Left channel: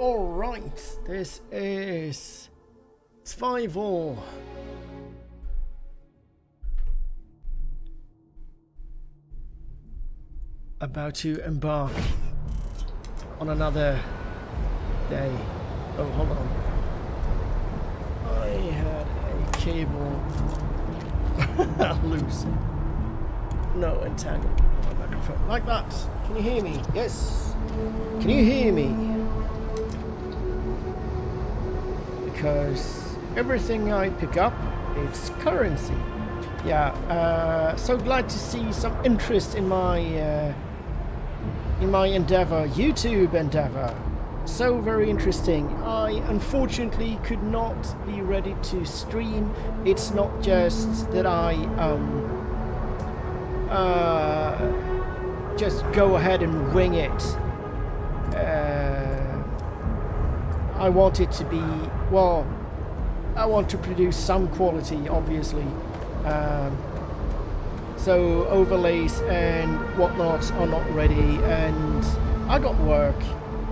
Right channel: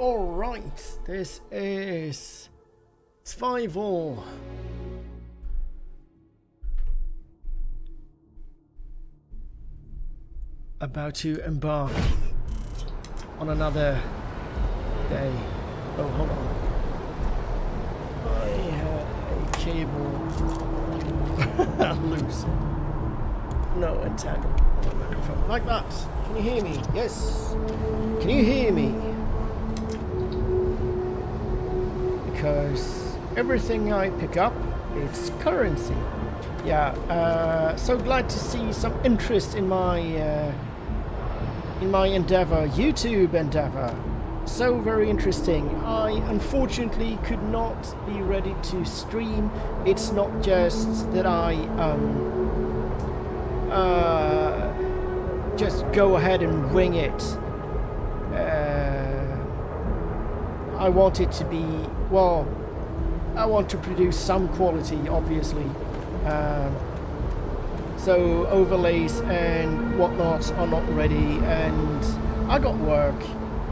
Alright, this is Survival. About to embark on another day. Oh, hold on. I had a cable loose. No, entangled on my microphone. Like that. Can you hear me? Yes. Can you hear me? Because everything I pick up, it's currency. Yeah, so glad to see some interest in my endeavor, YouTube endeavor. So very interesting. I unfortunately could not be ready to stream. It's not just that I just go ahead and wing it. I want it to be, well, I want to produce some quality, obviously. So overlays and whatnot are not ready, and I got work.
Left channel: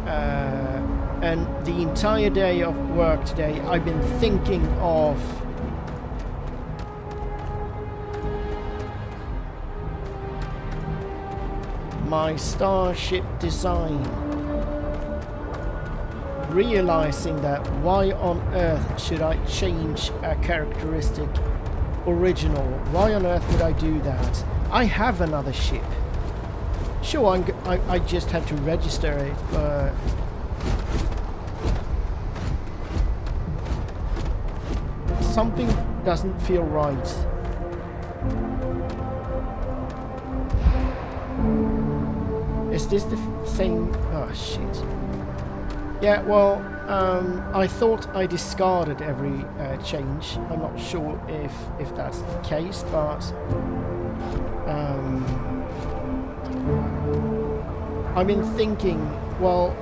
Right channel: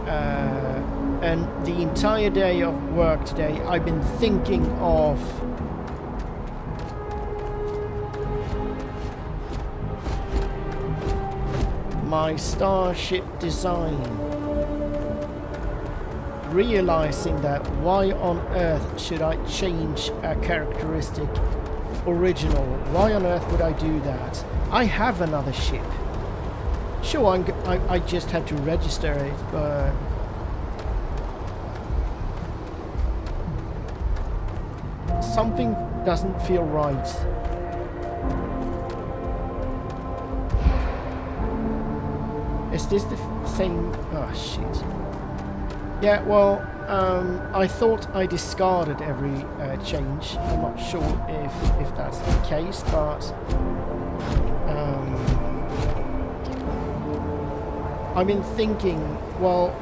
And the entire day of work today, I've been thinking of my starship design. Realizing that why on earth should I change a characteristic original? Why on earth would I do that? I have another ship. Sure, I just have to register it, but something doesn't feel right. Is this the same? Oh shit. Yeah, well, I thought I discarded every change. I'm not sure if that's the case, but I've been thinking, well,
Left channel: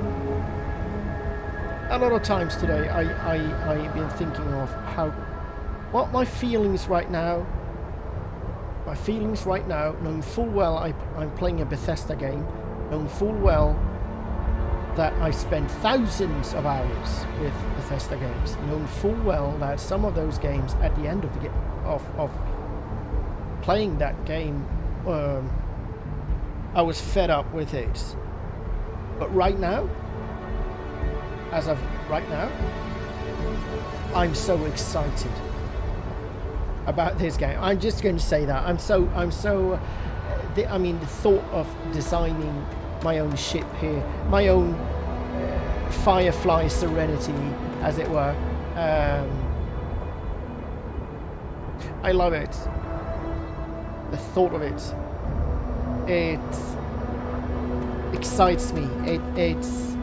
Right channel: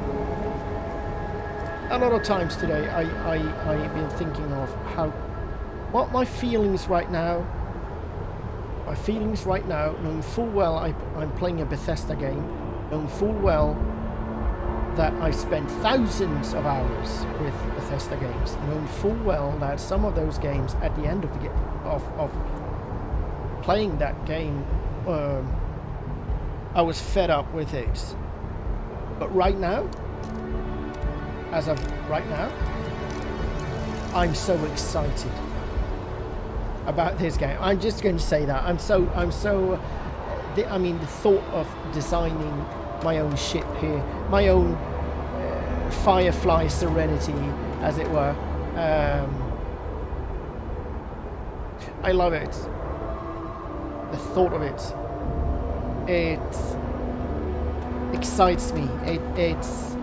a lot of times today I've been thinking of what my feelings right now. My feelings right now, knowing full well I'm playing a Bethesda game, knowing full well that I spent thousands of hours with Bethesda games, knowing full well that some of those games at the end of the of playing that game, I was fed up with it. But right now, as of right now, I'm so excited about this game. I'm just going to say that I'm so. I mean, the thought of designing my own ship here, my own Firefly Serenity, as it were. I love it. The thought of it. It excites me. It's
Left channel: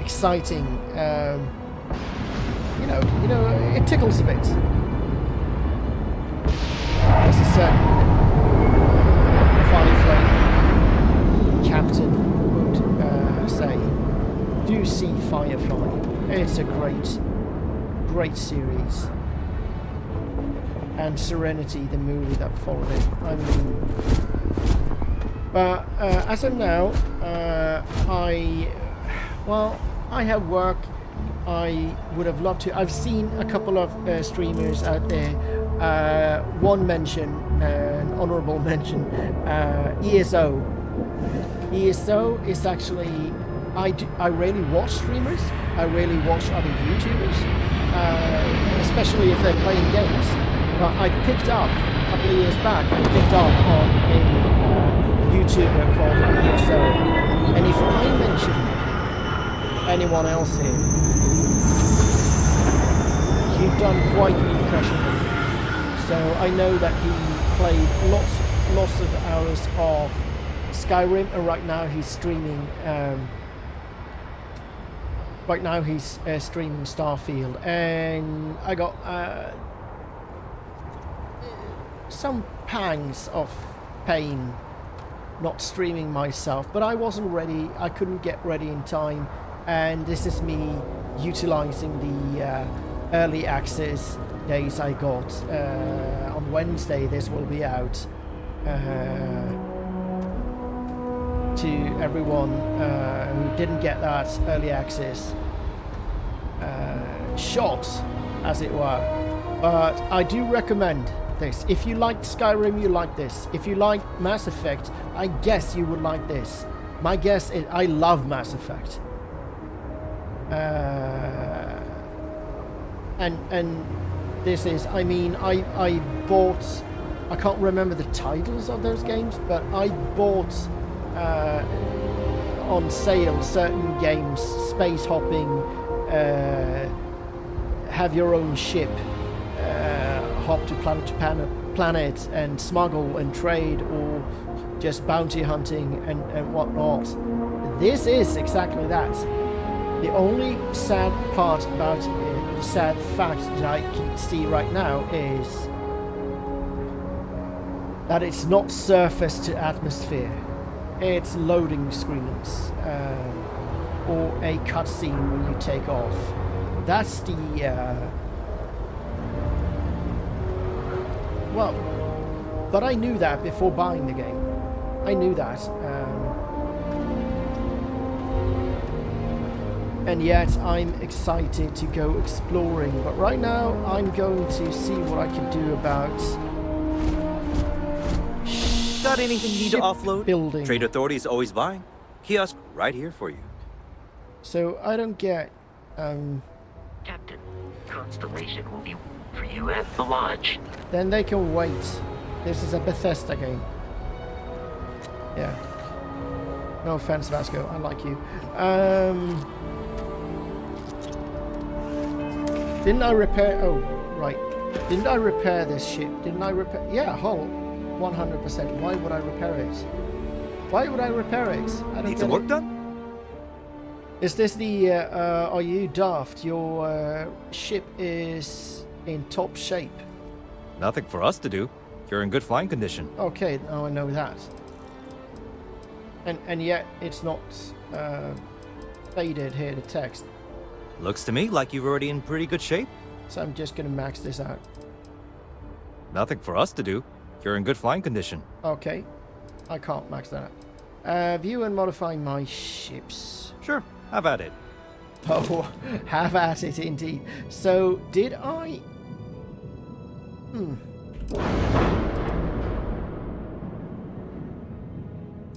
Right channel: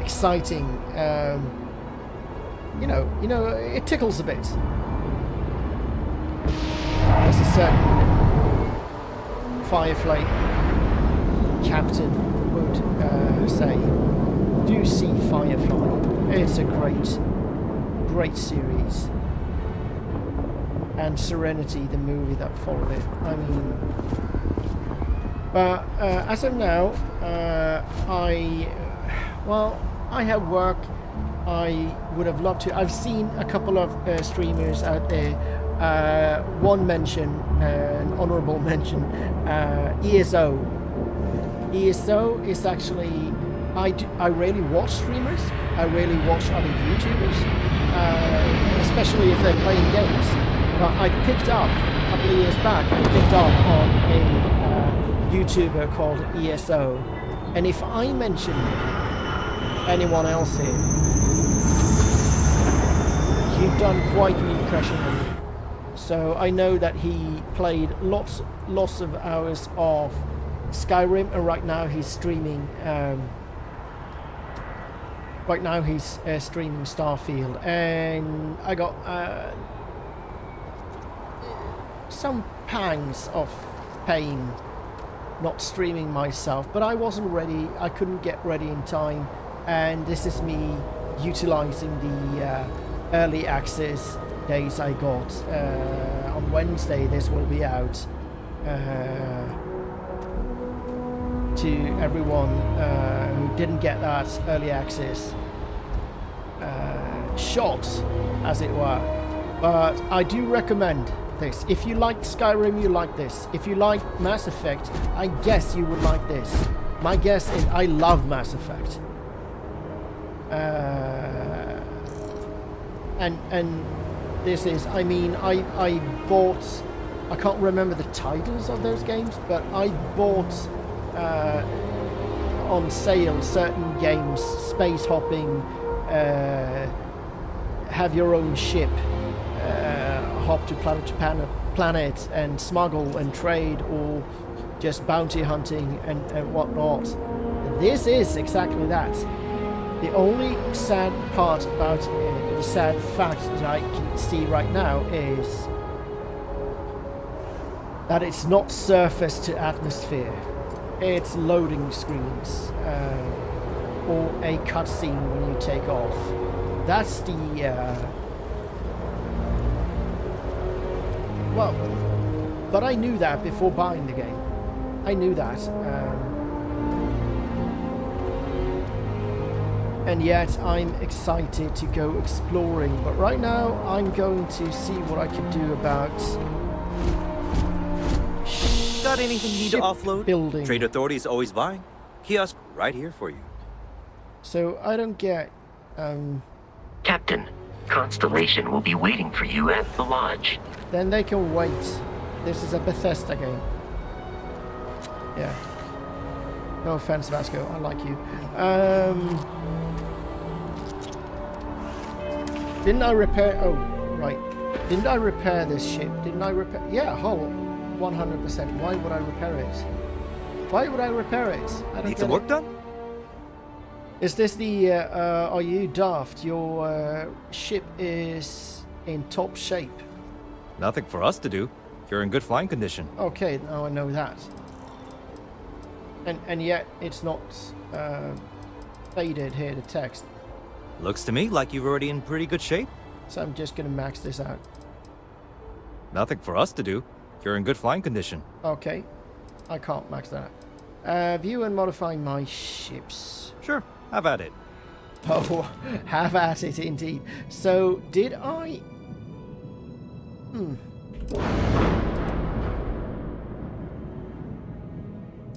exciting. You know, it tickles a bit. As a certain Firefly captain would say, do see Firefly. It's a great series. And Serenity, the movie that followed it. I mean, but as of now, I have work. I would have loved to. I've seen a couple of streamers out there. One mention, an honorable mention, ESO. ESO is actually, I really watch streamers. I really watch other YouTubers, especially if they're playing games. But I picked up a couple of years back. I picked up on a YouTuber called ESO, and if I mention anyone else here, you've done quite an impression on me. So I know that he played lots of hours of Skyrim, and right now he's streaming. Right now he's streaming Starfield, and I got some pangs of pain not streaming myself. But I wasn't ready. I couldn't get ready in time, and this is me utilizing the early access days I got. On Wednesday this will be out. to everyone who didn't get that early access shot, as it were. But I do recommend this. If you like Skyrim, you like this. If you like Mass Effect, I guess you would like this. My guess is I love Mass Effect. And this is, I mean, I bought, I can't remember the titles of those games, but I bought on sale certain games, space hopping, have your own ship, hop to planet to planet and smuggle and trade, or just bounty hunting and whatnot. This is exactly that. The only sad part about it, the sad fact that I can see right now, is that it's not surface to atmosphere. It's loading screens or a cutscene when you take off. That's the well, but I knew that before buying the game. I knew that. And yet I'm excited to go exploring. But right now I'm going to see what I can do about Got anything you need to offload? Building. Trade Authority is always buying. Kiosk right here for you. So I don't get Captain, Constellation will be waiting for you at the lodge. Then they can wait. This is a Bethesda game. Yeah. No offense, Vasco. I like you. Didn't I repair... Oh, right. Didn't I repair this ship? Didn't I repair... Yeah, hull. 100%. Why would I repair it? Why would I repair it? I don't Need some work done? Is this the... are you daft? Your ship is in top shape. Nothing for us to do. You're in good flying condition. Okay, now I know that. And yet it's not faded here, the text. Looks to me like you're already in pretty good shape. So I'm just going to max this out. Nothing for us to do. You're in good flying condition. Okay. I can't max that out. View and modify my ships. Sure, have at it. Oh, have at it indeed. So, did I...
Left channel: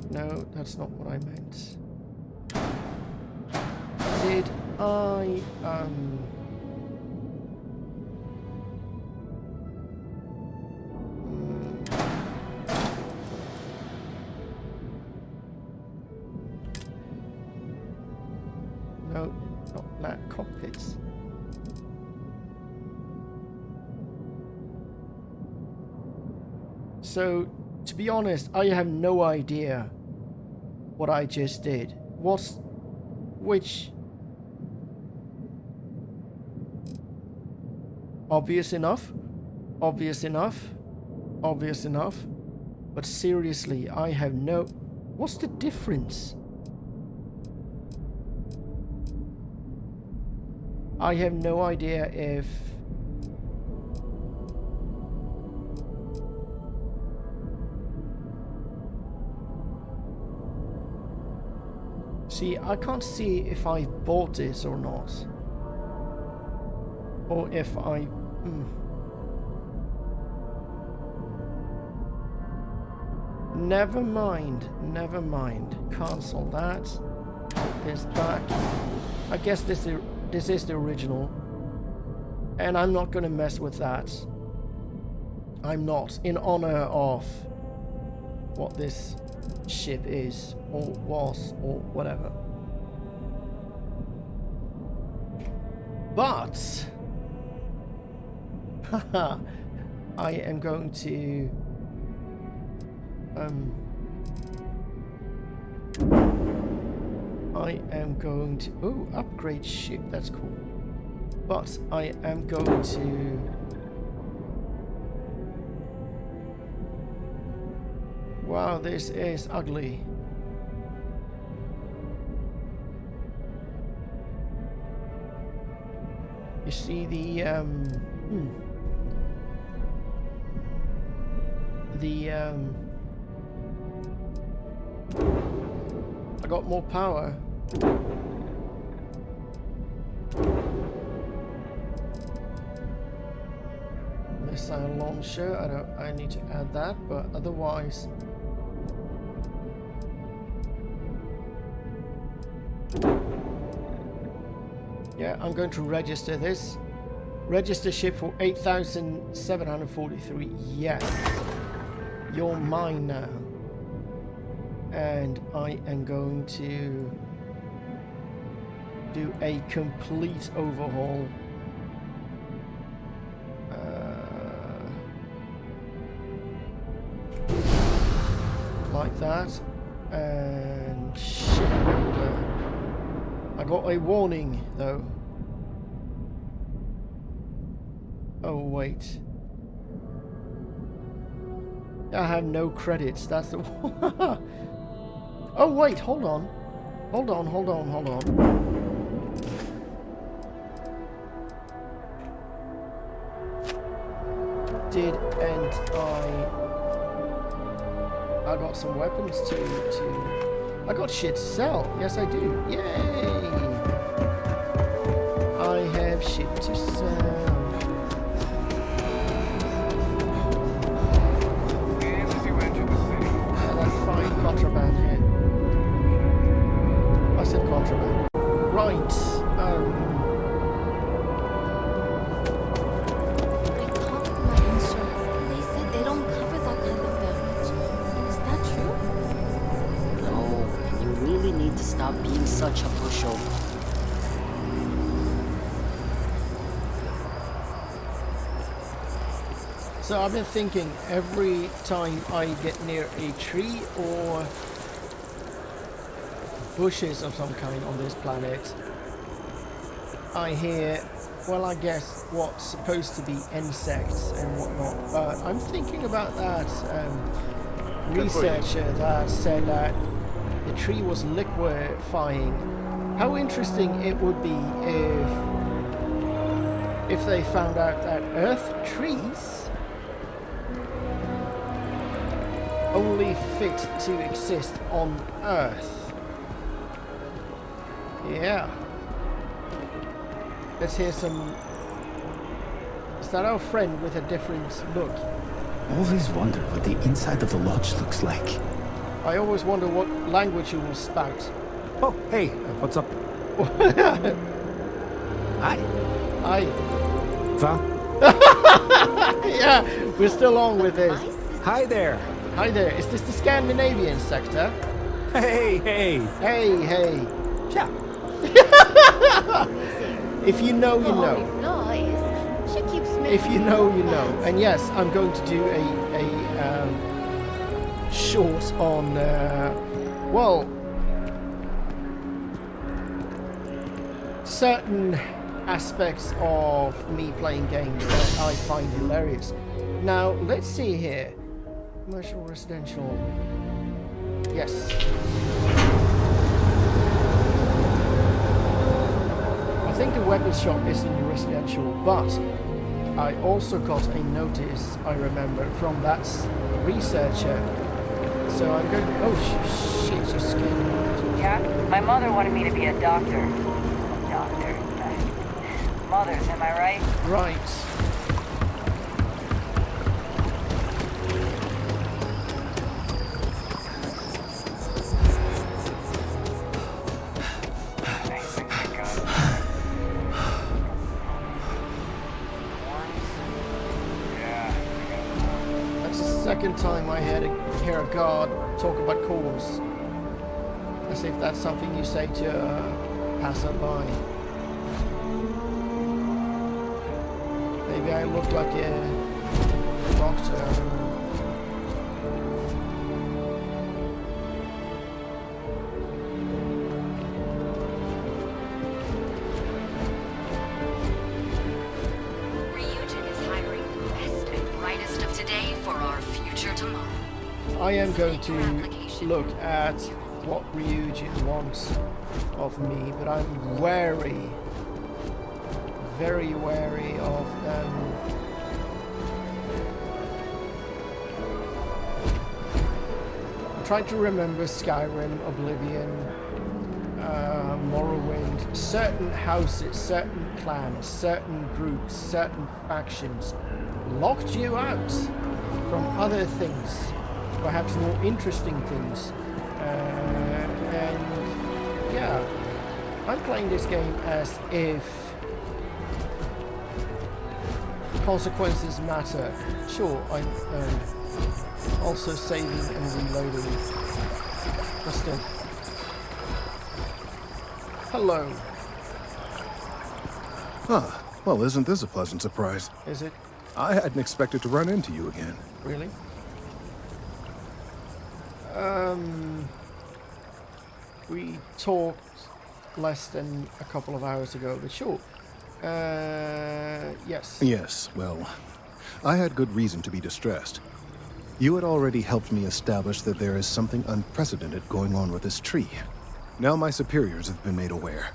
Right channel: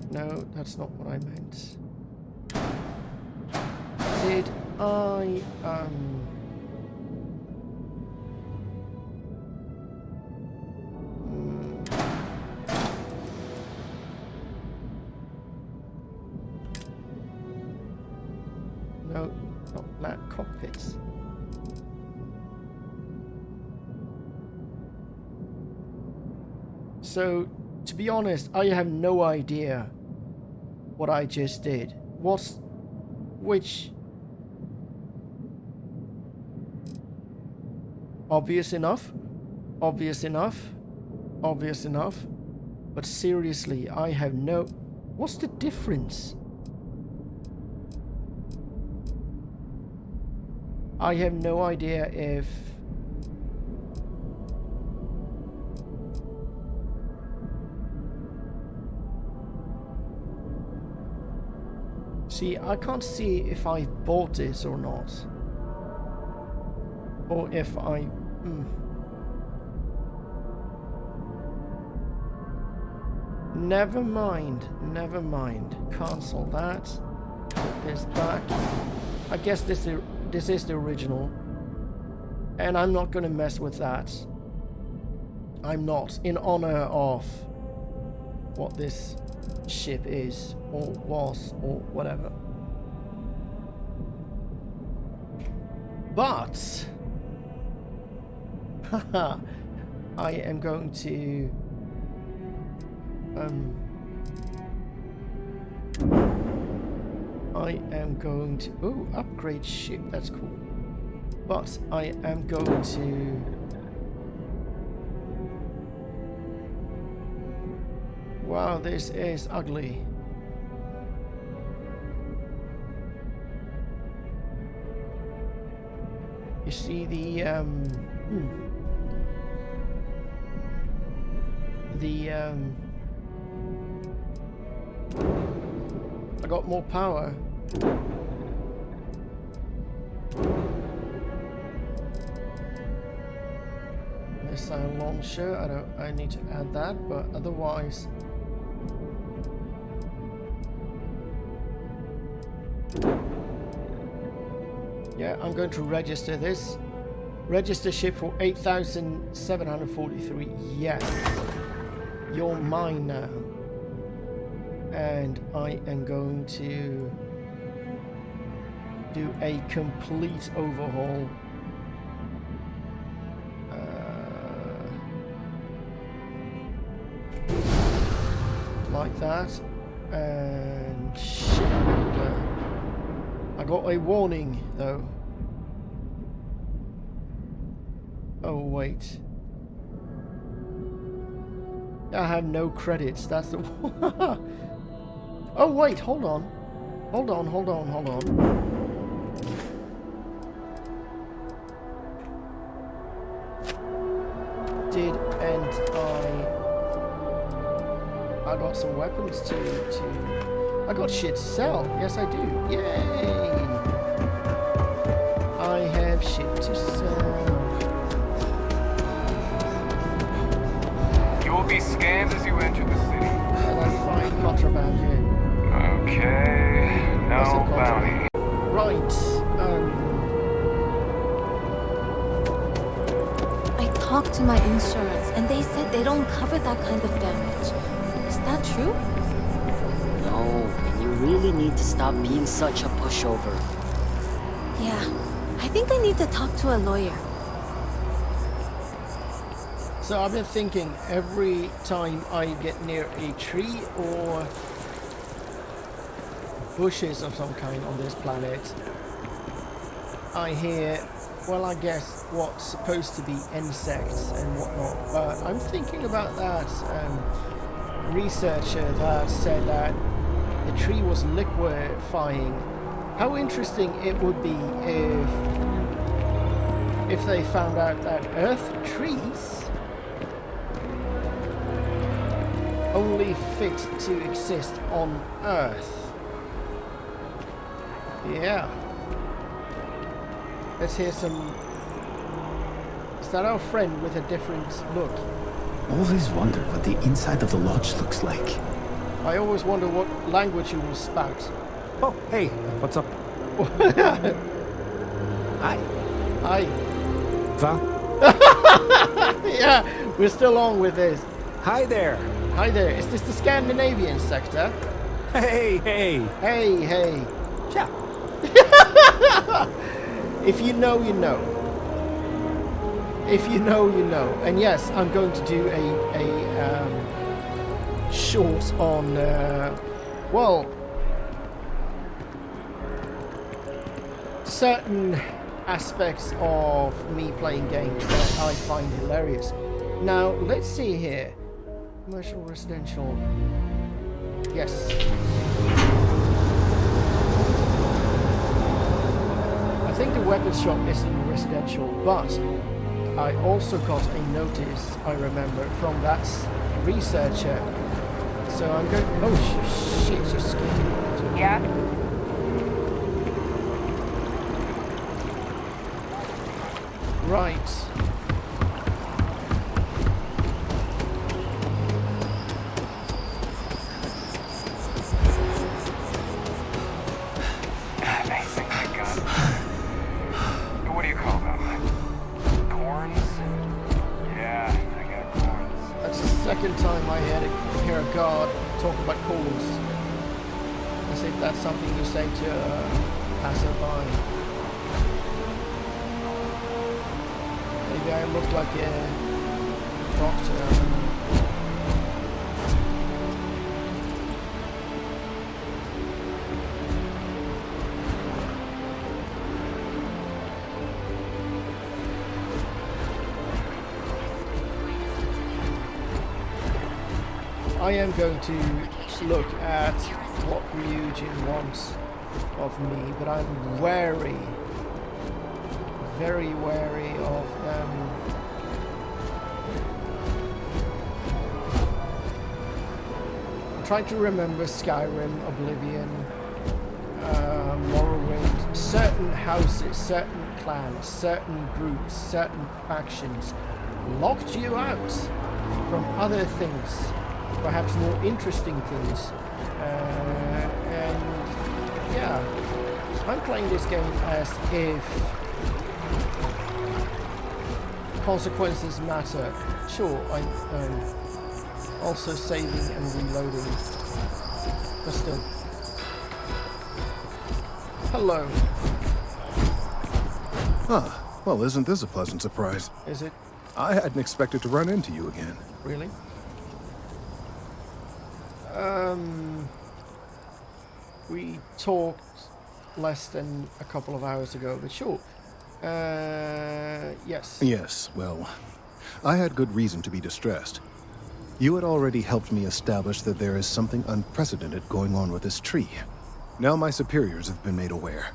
No, that's not what I meant. Did I, No, not that. Cockpits. So, to be honest, I have no idea what I just did. Which... Obvious enough. Obvious enough. Obvious enough. But seriously, I have no... What's the difference? I have no idea if... See, I can't see if I bought this or not. Or if I... Never mind. Never mind. Cancel that. Put this back. I guess this is the original. And I'm not going to mess with that. I'm not. In honor of what this ship is, or was, or whatever. But... Haha. I am going to... I am going to... Oh, upgrade ship. That's cool. But I am going to... Wow, this is ugly. You see the I got more power. Missile launcher. I need to add that, but otherwise. Yeah, I'm going to register this. Register ship for 8,743. Yes. You're mine now. And I am going to do a complete overhaul. Like that. And shipbuilder. I got a warning though. Oh wait. I have no credits. That's the Oh wait, hold on. Hold on. I got some weapons to I got shit to sell. Yes I do. Yay! I have shit to sell. You will be scanned as you enter the city. Yeah, that's fine. Contraband here. Okay. No I said contraband. bounty. Right. I talked to my insurance and they said they don't cover that kind of damage. Is that true? No, and you really need to stop being such a pushover. Yeah, I think I need to talk to a lawyer. So I've been thinking every time I get near a tree or bushes of some kind on this planet, I hear, well, I guess what's supposed to be insects and whatnot. But I'm thinking about that researcher that said that the tree was liquefying. How interesting it would be if they found out that Earth trees only fit to exist on Earth. Yeah. Let's hear some. Is that our friend with a different look? Always wondered what the inside of the lodge looks like. I always wonder what language you will spout. Oh, hey, what's up? Hi. Hi. Va? Yeah, we're still on with this. Hi there. Hi there. Is this the Scandinavian sector? Hey. Hey. Yeah. If you know, you know. If you know, you know. And yes, I'm going to do a short on, well, certain aspects of me playing games that I find hilarious. Now, let's see here. Commercial, residential. Yes. I think the weapons shop is in residential, but I also got a notice, I remember, from that researcher. So I'm going... Oh, shit, you're scared. Yeah? My mother wanted me to be a doctor. Mother, am I right? Right. Amazing, my God. What do you call them? Corns? Yeah, I got corns. That's the second time I hear a guard talk about corns. Let's see if that's something you say to a passerby. Maybe I look like a doctor, I don't know. I am going to look at what Ryujin wants of me, but I'm wary, very wary of them. trying to remember Skyrim, Oblivion, Morrowind. Certain houses, certain clans, certain groups, certain factions locked you out from other things, perhaps more interesting things. And yeah, I'm playing this game as if consequences matter. Sure, I'm also saving and reloading, but still. Hello. Ah, well, isn't this a pleasant surprise? Is it? I hadn't expected to run into you again. Really? We talked less than a couple of hours ago, but sure. Yes. Yes, well, I had good reason to be distressed. You had already helped me establish that there is something unprecedented going on with this tree. Now my superiors have been made aware.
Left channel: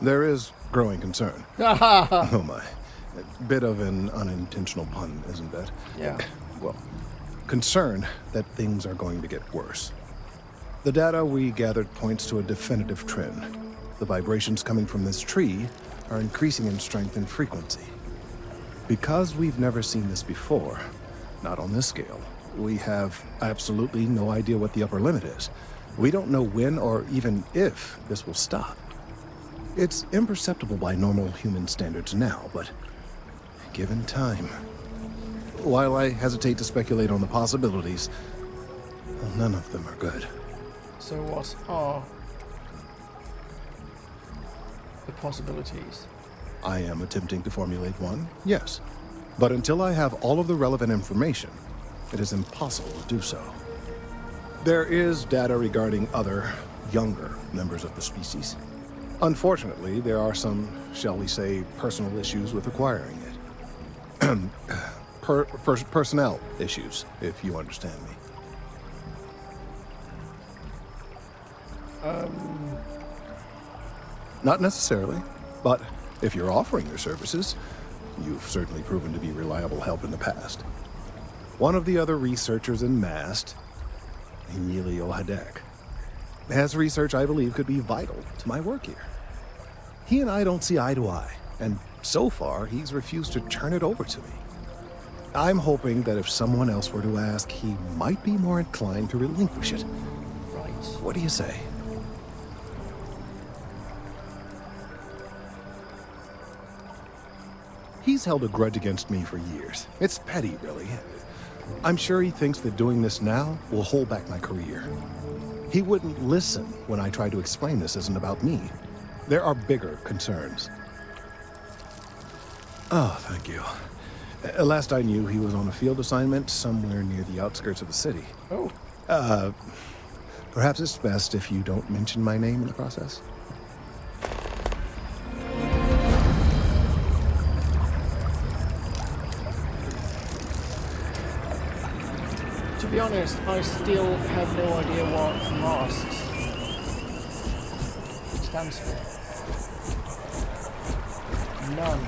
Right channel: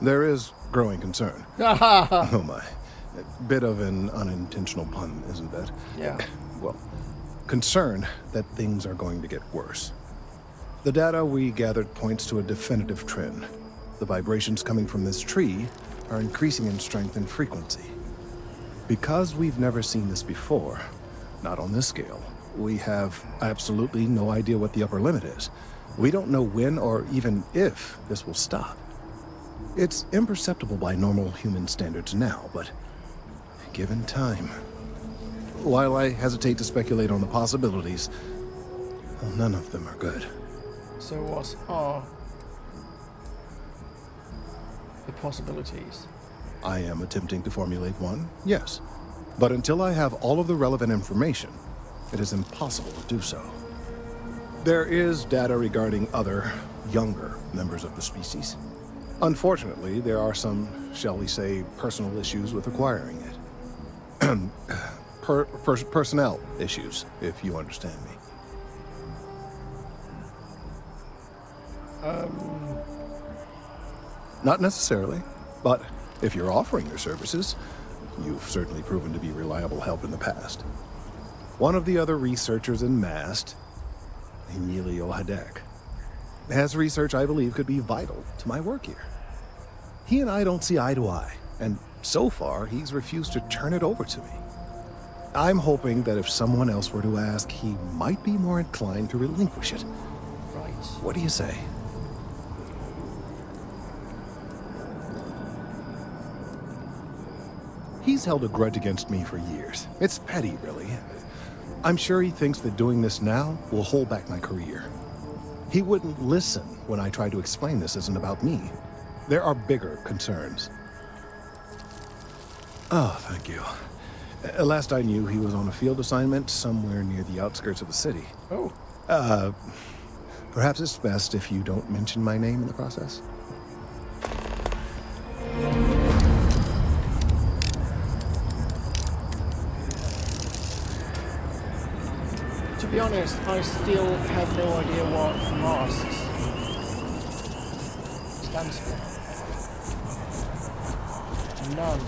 There is growing concern. Oh my. A bit of an unintentional pun, isn't that? Yeah. Well, concern that things are going to get worse. The data we gathered points to a definitive trend. The vibrations coming from this tree are increasing in strength and frequency. Because we've never seen this before, not on this scale, we have absolutely no idea what the upper limit is. We don't know when or even if this will stop. It's imperceptible by normal human standards now, but given time. While I hesitate to speculate on the possibilities, well, none of them are good. So what are the possibilities? I am attempting to formulate one, yes. But until I have all of the relevant information, it is impossible to do so. There is data regarding other, younger members of the species. Unfortunately, there are some, shall we say, personal issues with acquiring it. Personnel issues, if you understand me. Not necessarily, but if you're offering your services, you've certainly proven to be reliable help in the past. One of the other researchers in MAST, Emilio Hadek, has research I believe could be vital to my work here. He and I don't see eye to eye, and so far he's refused to turn it over to me. I'm hoping that if someone else were to ask, he might be more inclined to relinquish it. Right. What do you say? He's held a grudge against me for years. It's petty, really. I'm sure he thinks that doing this now will hold back my career. He wouldn't listen when I tried to explain this isn't about me. There are bigger concerns. Oh, thank you. Last I knew, he was on a field assignment somewhere near the outskirts of the city. Oh. Perhaps it's best if you don't mention my name in the process. To be honest, I still have no idea what MAST stands for. None.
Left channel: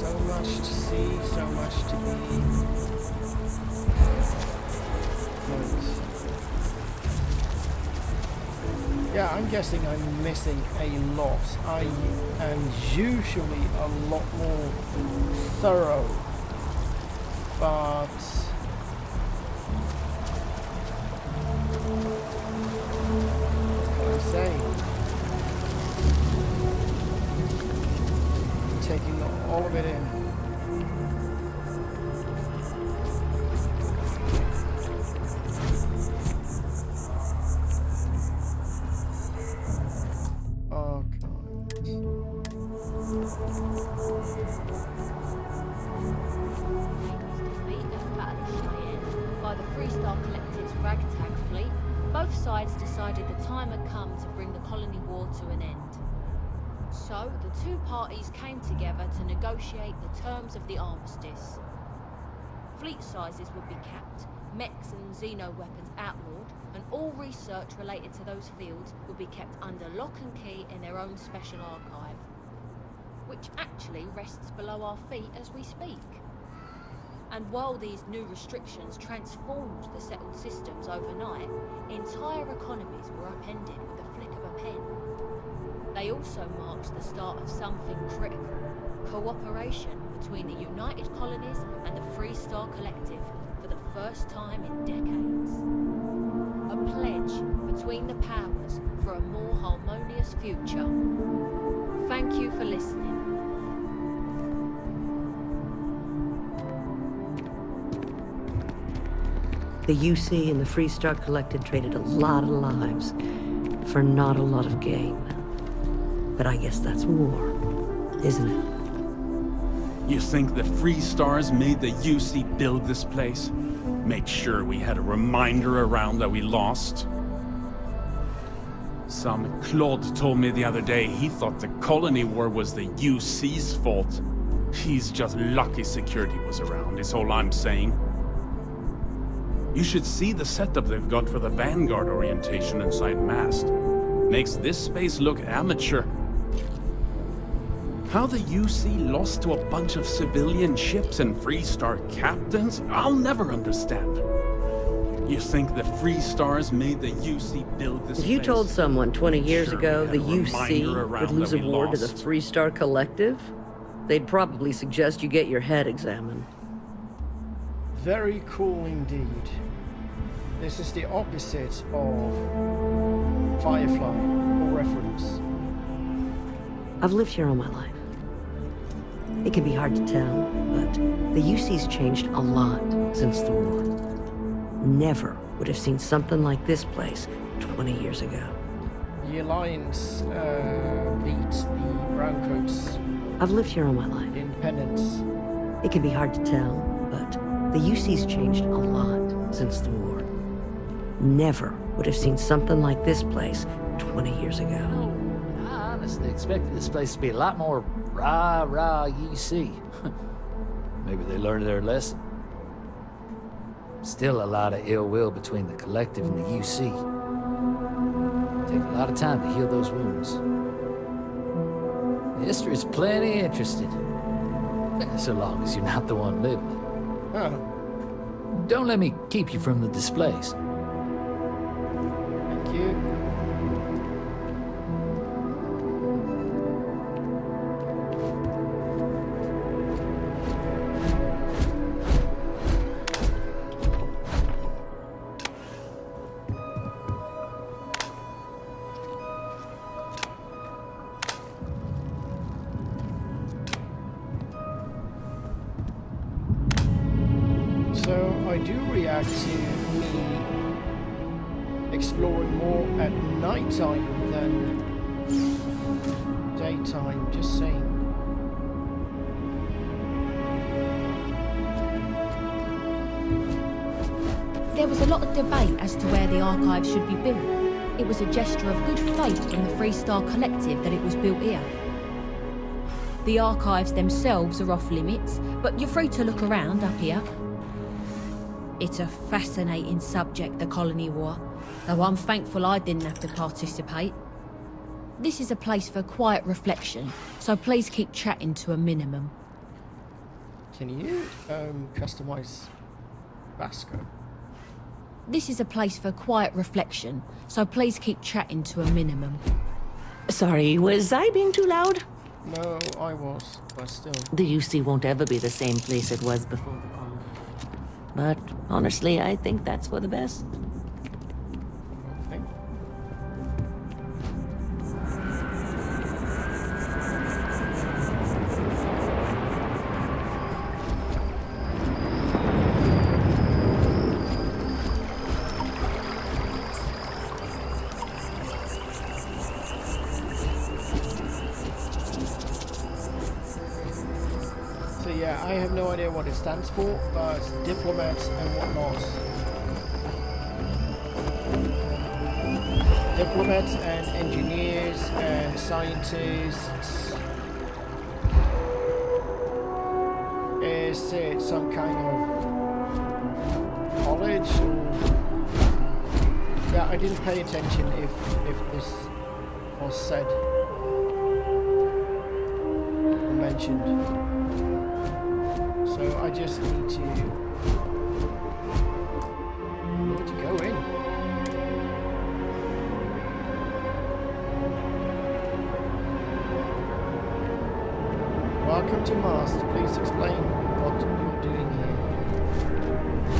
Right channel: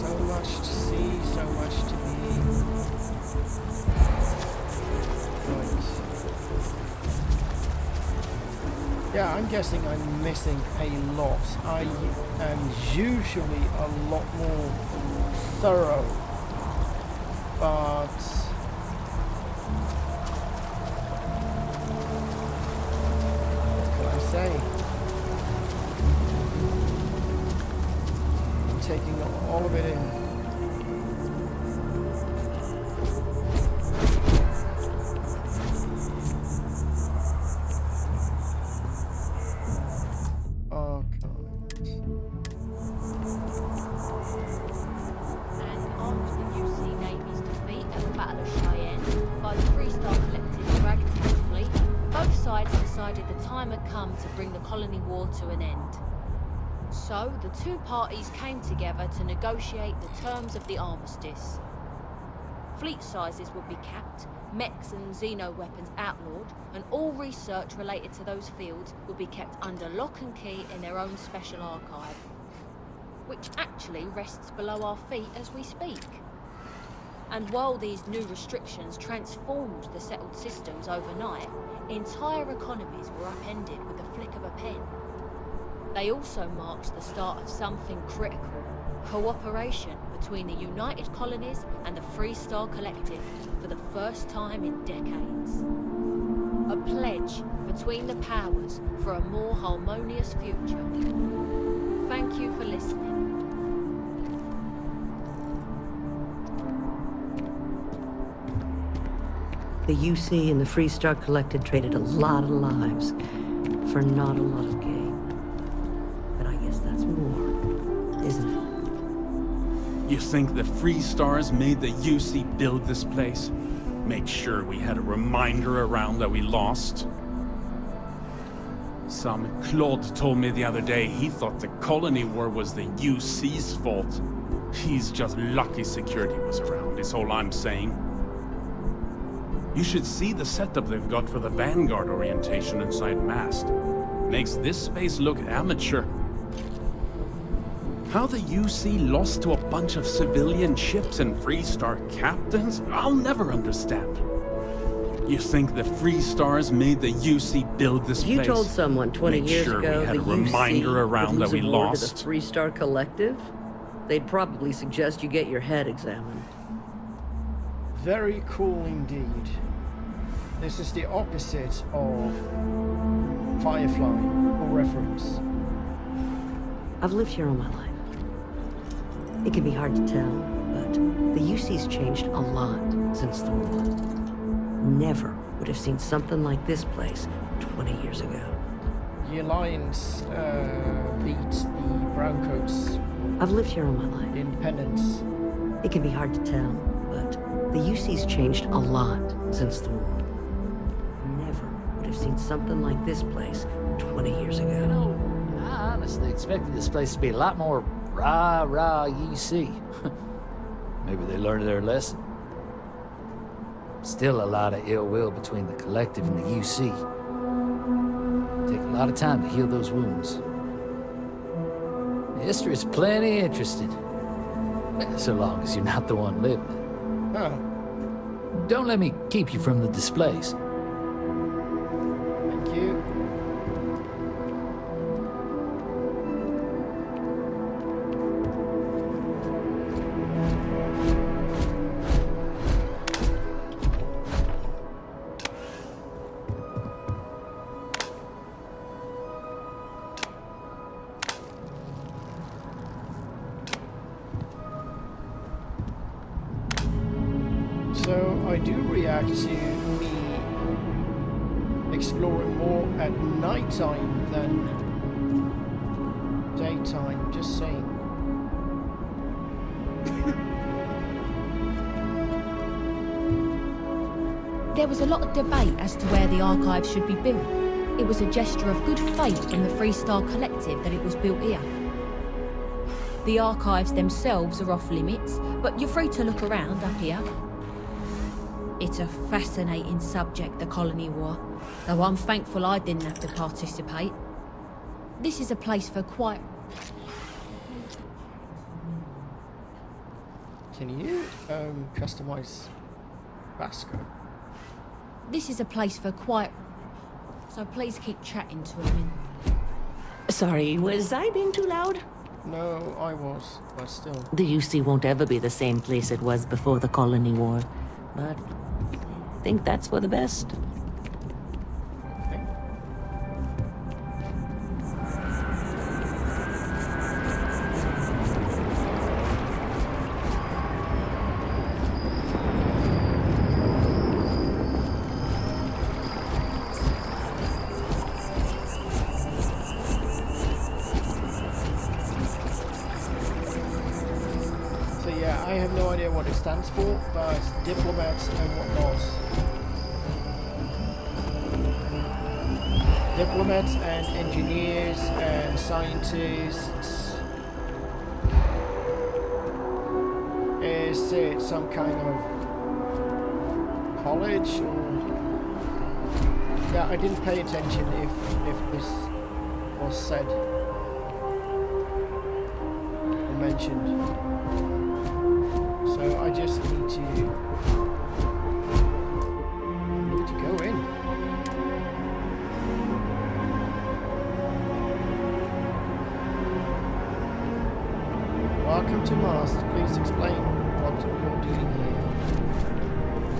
So much to see, so much to be. Right. Yeah, I'm guessing I'm missing a lot. I am usually a lot more thorough, but what can I say? Taking all of it in. Archives. by the Freestar Collective's ragtag fleet, both sides decided the time had come to bring the colony war to an end. So, the two parties came together to negotiate the terms of the armistice. Fleet sizes would be capped, mechs and xeno weapons outlawed, and all research related to those fields would be kept under lock and key in their own special archive, which actually rests below our feet as we speak. And while these new restrictions transformed the settled systems overnight, entire economies were upended with the flick of a pen. They also marked the start of something critical: cooperation between the United Colonies and the Freestar Collective for the first time in decades. A pledge between the powers for a more harmonious future. Thank you for listening. The UC and the Freestar Collective traded a lot of lives for not a lot of gain. But I guess that's war, isn't it? You think the Freestars made the UC build this place? Make sure we had a reminder around that we lost? Some Claude told me the other day he thought the colony war was the UC's fault. He's just lucky security was around, is all I'm saying. You should see the setup they've got for the Vanguard orientation inside Mast. Makes this space look amateur. How the UC lost to a bunch of civilian ships and Freestar captains, I'll never understand. You think the Freestars made the UC build this place? If you told someone 20 years ago the UC would lose a war to the Freestar Collective, they'd probably suggest you get your head examined. Very cool indeed. This is the opposite of Firefly or Reference. I've lived here all my life. It can be hard to tell, but the UC's changed a lot since the war. Never would have seen something like this place 20 years ago. The Alliance beat the Browncoats. I've lived here all my life. Independence. It can be hard to tell, but the UC's changed a lot since the war. Never would have seen something like this place 20 years ago. You know, I honestly expected this place to be a lot more rah-rah UC. Maybe they learned their lesson. Still a lot of ill will between the Collective and the UC. Take a lot of time to heal those wounds. History's plenty interesting. So long as you're not the one living it. Huh. Don't let me keep you from the displays. Thank you. So I do react to me exploring more at nighttime than daytime, just saying. There was a lot of debate as to where the archive should be built. It was a gesture of good faith from the Freestar Collective that it was built here. The archives themselves are off limits, but you're free to look around up here. It's a fascinating subject, the colony war, though I'm thankful I didn't have to participate. This is a place for quiet reflection, so please keep chatting to a minimum. Can you customize Vasco? This is a place for quiet reflection, so please keep chatting to a minimum. Sorry, was I being too loud? No, I was, but still. The UC won't ever be the same place it was before the colony war. But honestly, I think that's for the best. Okay. So yeah, I have no idea what it stands for, but diplomats and whatnot. diplomats and engineers and scientists. Is it some kind of college or? Yeah, I didn't pay attention if this was said or mentioned. So I just need to go in. Welcome to Mast. Please explain what you're doing here.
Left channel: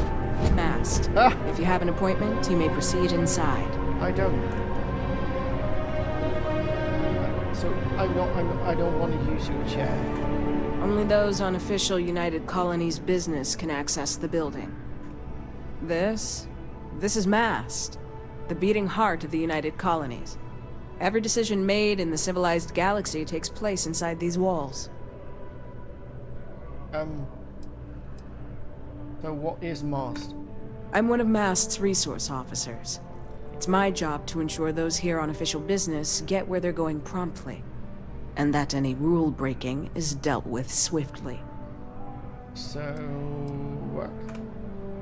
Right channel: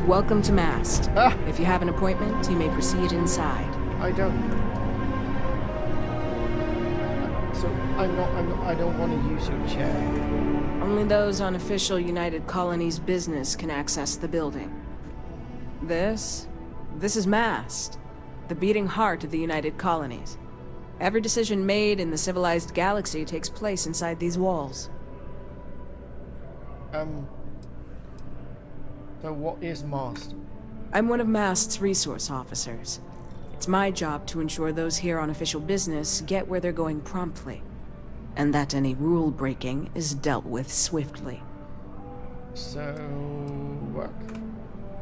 Welcome to Mast. Ah! If you have an appointment, you may proceed inside. I don't. So I don't want to use your chair. Only those on official United Colonies business can access the building. This is Mast, the beating heart of the United Colonies. Every decision made in the civilized galaxy takes place inside these walls. So what is Mast? I'm one of Mast's resource officers. It's my job to ensure those here on official business get where they're going promptly, and that any rule breaking is dealt with swiftly. So, what?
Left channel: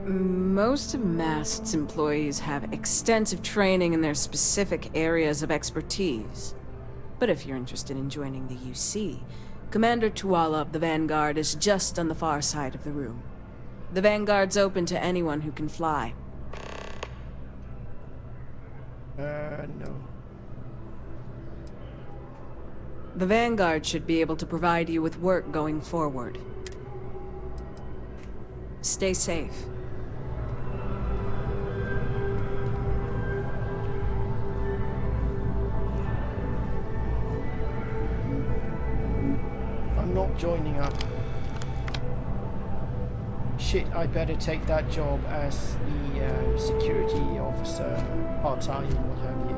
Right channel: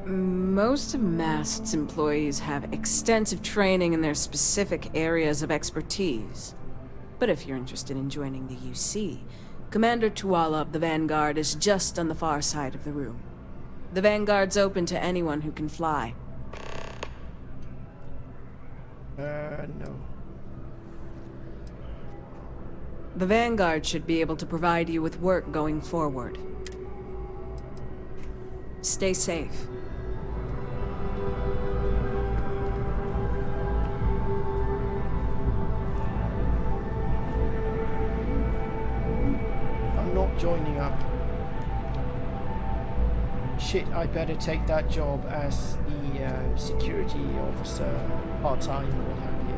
Most of Mast's employees have extensive training in their specific areas of expertise. But if you're interested in joining the UC, Commander Tuala of the Vanguard is just on the far side of the room. The Vanguard's open to anyone who can fly. No. The Vanguard should be able to provide you with work going forward. Stay safe. I'm not joining up. Shit, I better take that job as the security officer, part-time, what have you.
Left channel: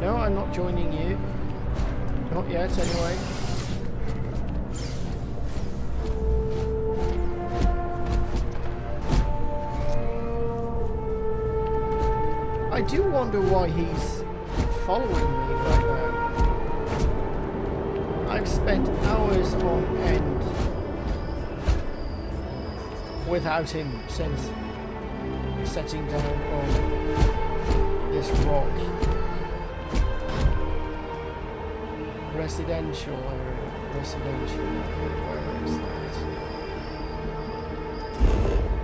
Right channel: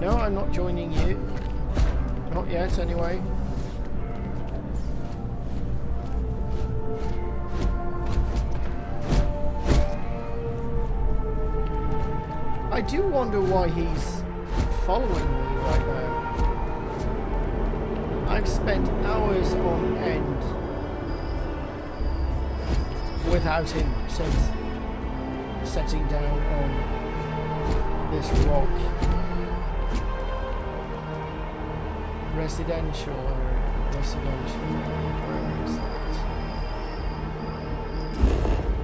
No, I'm not joining you. Not yet, anyway. I do wonder why he's following me right now. I've spent hours on end without him since setting down on this rock. Residential area. Residential area. Where is that?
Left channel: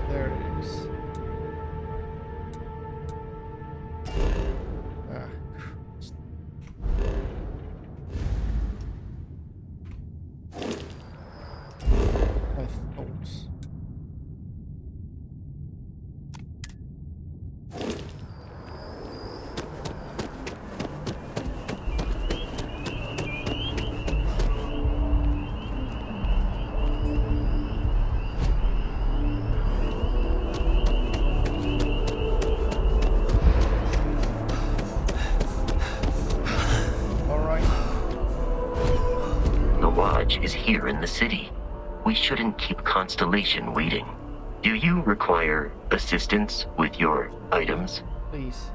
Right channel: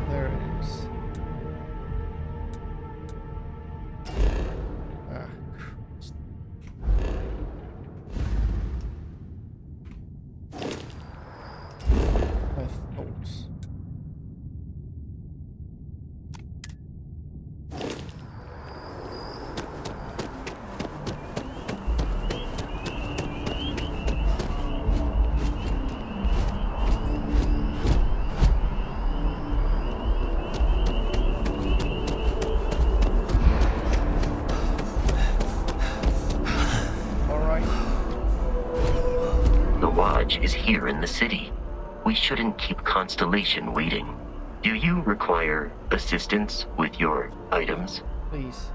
There it is. Ah, Christ. My thoughts. Is here in the city. We shouldn't keep Constellation waiting. Do you require assistance with your items? Please.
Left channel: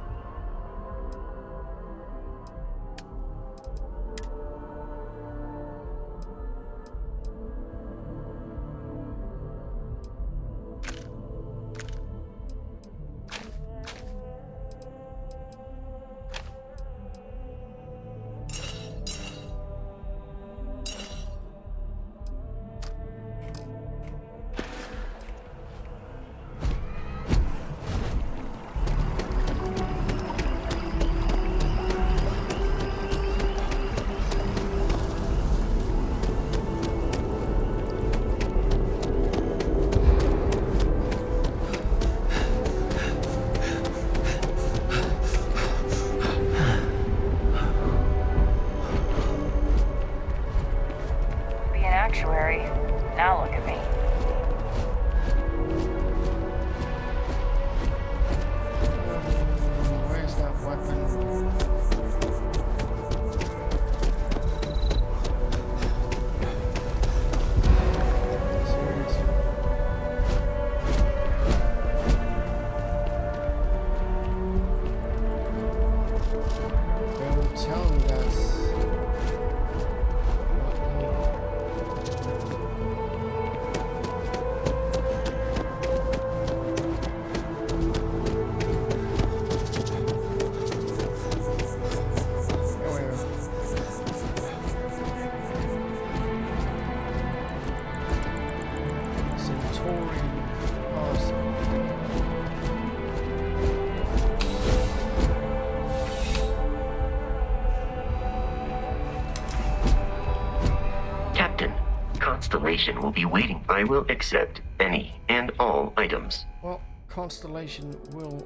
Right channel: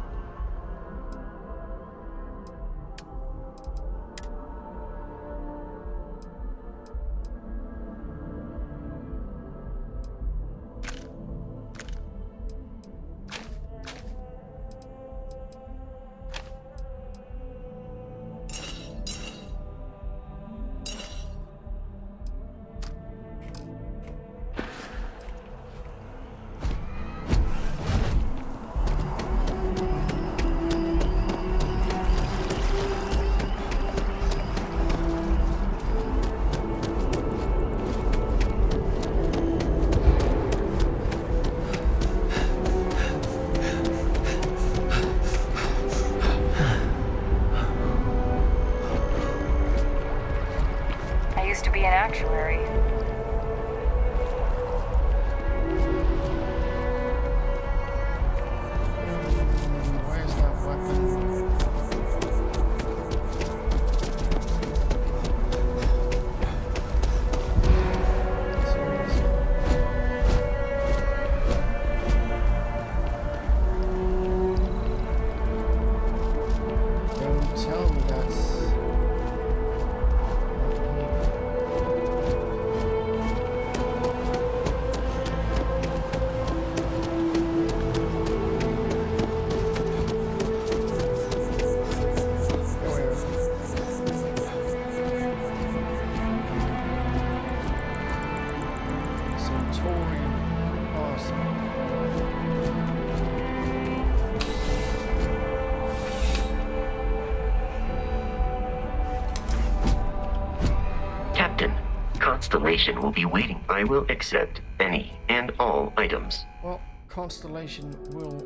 Constellation will be waiting. I will accept any and all items. Well, Constellation will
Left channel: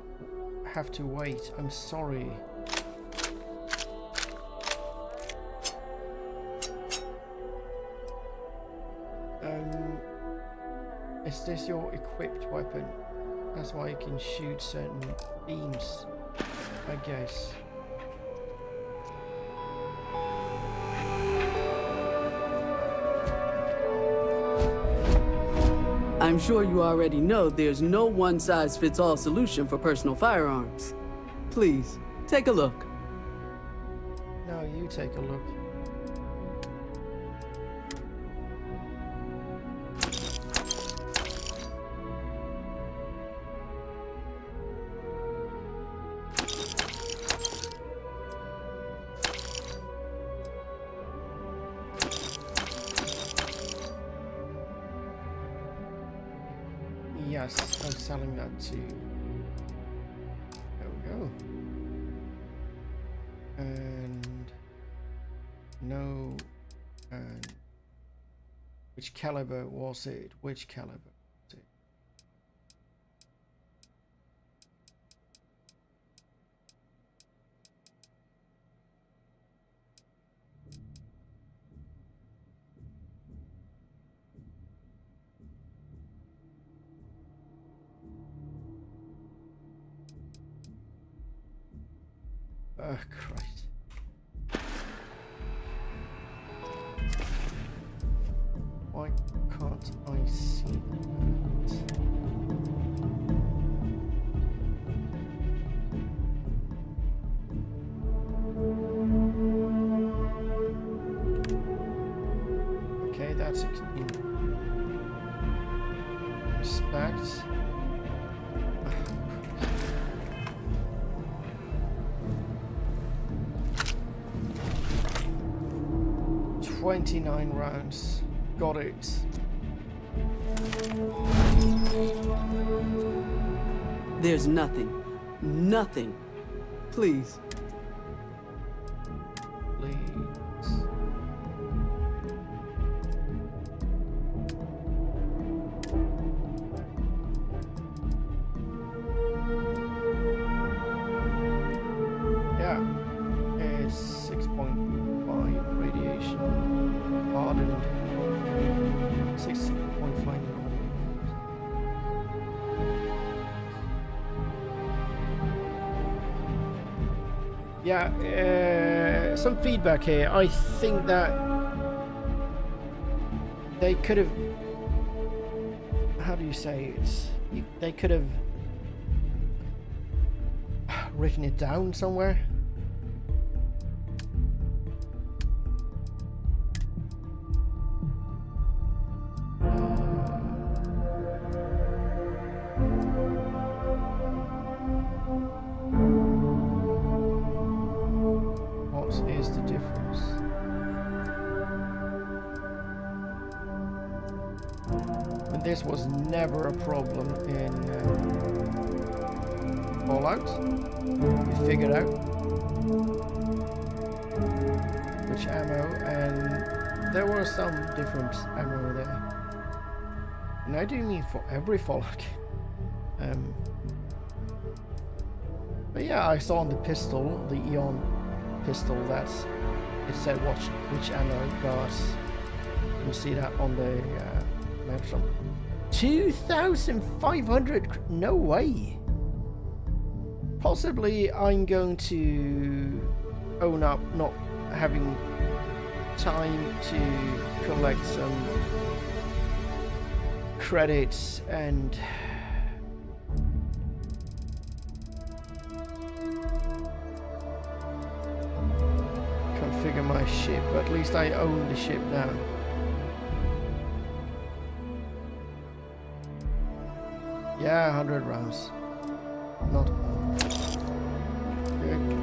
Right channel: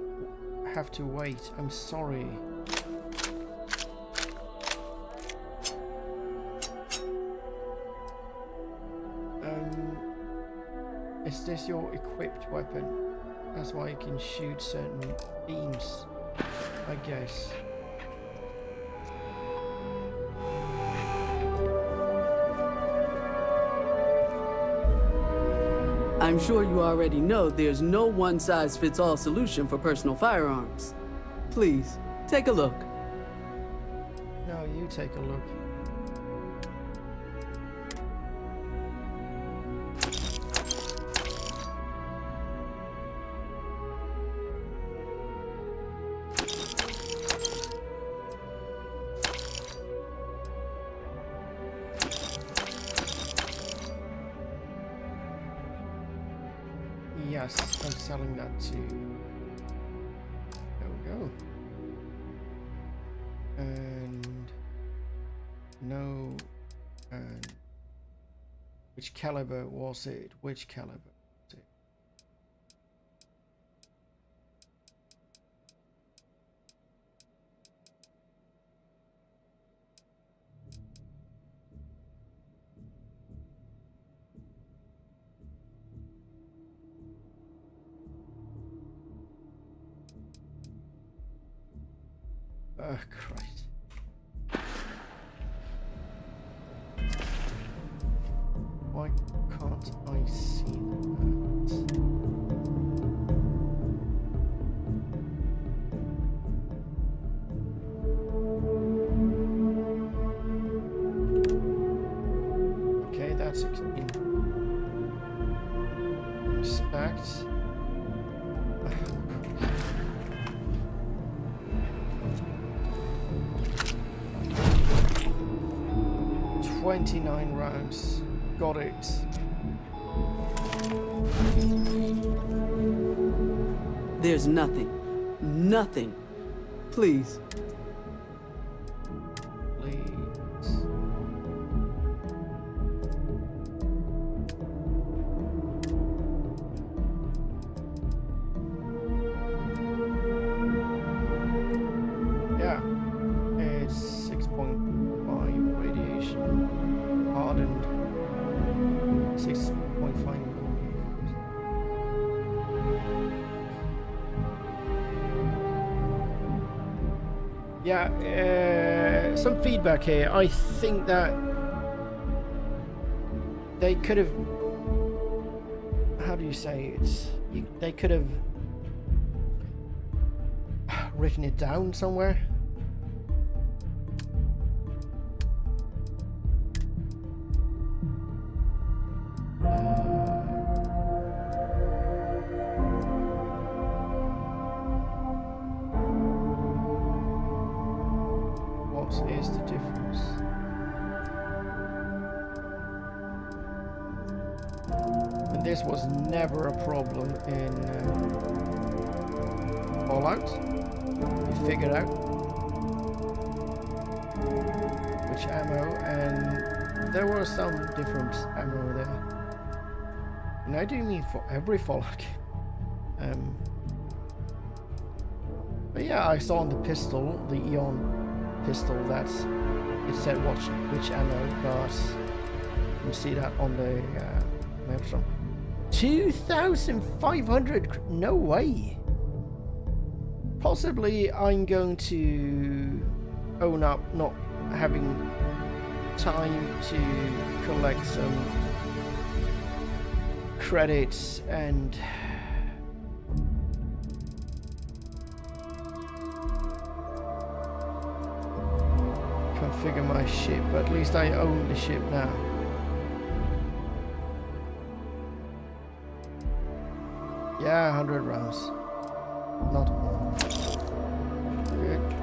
have to wait. I'm sorry. Is this your equipped weapon? That's why you can shoot certain beams, I guess. I'm sure you already know there's no one-size-fits-all solution for personal firearms. Please, take a look. No, you take a look. Yes, I'm selling that too. There we go. And no, and which caliber was it? Which caliber was it? Oh, Christ. Why can't I see that? Okay, that's in respect. 29 rounds. Got it. There's nothing. Nothing. Please. Please. Yeah. It's 6.5 radiation. Hardened 6.5 millimeters. Yeah, some feedback here. I think that they could have, how do you say it? They could have written it down somewhere. What is the difference? And this was never a problem in Fallout. You figured out which ammo, and there was some different ammo there. And I do mean for every Fallout game. But yeah, I saw on the pistol, the Eon pistol, that it said which ammo, but you can see that on the Maelstrom. 2,500? No way. Possibly I'm going to own up not having time to collect some credits and configure my ship, but at least I own the ship now. Yeah, 100 rounds. Not all. Good, good.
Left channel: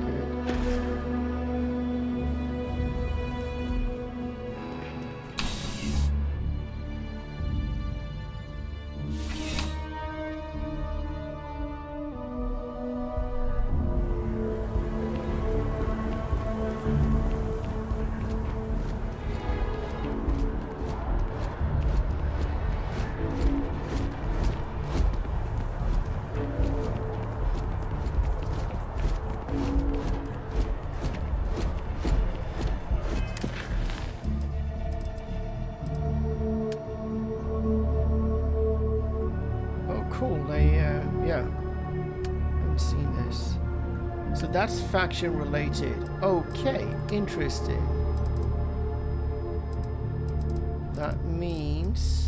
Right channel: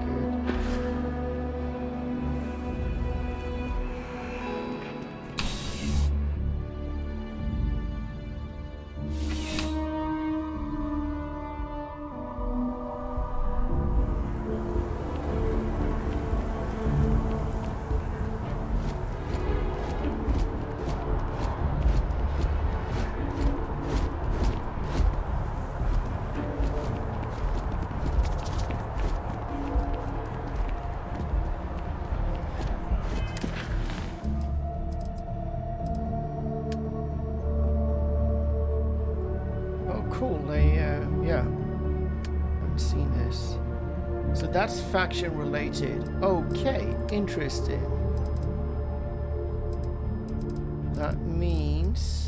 cool. They, yeah. Haven't seen this. So that's faction related. Okay, interesting. That means...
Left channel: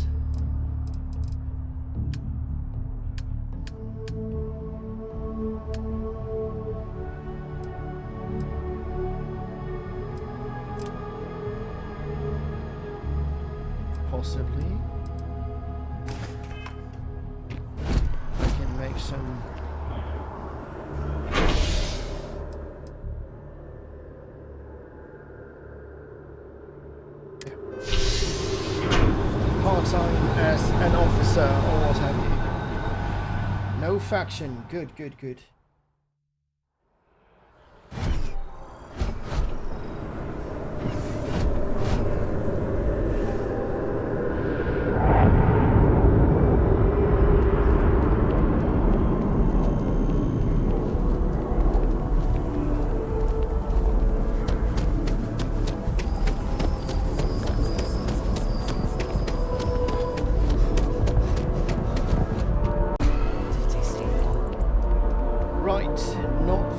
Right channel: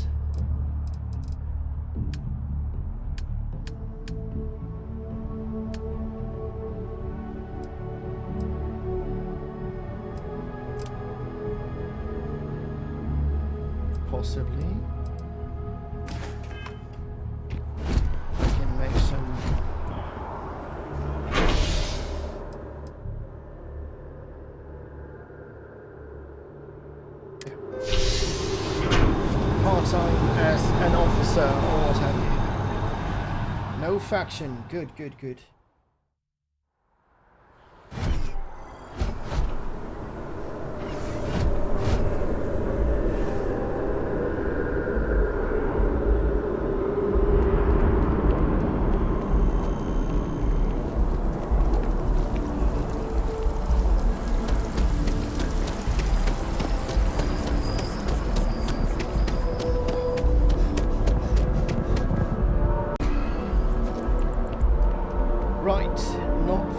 possibly I can make some part-time as an officer or what have you. No faction. Good, good, good.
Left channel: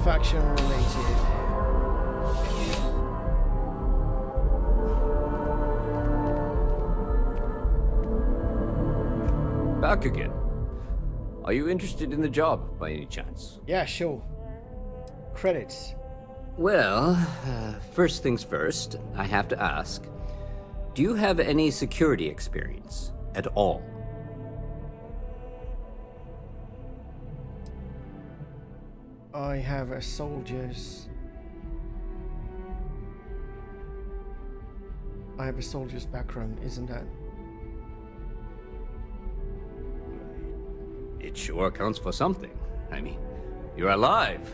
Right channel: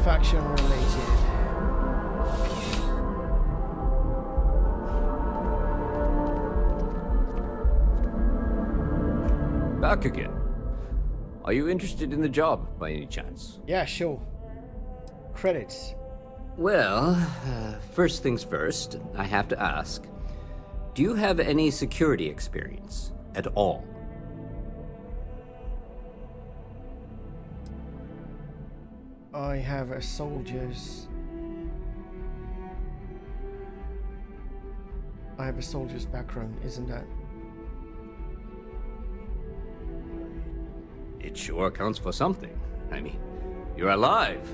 Faction related. Back again. Are you interested in the job by any chance? Yeah, sure. Credits. Well, first things first, I have to ask. Do you have any security experience at all? I have a soldier's background, isn't that? It sure counts for something. I mean, you're alive.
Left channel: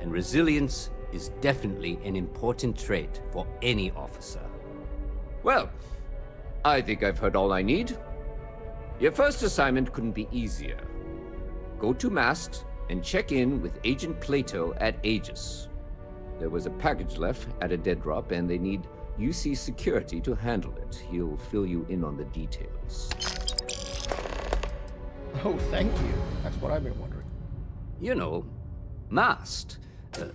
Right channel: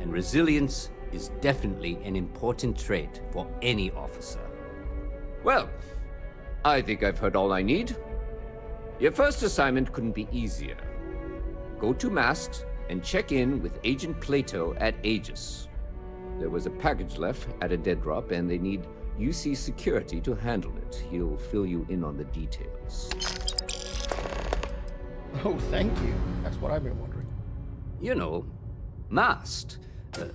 And resilience is definitely an important trait for any officer. Well, I think I've heard all I need. Your first assignment couldn't be easier. Go to Mast and check in with Agent Plato at Aegis. There was a package left at a dead drop, and they need UC security to handle it. He'll fill you in on the details. Oh, thank you. That's what I've been wondering. You know, MAST,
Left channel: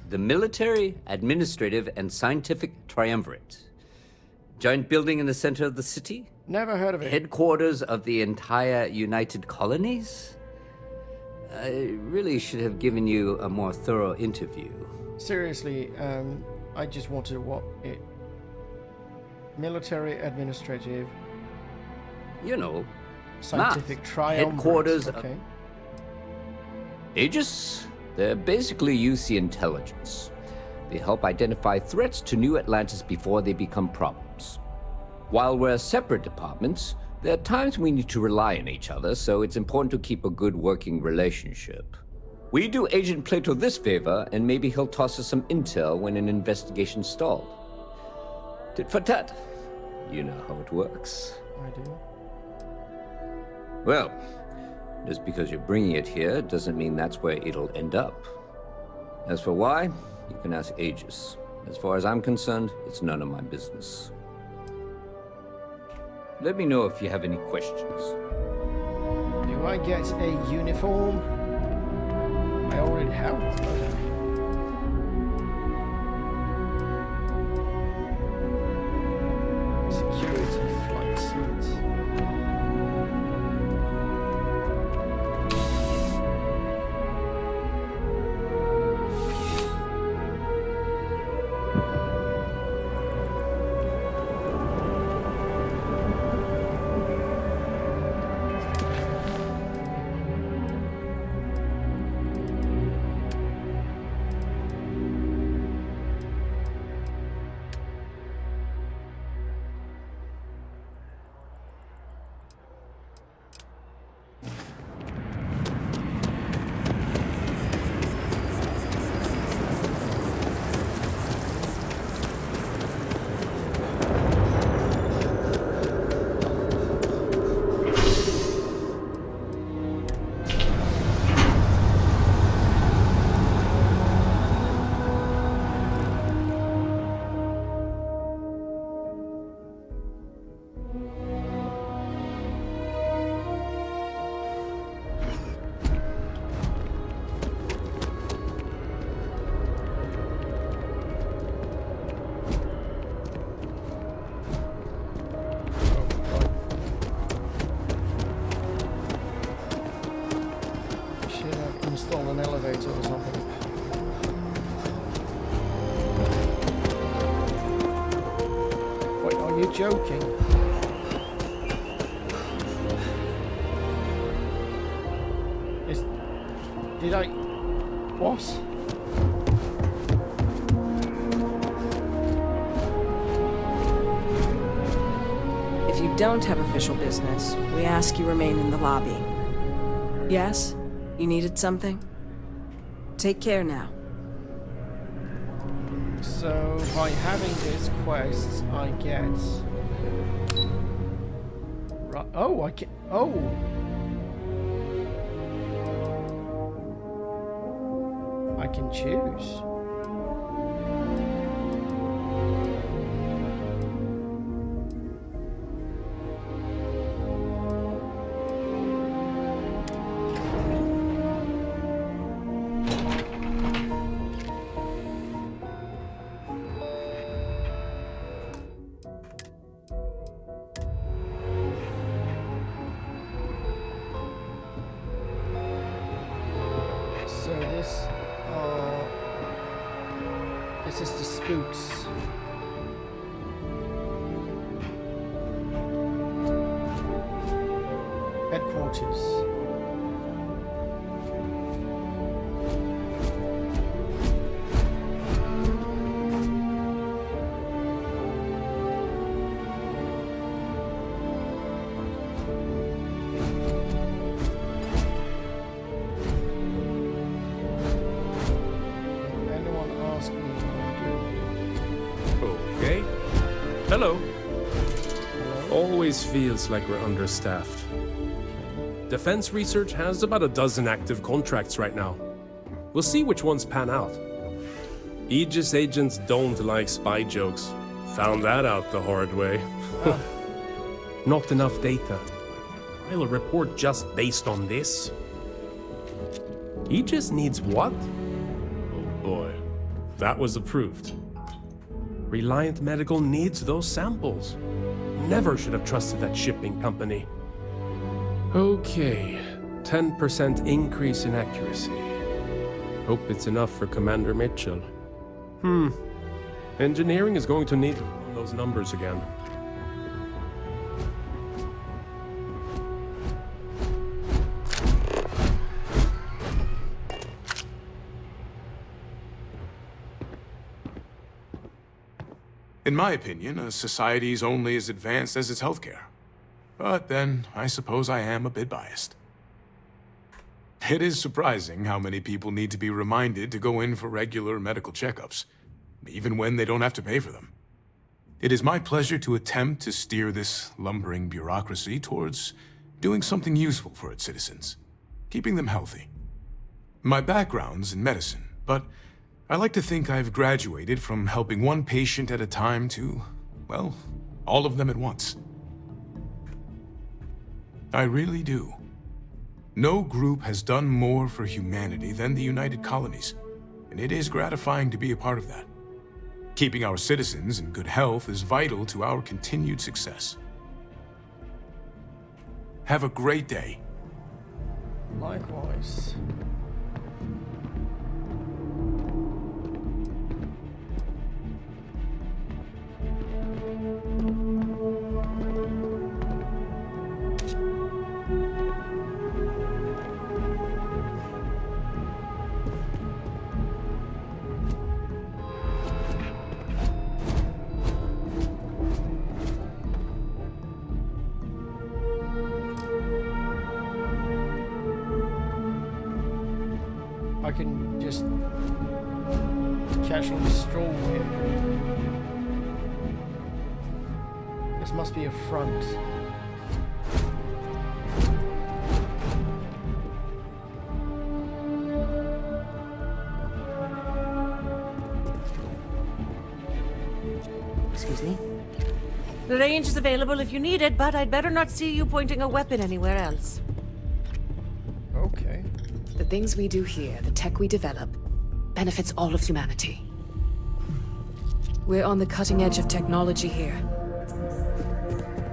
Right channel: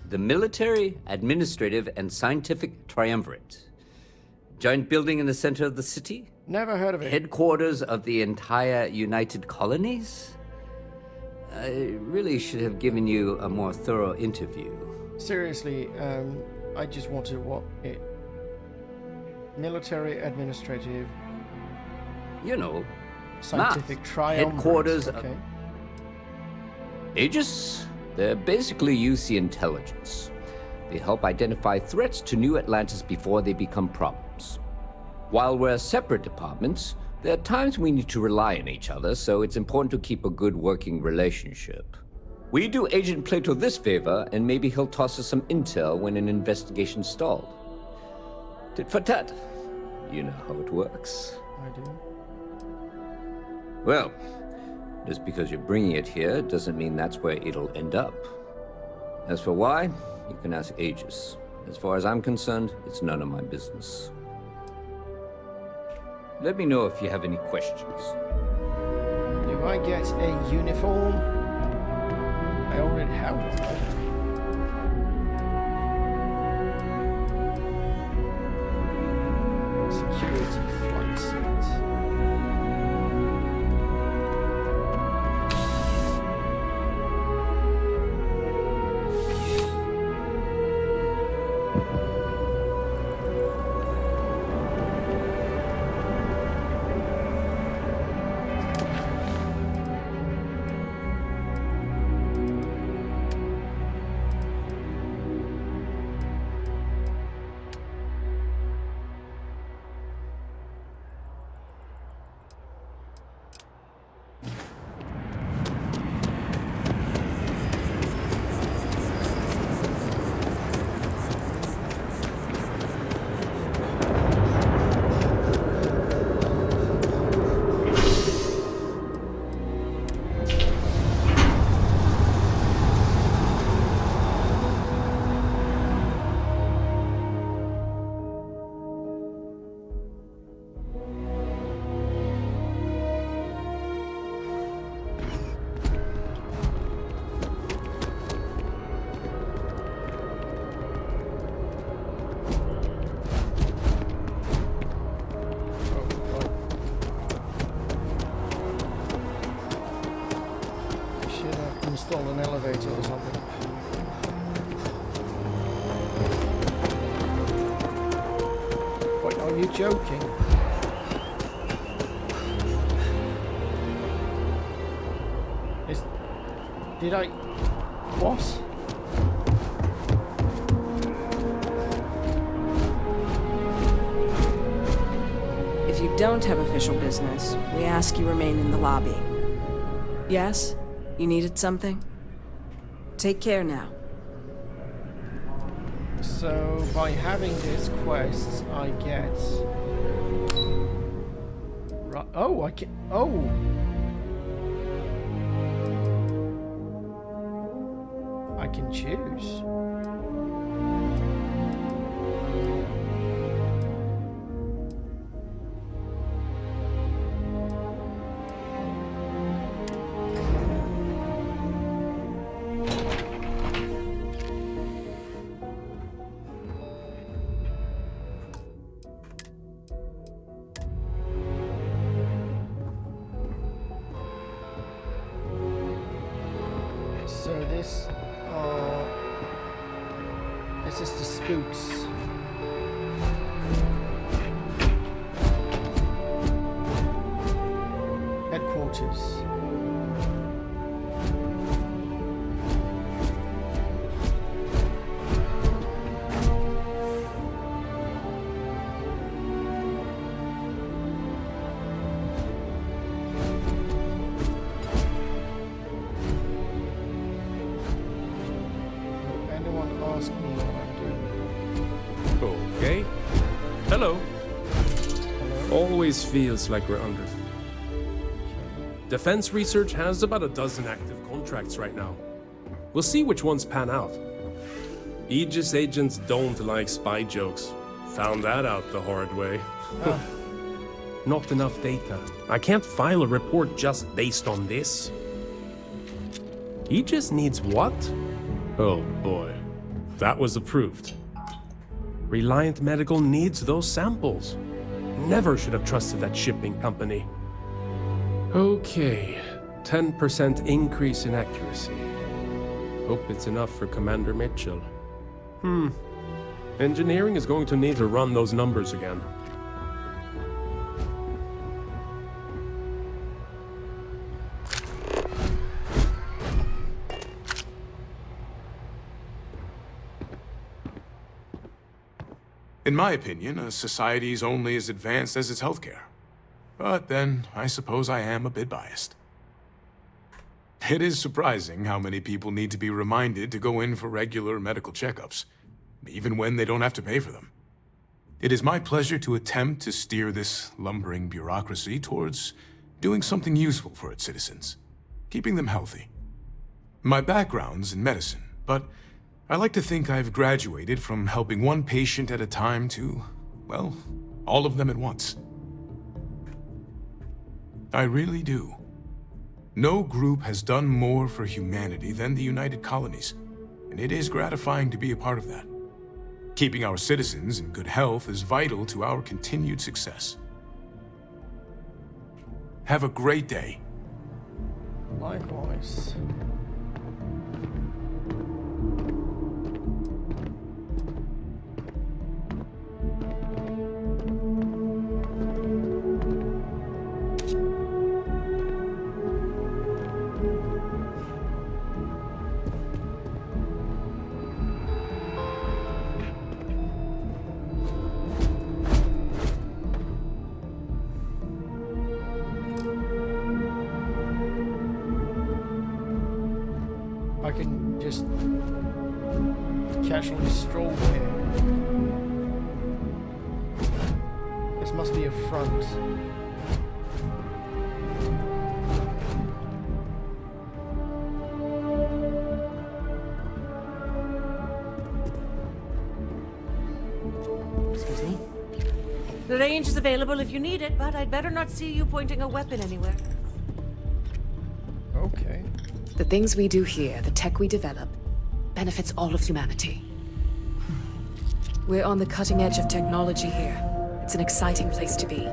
the Military, Administrative, and Scientific Triumvirate. Giant building in the center of the city? Never heard of it. Headquarters of the entire United Colonies? I really should have given you a more thorough interview. Seriously, I just wanted what it... Military, administrative... You know, scientific triumvirate. Headquarters okay. of... Aegis? They're basically UC intelligence. They help identify threats to New Atlantis before they become problems. While we're separate departments, there are times we need to rely on each other, so it's important to keep a good working relationship. We do Agent Plato this favor, and maybe he'll toss us some intel when an investigation stalled. Tit for tat. You know how it works. I do. Well, just because you're bringing it here doesn't mean that's where it'll end up. As for why, you can ask Aegis. As far as I'm concerned, it's none of my business. Let me know if you have any questions. Do I get a uniform? I already have one, don't I? Security flight suit. install an elevator or something. Wait, are you joking? Did I... What? If you don't have official business, we ask you remain in the lobby. Yes? You needed something? Take care now. So, by having this quest, I get... Right. Oh, I can... Oh! I can choose. So this is the spooks. Headquarters. Ask me what I'm doing. Okay. Hello. Hello. Always feels like we're understaffed. Okay. Defense research has about a dozen active contracts right now. We'll see which ones pan out. Aegis agents don't like spy jokes. Found that out the hard way. Oh. Not enough data. I can't file a report just based on this. Aegis needs what? Oh boy. That was approved. Reliant Medical needs those samples. Never should have trusted that shipping company. Okay, 10% increase in accuracy. Hope it's enough for Commander Mitchell. Engineering is going to need to run those numbers again. In my opinion, a society is only as advanced as its healthcare. But then, I suppose I am a bit biased. It is surprising how many people need to be reminded to go in for regular medical checkups, even when they don't have to pay for them. It is my pleasure to attempt to steer this lumbering bureaucracy towards doing something useful for its citizens, keeping them healthy. My background's in medicine, but I like to think I've graduated from helping one patient at a time to, well, all of them at once. I really do. No group has done more for humanity than the United Colonies, and it is gratifying to be a part of that. Keeping our citizens in good health is vital to our continued success. Have a great day. Likewise. I can just casually stroll here. This must be a front. Excuse me? The range is available if you need it, but I'd better not see you pointing a weapon anywhere else. Okay. The things we do here, the tech we develop, benefits all of humanity. We're on the cutting edge of technology here. It's an exciting place to be.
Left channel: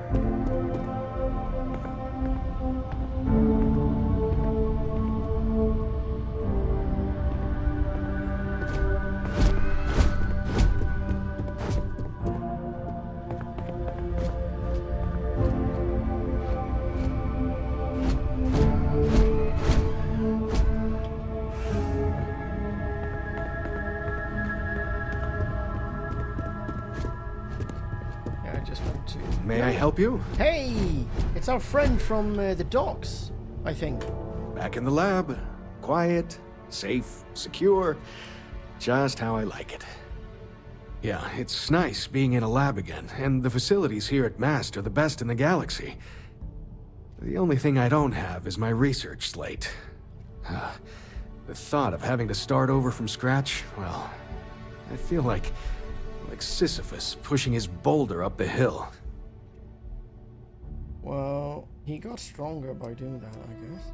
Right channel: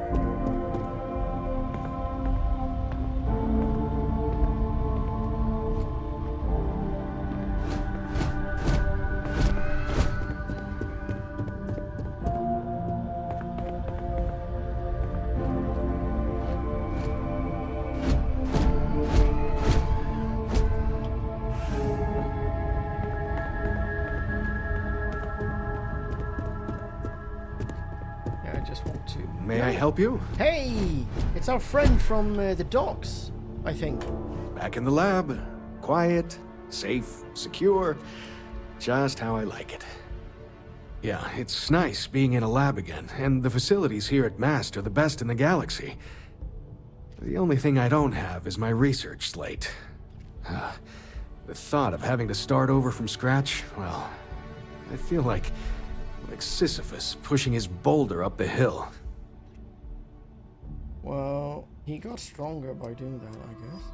just want to... May I help you? Hey! It's our friend from the docks, I think. Back in the lab. Quiet, safe, secure. Just how I like it. Yeah, it's nice being in a lab again, and the facilities here at MAST are the best in the galaxy. The only thing I don't have is my research slate. The thought of having to start over from scratch, well, I feel like Sisyphus pushing his boulder up the hill. Well, he got stronger by doing that, I guess.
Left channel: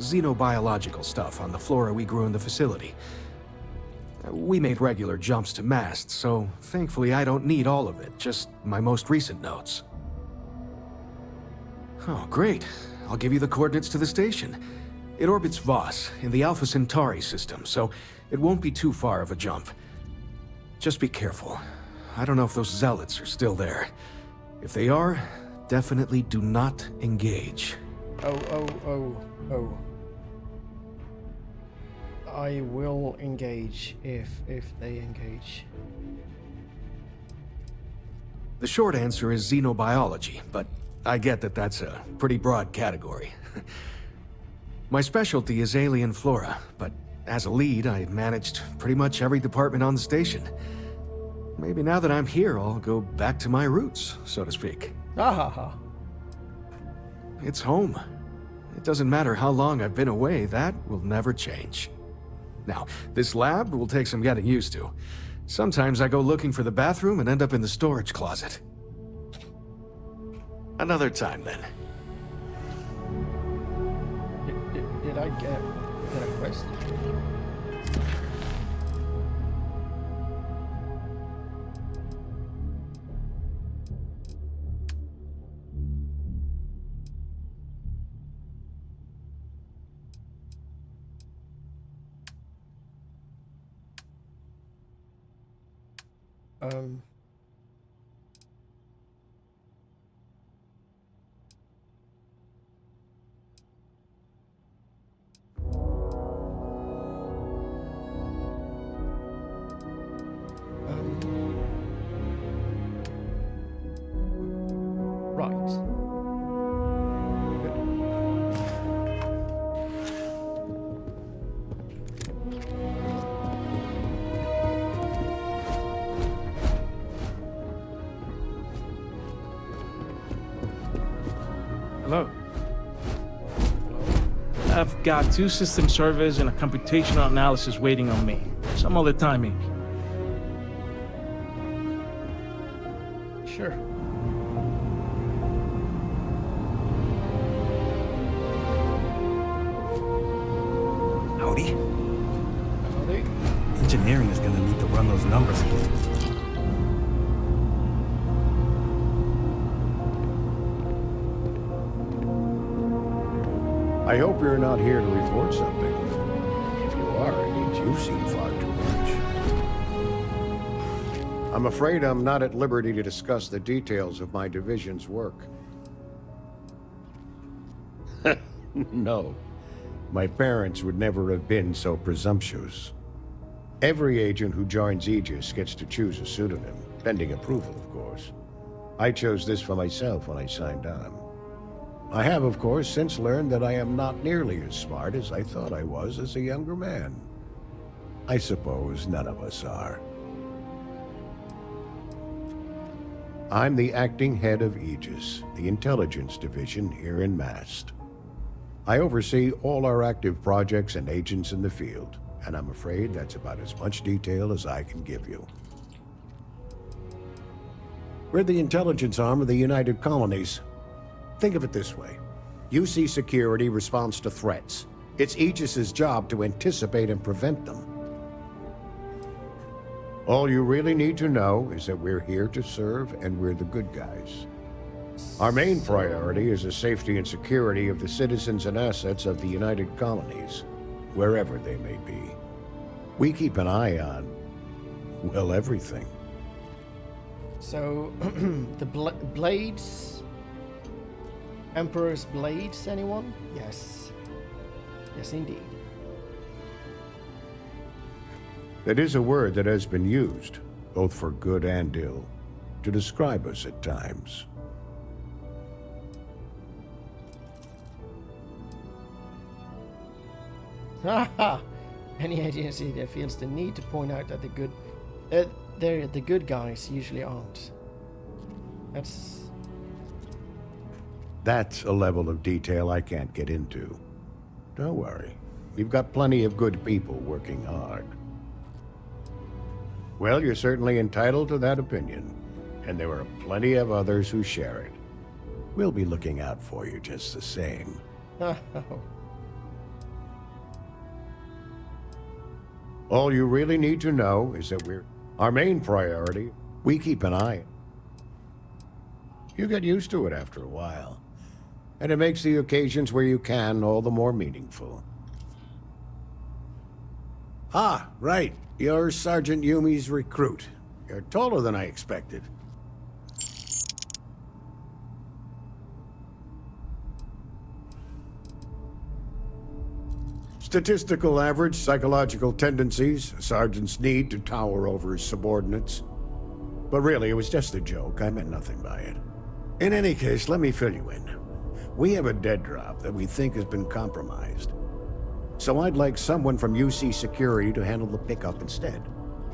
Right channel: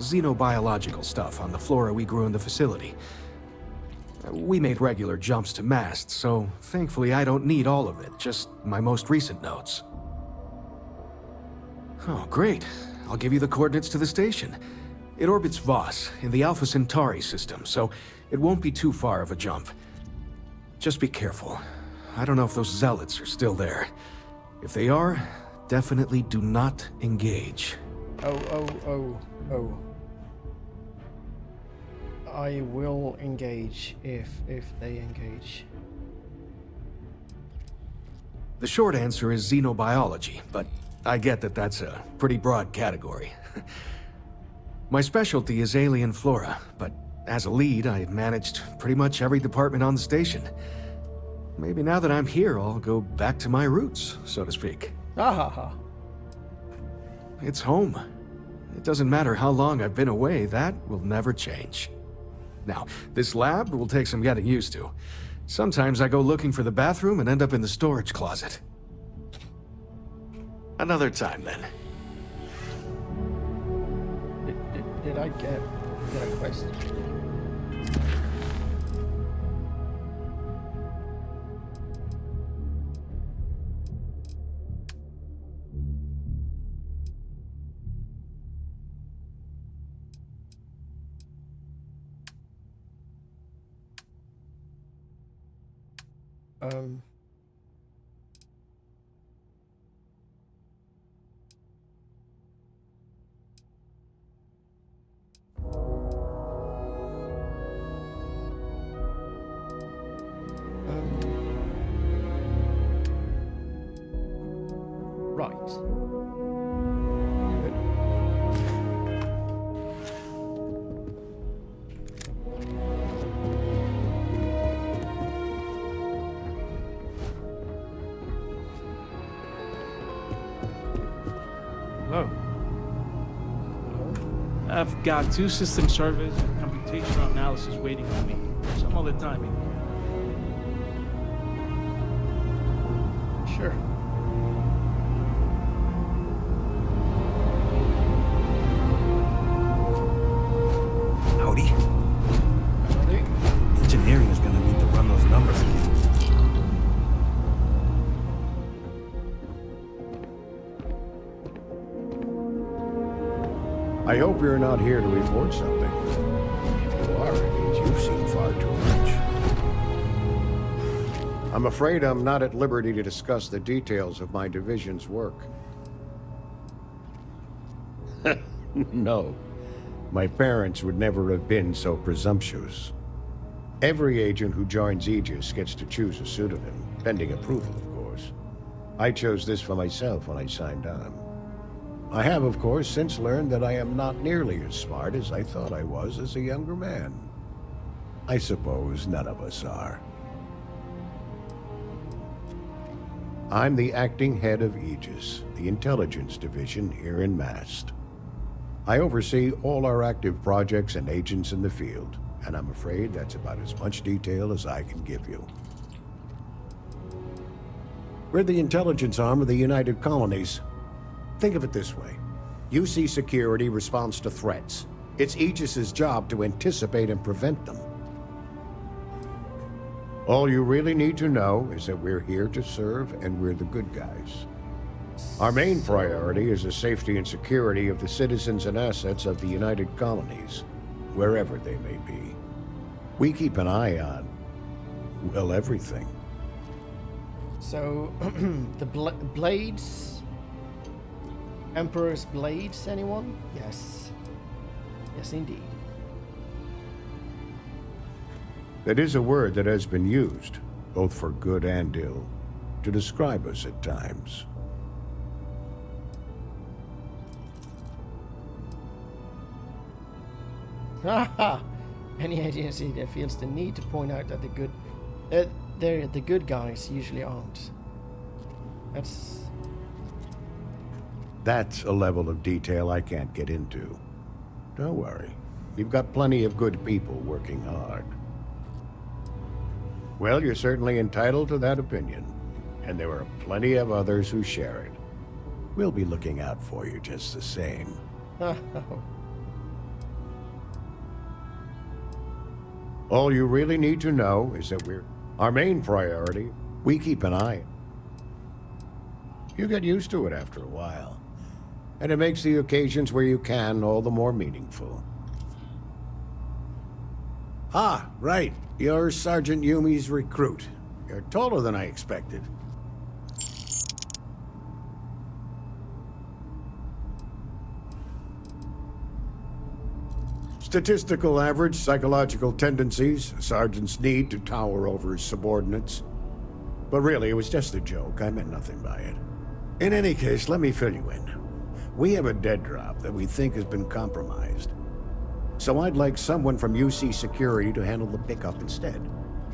Xenobiological stuff on the flora we grew in the facility. We made regular jumps to MAST, so thankfully I don't need all of it, just my most recent notes. Oh, great. I'll give you the coordinates to the station. It orbits Voss in the Alpha Centauri system, so it won't be too far of a jump. Just be careful. I don't know if those zealots are still there. If they are, definitely do not engage. Oh. I will engage if they engage. The short answer is xenobiology, but I get that that's a pretty broad category. My specialty is alien flora, but as a lead, I managed pretty much every department on the station. Maybe now that I'm here, I'll go back to my roots, so to speak. Ah. It's home. It doesn't matter how long I've been away, that will never change. Now, this lab will take some getting used to. Sometimes I go looking for the bathroom and end up in the storage closet. Another time, then. Did I get a quest? Right. Good. Hello. I've got 2 system servers and a computational analysis waiting on me. Some other timing. Sure. Howdy. Howdy. Engineering is gonna need to run those numbers again. I hope you're not here to report something. If you are, it means you've seen far too much. I'm afraid I'm not at liberty to discuss the details of my division's work. No. My parents would never have been so presumptuous. Every agent who joins Aegis gets to choose a pseudonym, pending approval, of course. I chose this for myself when I signed on. I have, of course, since learned that I am not nearly as smart as I thought I was as a younger man. I suppose none of us are. I'm the acting head of Aegis, the intelligence division here in MAST. I oversee all our active projects and agents in the field, and I'm afraid that's about as much detail as I can give you. We're the intelligence arm of the United Colonies. Think of it this way. UC security responds to threats. It's Aegis's job to anticipate and prevent them. All you really need to know is that we're here to serve and we're the good guys. Our main priority is the safety and security of the citizens and assets of the United Colonies, wherever they may be. We keep an eye on, well, everything. So, the blades... Emperor's blades, anyone? Yes. Yes, indeed. That is a word that has been used. both for good and ill, to describe us at times. Haha! Any agency that feels the need to point out that the good guys usually aren't. That's a level of detail I can't get into. Don't worry. We've got plenty of good people working hard. Well, you're certainly entitled to that opinion. And there are plenty of others who share it. We'll be looking out for you just the same. All you really need to know is that our main priority. We keep an eye. You get used to it after a while. And it makes the occasions where you can all the more meaningful. Ah, right. You're Sergeant Yumi's recruit. You're taller than I expected. Statistical average, psychological tendencies, a sergeant's need to tower over his subordinates. But really, it was just a joke. I meant nothing by it. In any case, let me fill you in. We have a dead drop that we think has been compromised. So I'd like someone from UC Security to handle the pickup instead.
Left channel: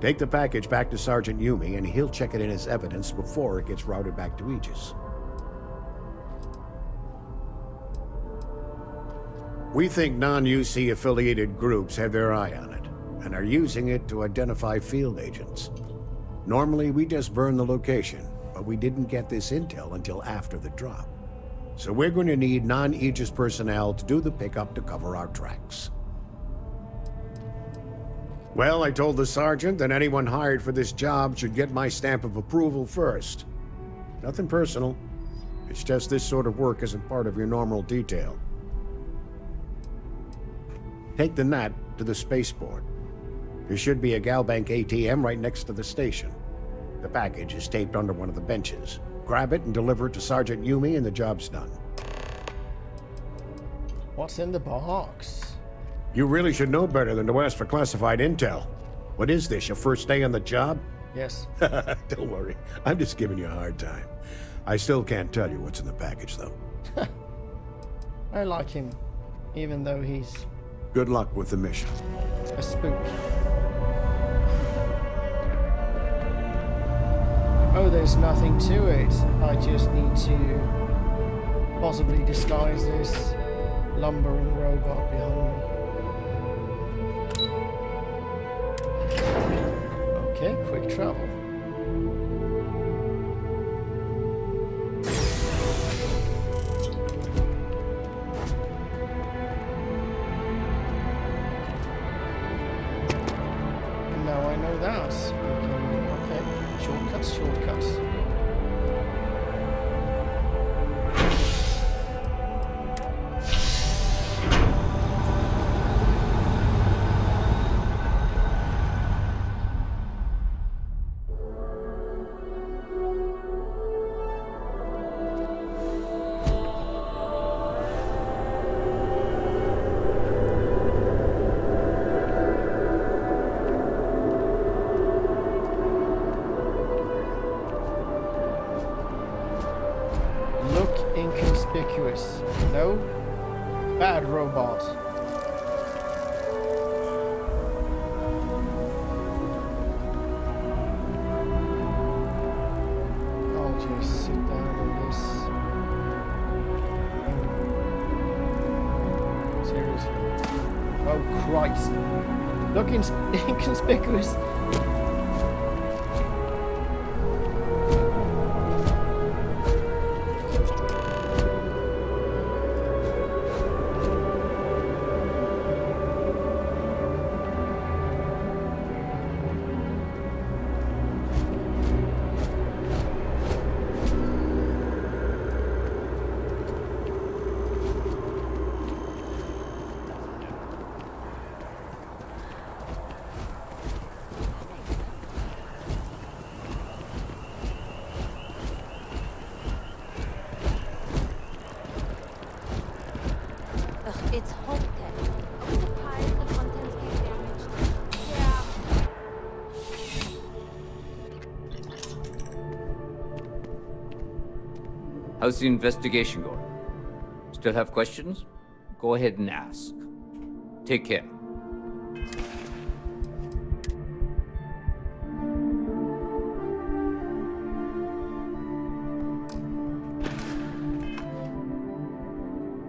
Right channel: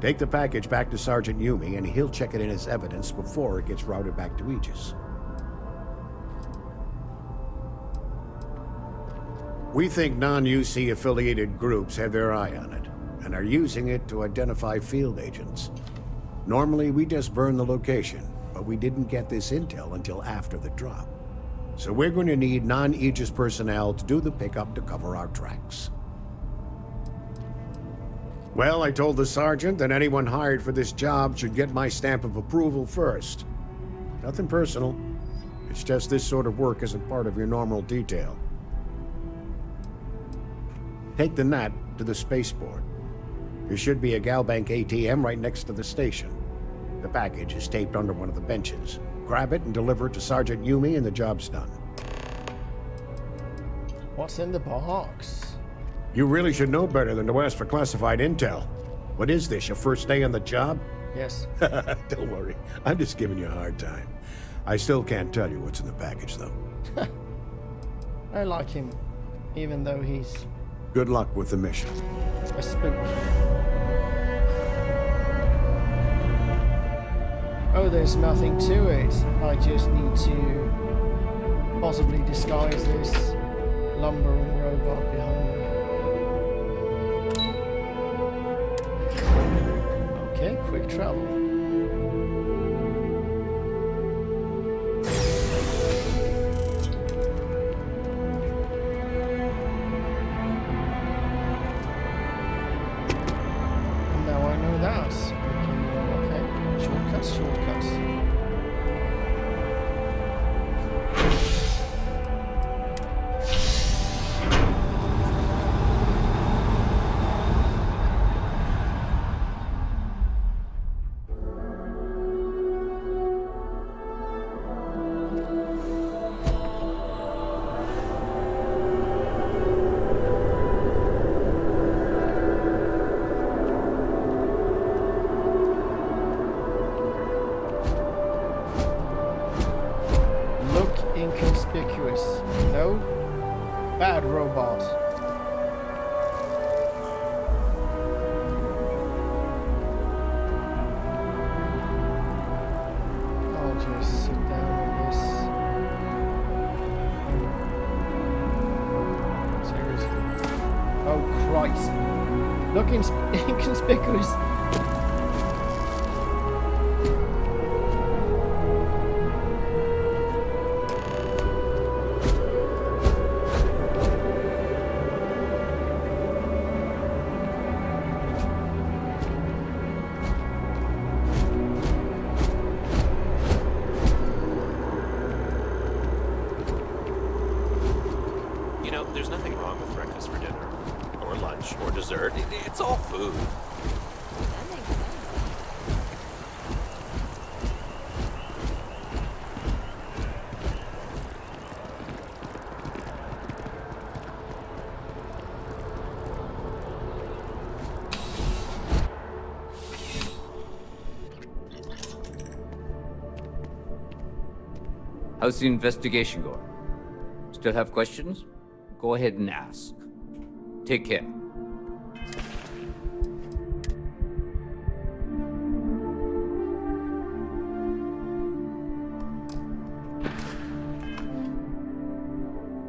Take the package back to Sergeant Yumi, and he'll check it in as evidence before it gets routed back to Aegis. We think non-UC affiliated groups have their eye on it, and are using it to identify field agents. Normally, we just burn the location, but we didn't get this intel until after the drop. So we're going to need non-Aegis personnel to do the pickup to cover our tracks. Well, I told the sergeant that anyone hired for this job should get my stamp of approval first. Nothing personal. It's just this sort of work isn't part of your normal detail. Take the NAT to the spaceport. There should be a Galbank ATM right next to the station. The package is taped under one of the benches. Grab it and deliver it to Sergeant Yumi and the job's done. What's in the box? You really should know better than to ask for classified intel. What is this, your first day on the job? Yes. Don't worry, I'm just giving you a hard time. I still can't tell you what's in the package, though. I like him, even though he's... Good luck with the mission. A spook. Oh, there's nothing to it. I just need to possibly disguise this lumbering robot behind me. Okay, quick travel. And now I know that. I can... Okay. Shortcuts. Inconspicuous. No? Bad robot. I'll just sit down on this. Seriously. Oh Christ. Look inconspicuous. It's all food. That makes sense. Ugh, it's hot How's the investigation going? Still have questions? Go ahead and ask. Take care.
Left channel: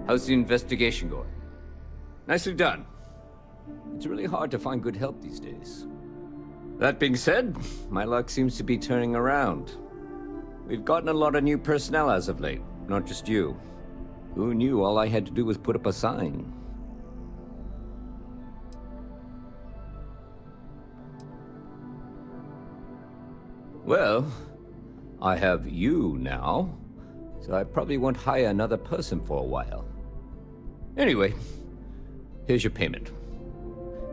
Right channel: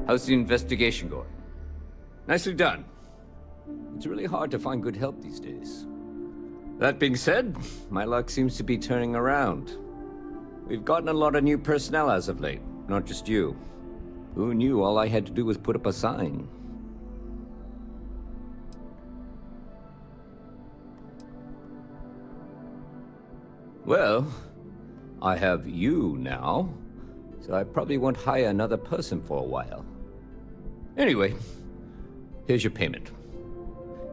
How's the investigation going? Nicely done. It's really hard to find good help these days. That being said, my luck seems to be turning around. We've gotten a lot of new personnel as of late, not just you. Who knew all I had to do was put up a sign? Well, I have you now, so I probably won't hire another person for a while. Anyway, here's your payment.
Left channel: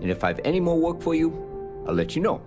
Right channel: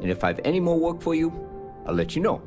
And if I have any more work for you, I'll let you know.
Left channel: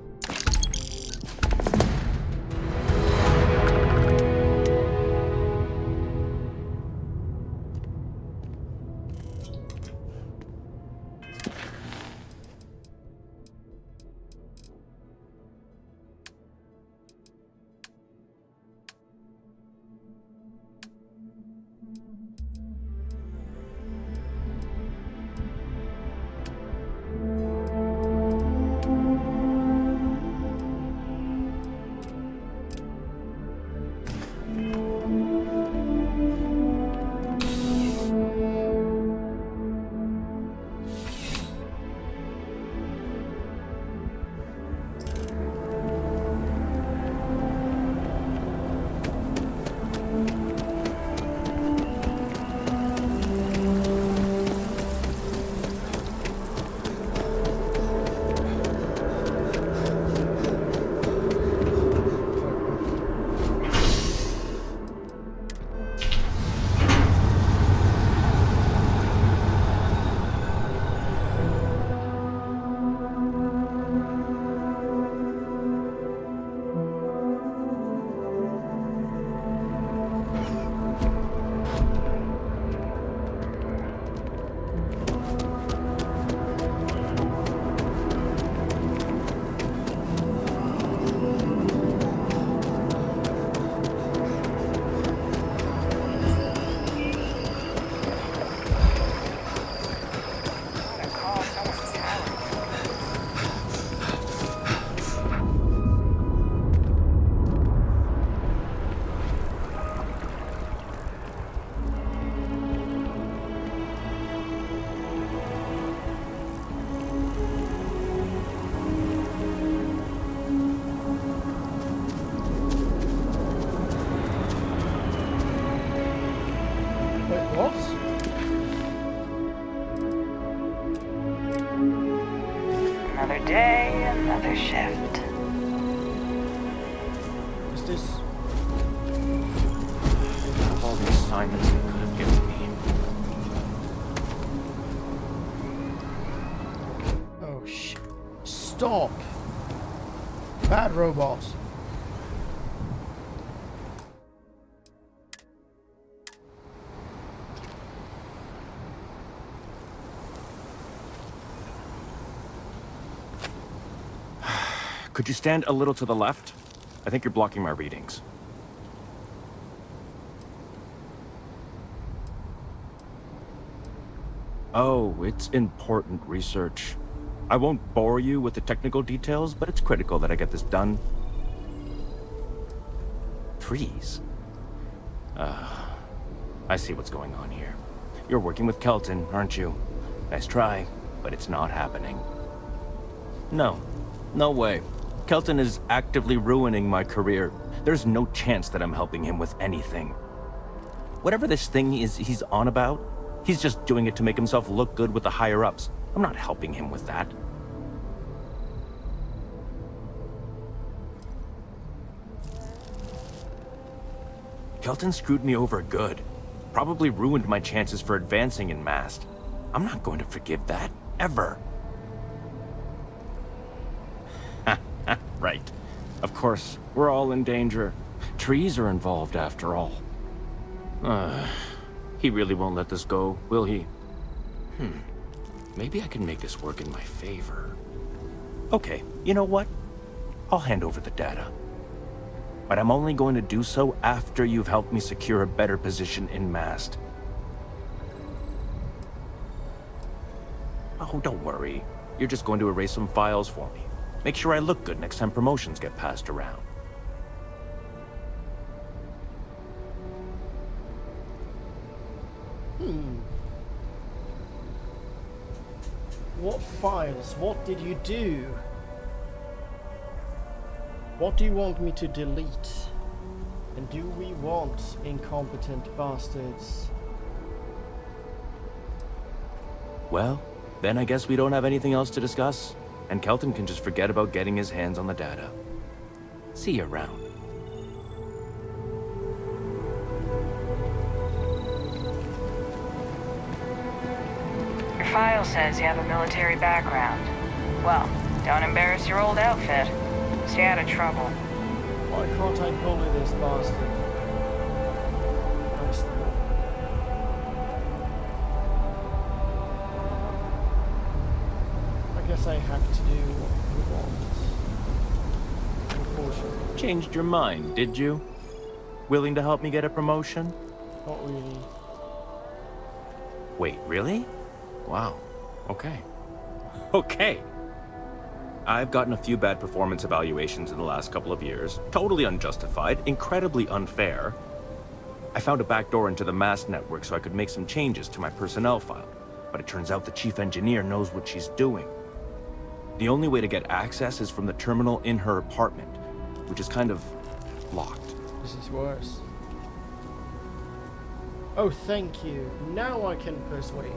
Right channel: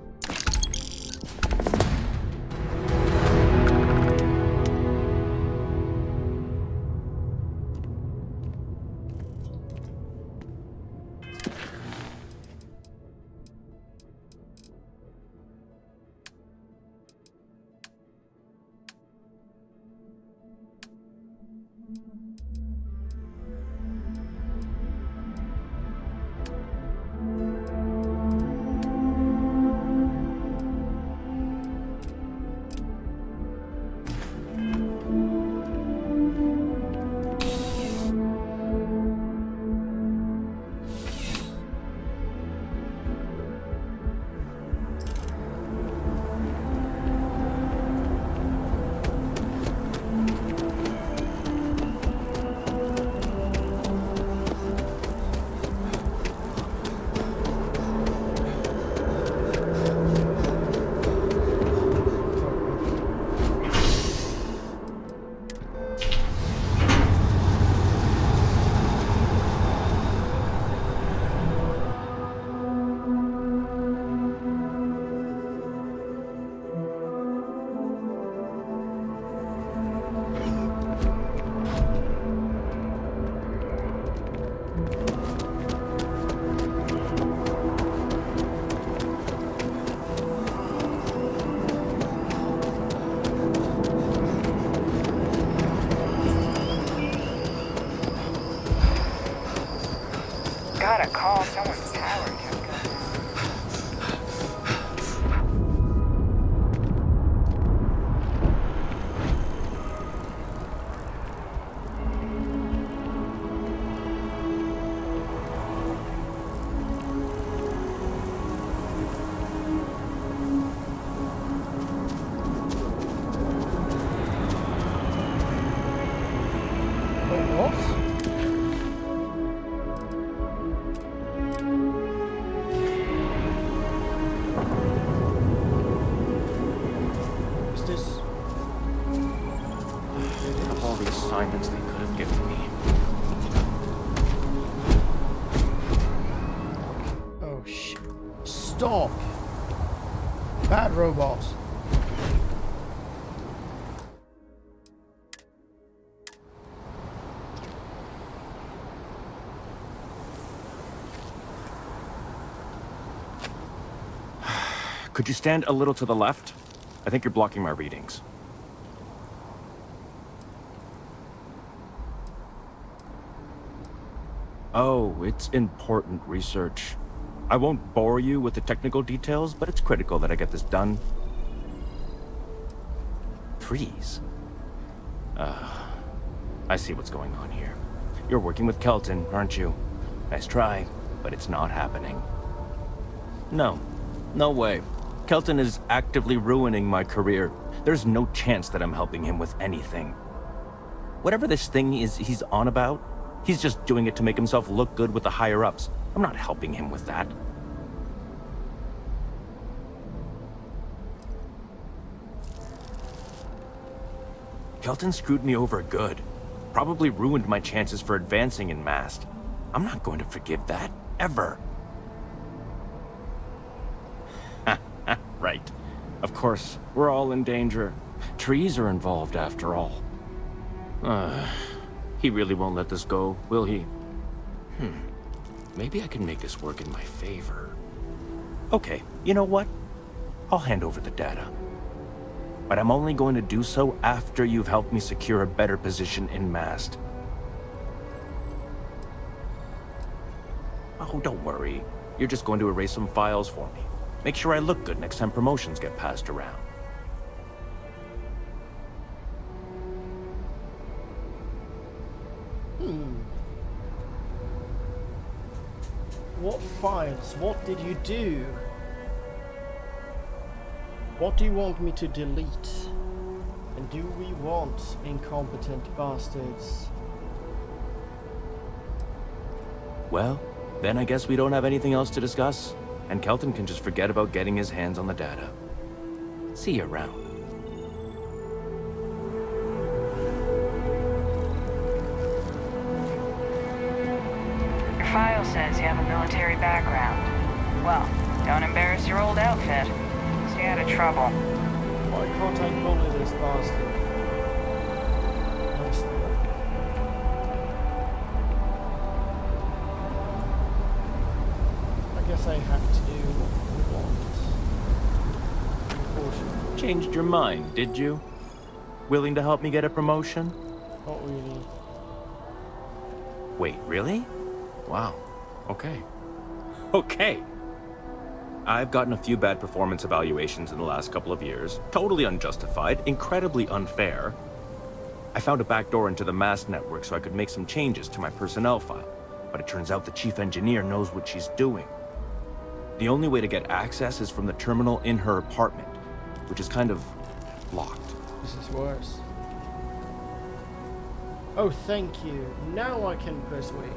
Gotta call someone's tower checker. Wait, what? Another day, another shift. Is this... Of all the assignments they could have given me. Oh, shit. Stop! Bad robot. Could you stand a little to the left? I think you're blocking my readings. Oh, it's important research. I won't bore you with the technical details, but it's critical that I get this done. Trees. I see what's going on here. You're working with Kelton, aren't you? Nice try, but it's not happening. No. No way. Kelton is actively ruining my career. There's no chance that I'm helping him with anything. Whatever this thing is he's on about, he's just doing it to make himself look good with the higher-ups. I'm not helping him with that. Kelton screwed me over good. Probably ruined my chances for advancing in Mast. I'm not going to forgive that, ever. Right. Of course, we're all in danger. Trees are involved after all. He really won't let this go, will he? Maybe I can make this work in my favor. Okay, you know what? I'll hand over the data. but I'm only going to do so after you've helped me secure a better position in Mast. Oh, don't worry. You're just going to erase some files for me. Make sure I look good next time promotions get passed around. What files? What did you do? What do you want me to delete? And do we want incompetent bastards? Well, then I guess we don't have anything else to discuss, and Kelton can just forget about getting his hands on the data. See you around. Your file says you have a military background. Well, don't embarrass your old outfit. Stay out of trouble. Why can't I bully this bastard? Nice thought. I guess I have to do what we want. Unfortunately. Changed your mind, did you? Willing to help me get a promotion? Not really. Wait, really? Wow. Okay. Okay. I've gotten a few bad performance evaluations in the last couple of years. Totally unjustified, incredibly unfair. I found a backdoor into the Mast network so I could make some changes to my personnel file. But it turns out the chief engineer knows what she's doing. The only way to get access is from the terminal in her apartment, which is kind of locked. This is worse. Oh, thank you. Now I can persuade.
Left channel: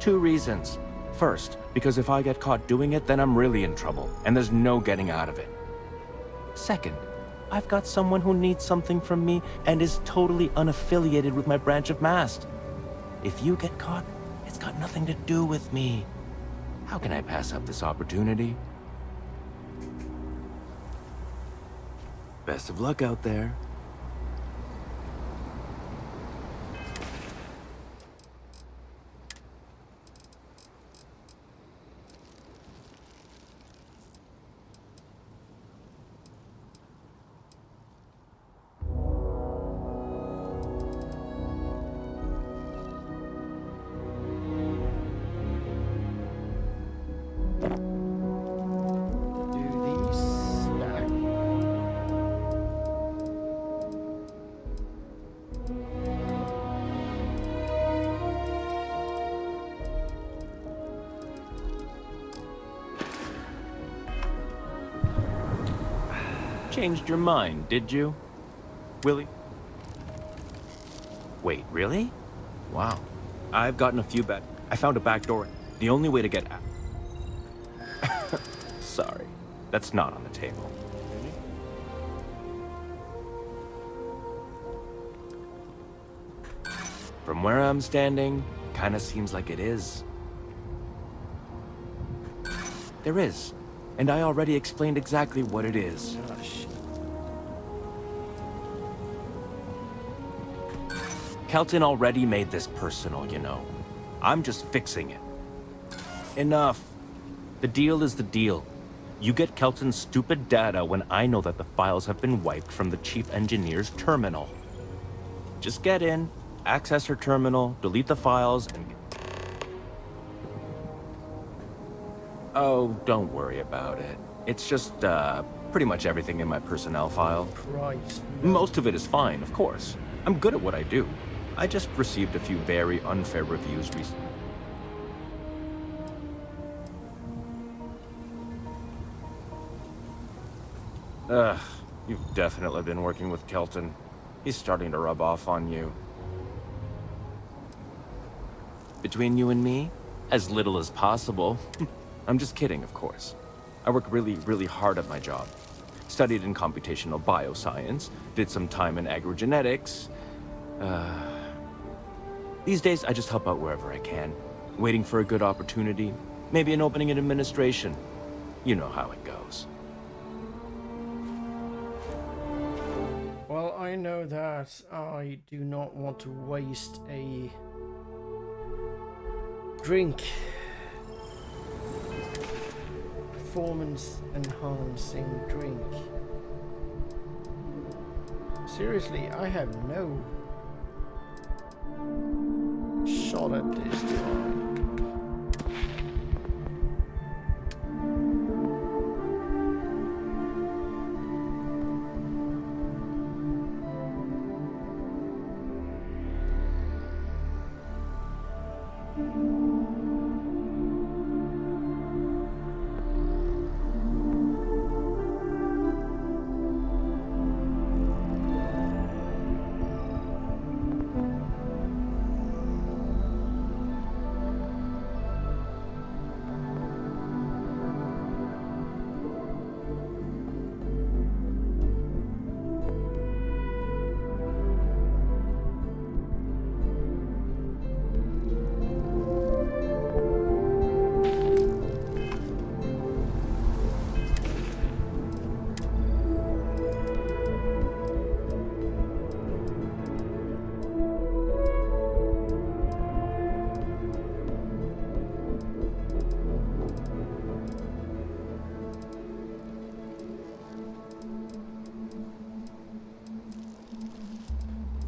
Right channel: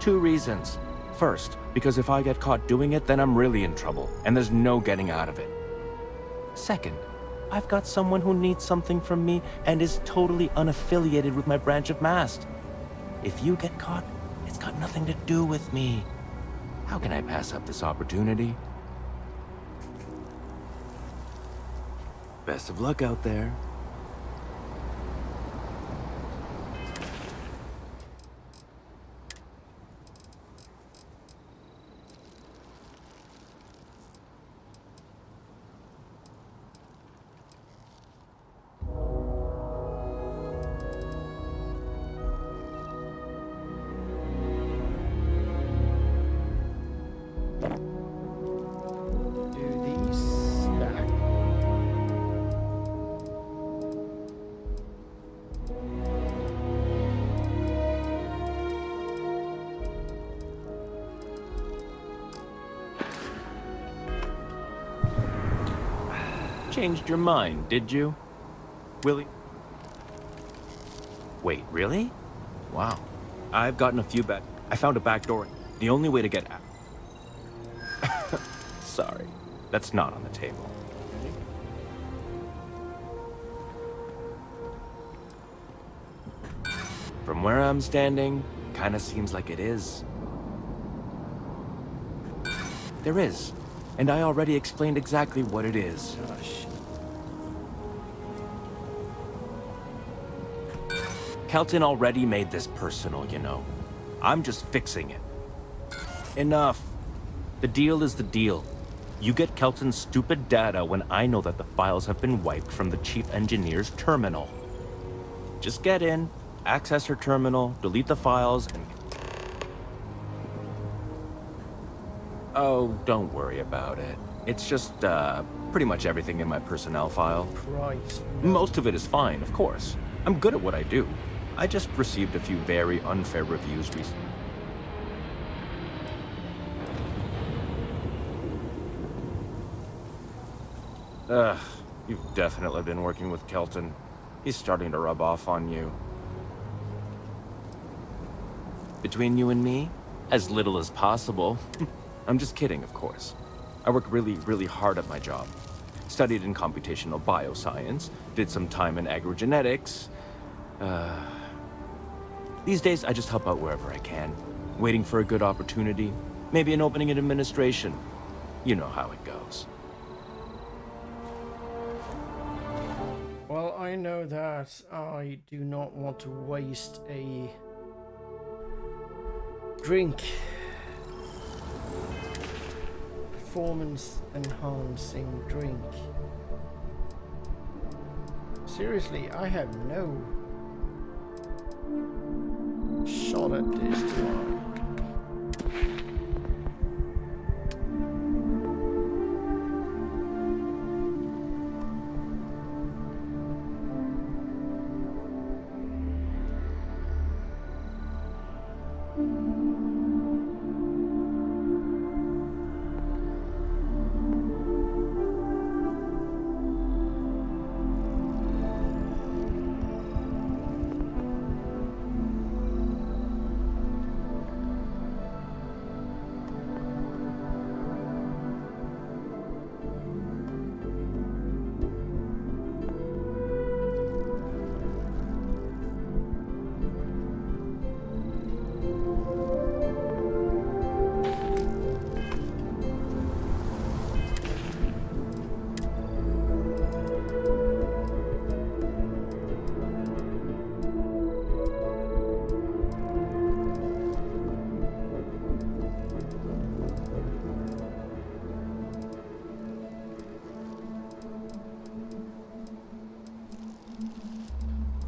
Two reasons. First, because if I get caught doing it, then I'm really in trouble, and there's no getting out of it. Second, I've got someone who needs something from me and is totally unaffiliated with my branch of Mast. If you get caught, it's got nothing to do with me. How can I pass up this opportunity? Best of luck out there. Changed your mind, did you? Willie? Wait, really? Wow. I've gotten a few I found a back door. The only way to get out. Sorry. That's not on the table. Ready? From where I'm standing, kinda seems like it is. There is. And I already explained exactly what it is. Gosh. Kelton already made this personal, you know. I'm just fixing it. Enough. The deal is the deal. You get Kelton's stupid data when I know that the files have been wiped from the chief engineer's terminal. Just get in, access her terminal, delete the files, and... Oh, don't worry about it. It's just, pretty much everything in my personnel file. Christ. Most of it is fine, of course. I'm good at what I do. I just received a few very unfair reviews recently. You've definitely been working with Kelton. He's starting to rub off on you. Between you and me, as little as possible. I'm just kidding, of course. I work really, really hard at my job. Studied in computational bioscience, did some time in agrogenetics. These days, I just help out wherever I can. Waiting for a good opportunity. Maybe an opening in administration. You know how it goes. Well, I know that I do not want to waste a performance enhancing drink. Seriously, I have no shot at this, do I?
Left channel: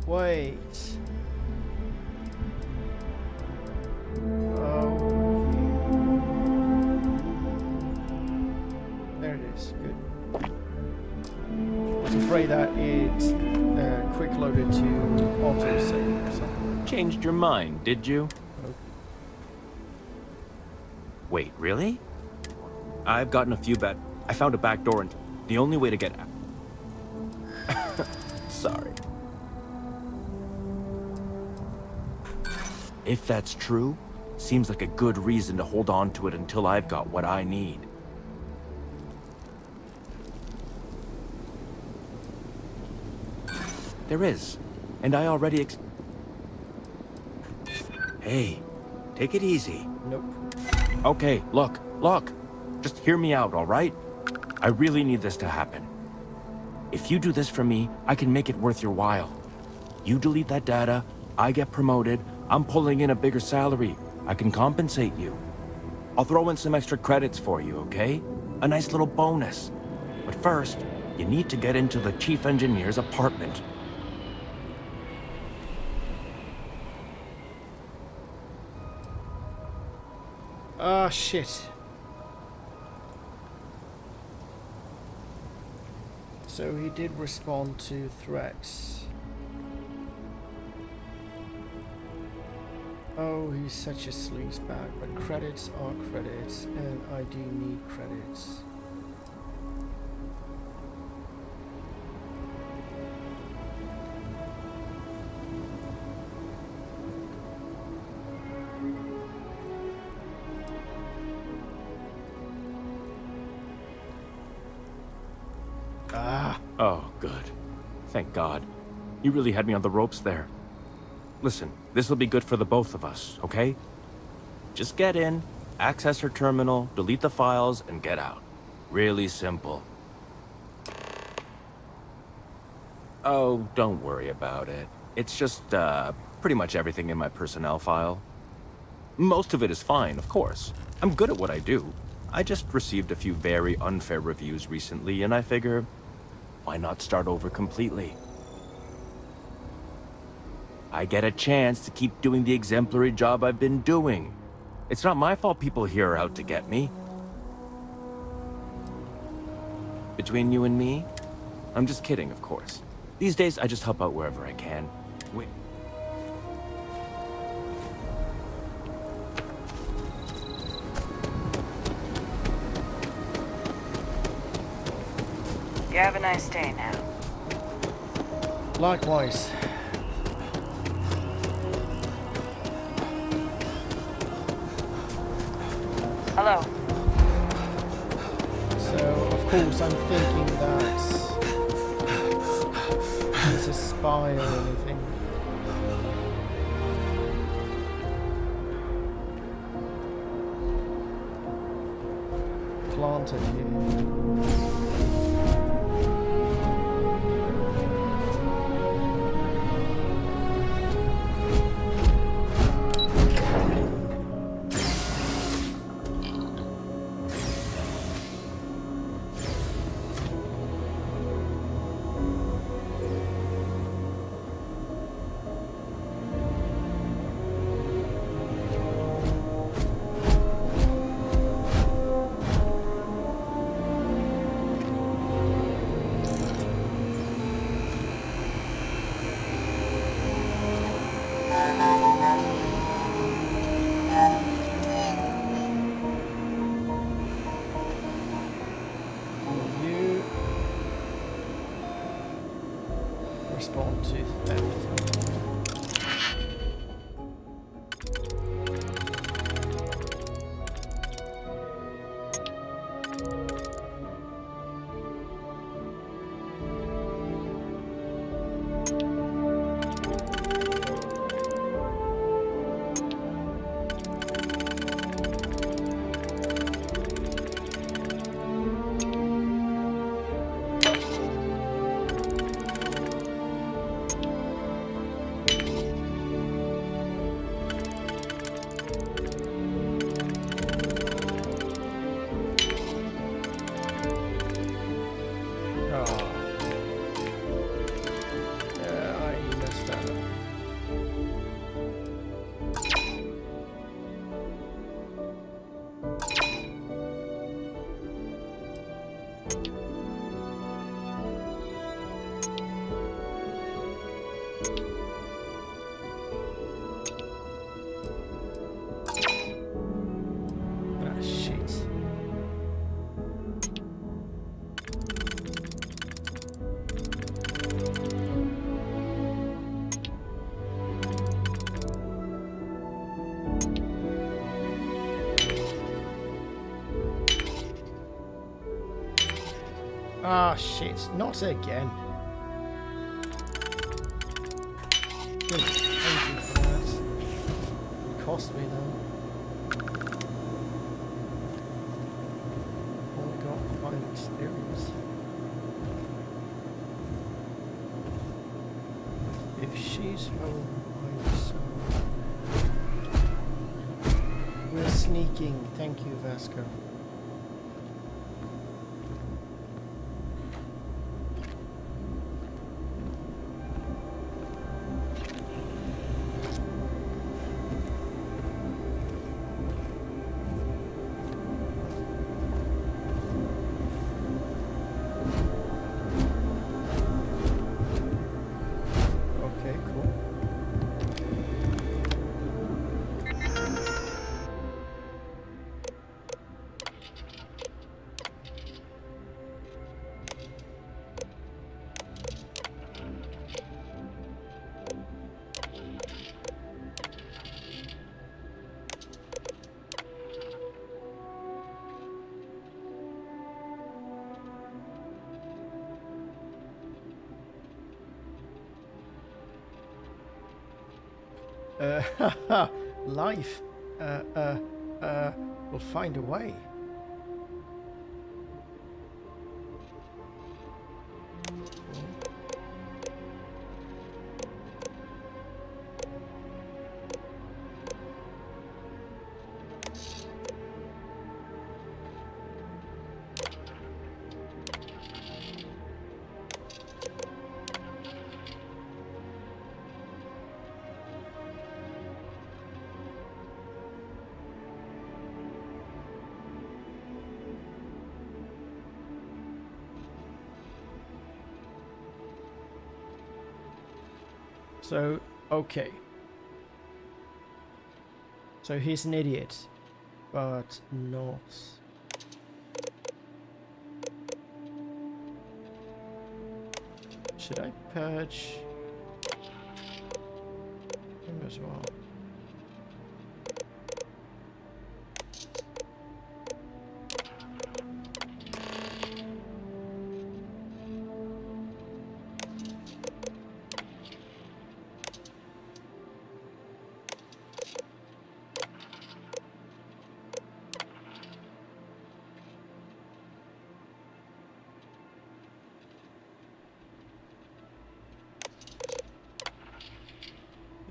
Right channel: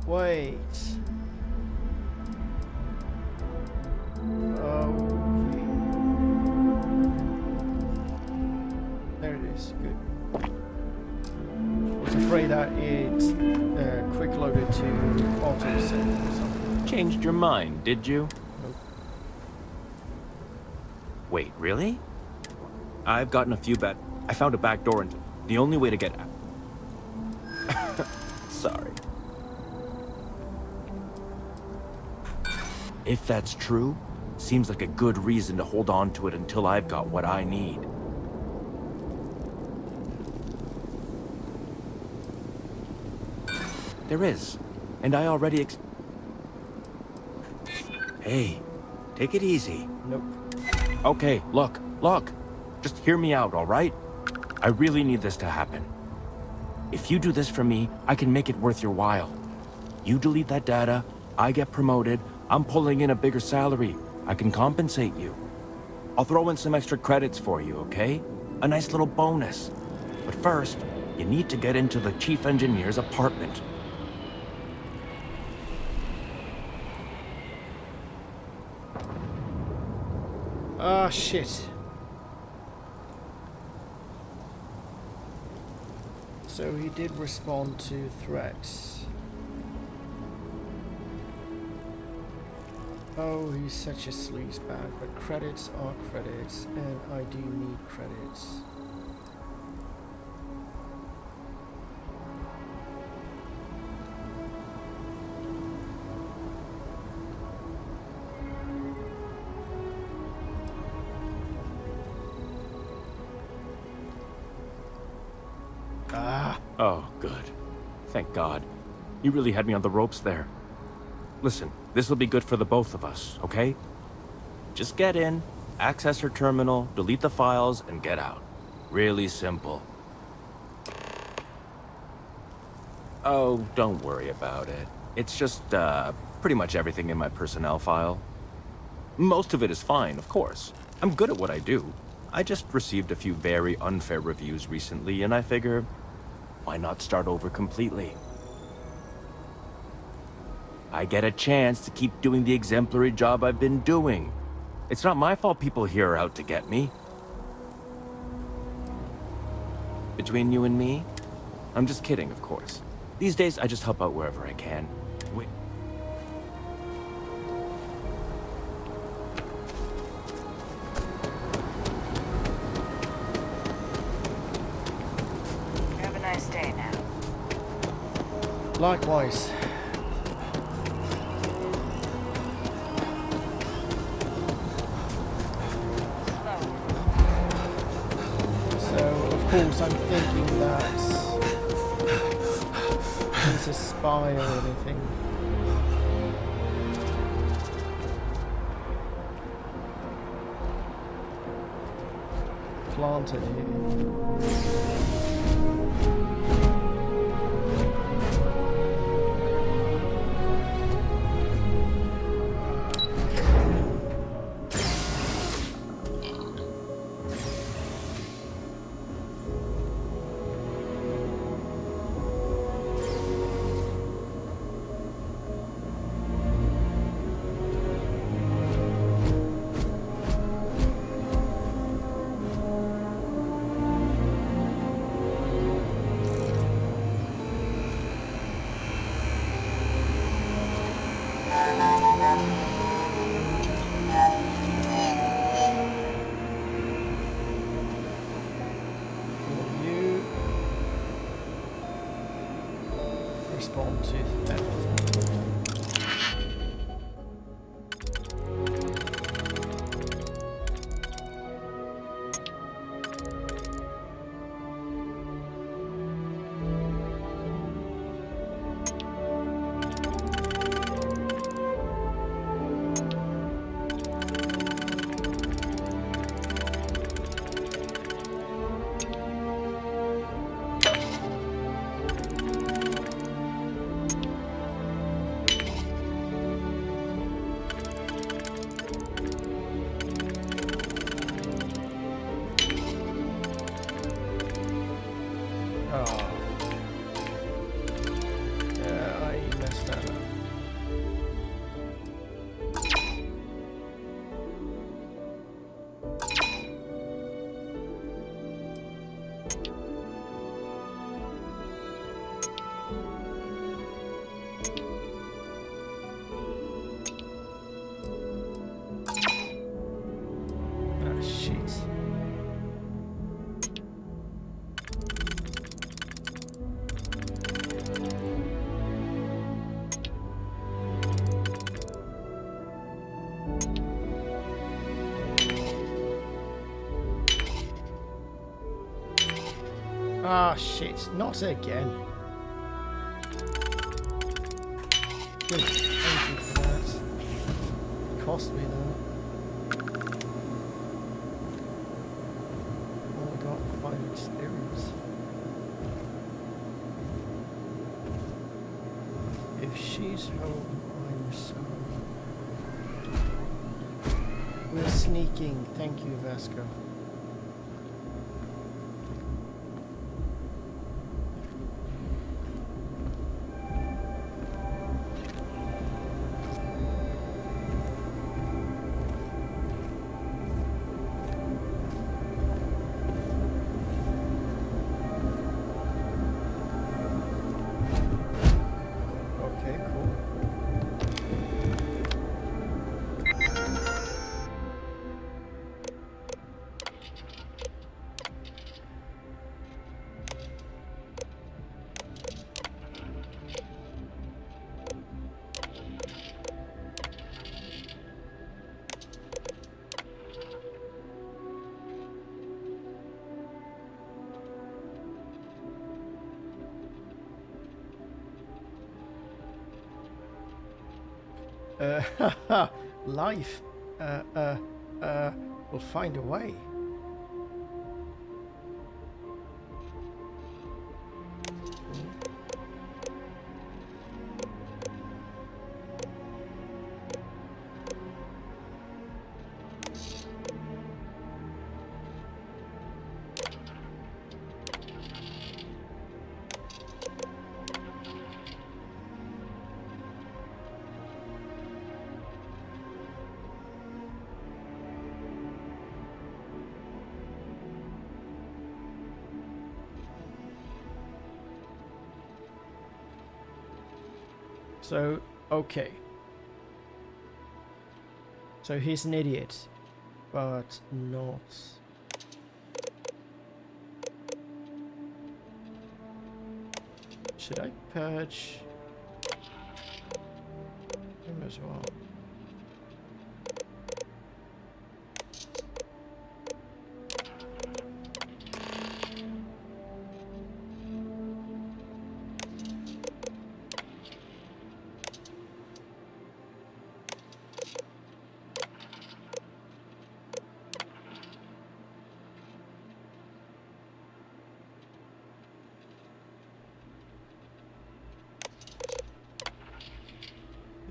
Wait. Oh, there it is. Good. Was afraid that it quick loaded to auto save or something. Changed your mind, did you? Nope. Wait, really? I've gotten a few I found a back door into the only way to get out. Sorry. If that's true, seems like a good reason to hold on to it until I've got what I need. There is, and I already Hey, take it easy. Nope. Okay, look. Just hear me out, all right? I really need this to happen. If you do this for me, I can make it worth your while. You delete that data, I get promoted, I'm pulling in a bigger salary. I can compensate you. I'll throw in some extra credits for you, okay? A nice little bonus. But first, you need to get into the chief engineer's apartment. Ah, shit. So he did respond to threats. Oh, he's such a sleazebag, but credits are credits, and I do need credits. Ah. Oh, good. Thank God. You really had me on the ropes there. Listen, this will be good for the both of us, okay? Just get in, access her terminal, delete the files, and get out. Really simple. Oh, don't worry about it. It's just, pretty much everything in my personnel file. Most of it is fine, of course. I'm good at what I do. I just received a few very unfair reviews recently, and I figure, why not start over completely? I get a chance to keep doing the exemplary job I've been doing. It's not my fault people here are out to get me. Between you and me, I'm just kidding, of course. These days, I just help out wherever I can. Wait. You have a nice day now. Likewise. Hello. So, of course, I'm thinking that he's a spy or anything. Planted here. Will you respond to theft? Oh. Yeah, I messed that up. Ah, shit. Ah, shit. Not again. Good. Thank you for that. It cost me though. Only got 5 experience. If she's home, I'm so... We're sneaking. Thank you, Vasco. Okay, cool. Life. We'll find a way. So, okay. So he's an idiot, but not... Should I purge him as well?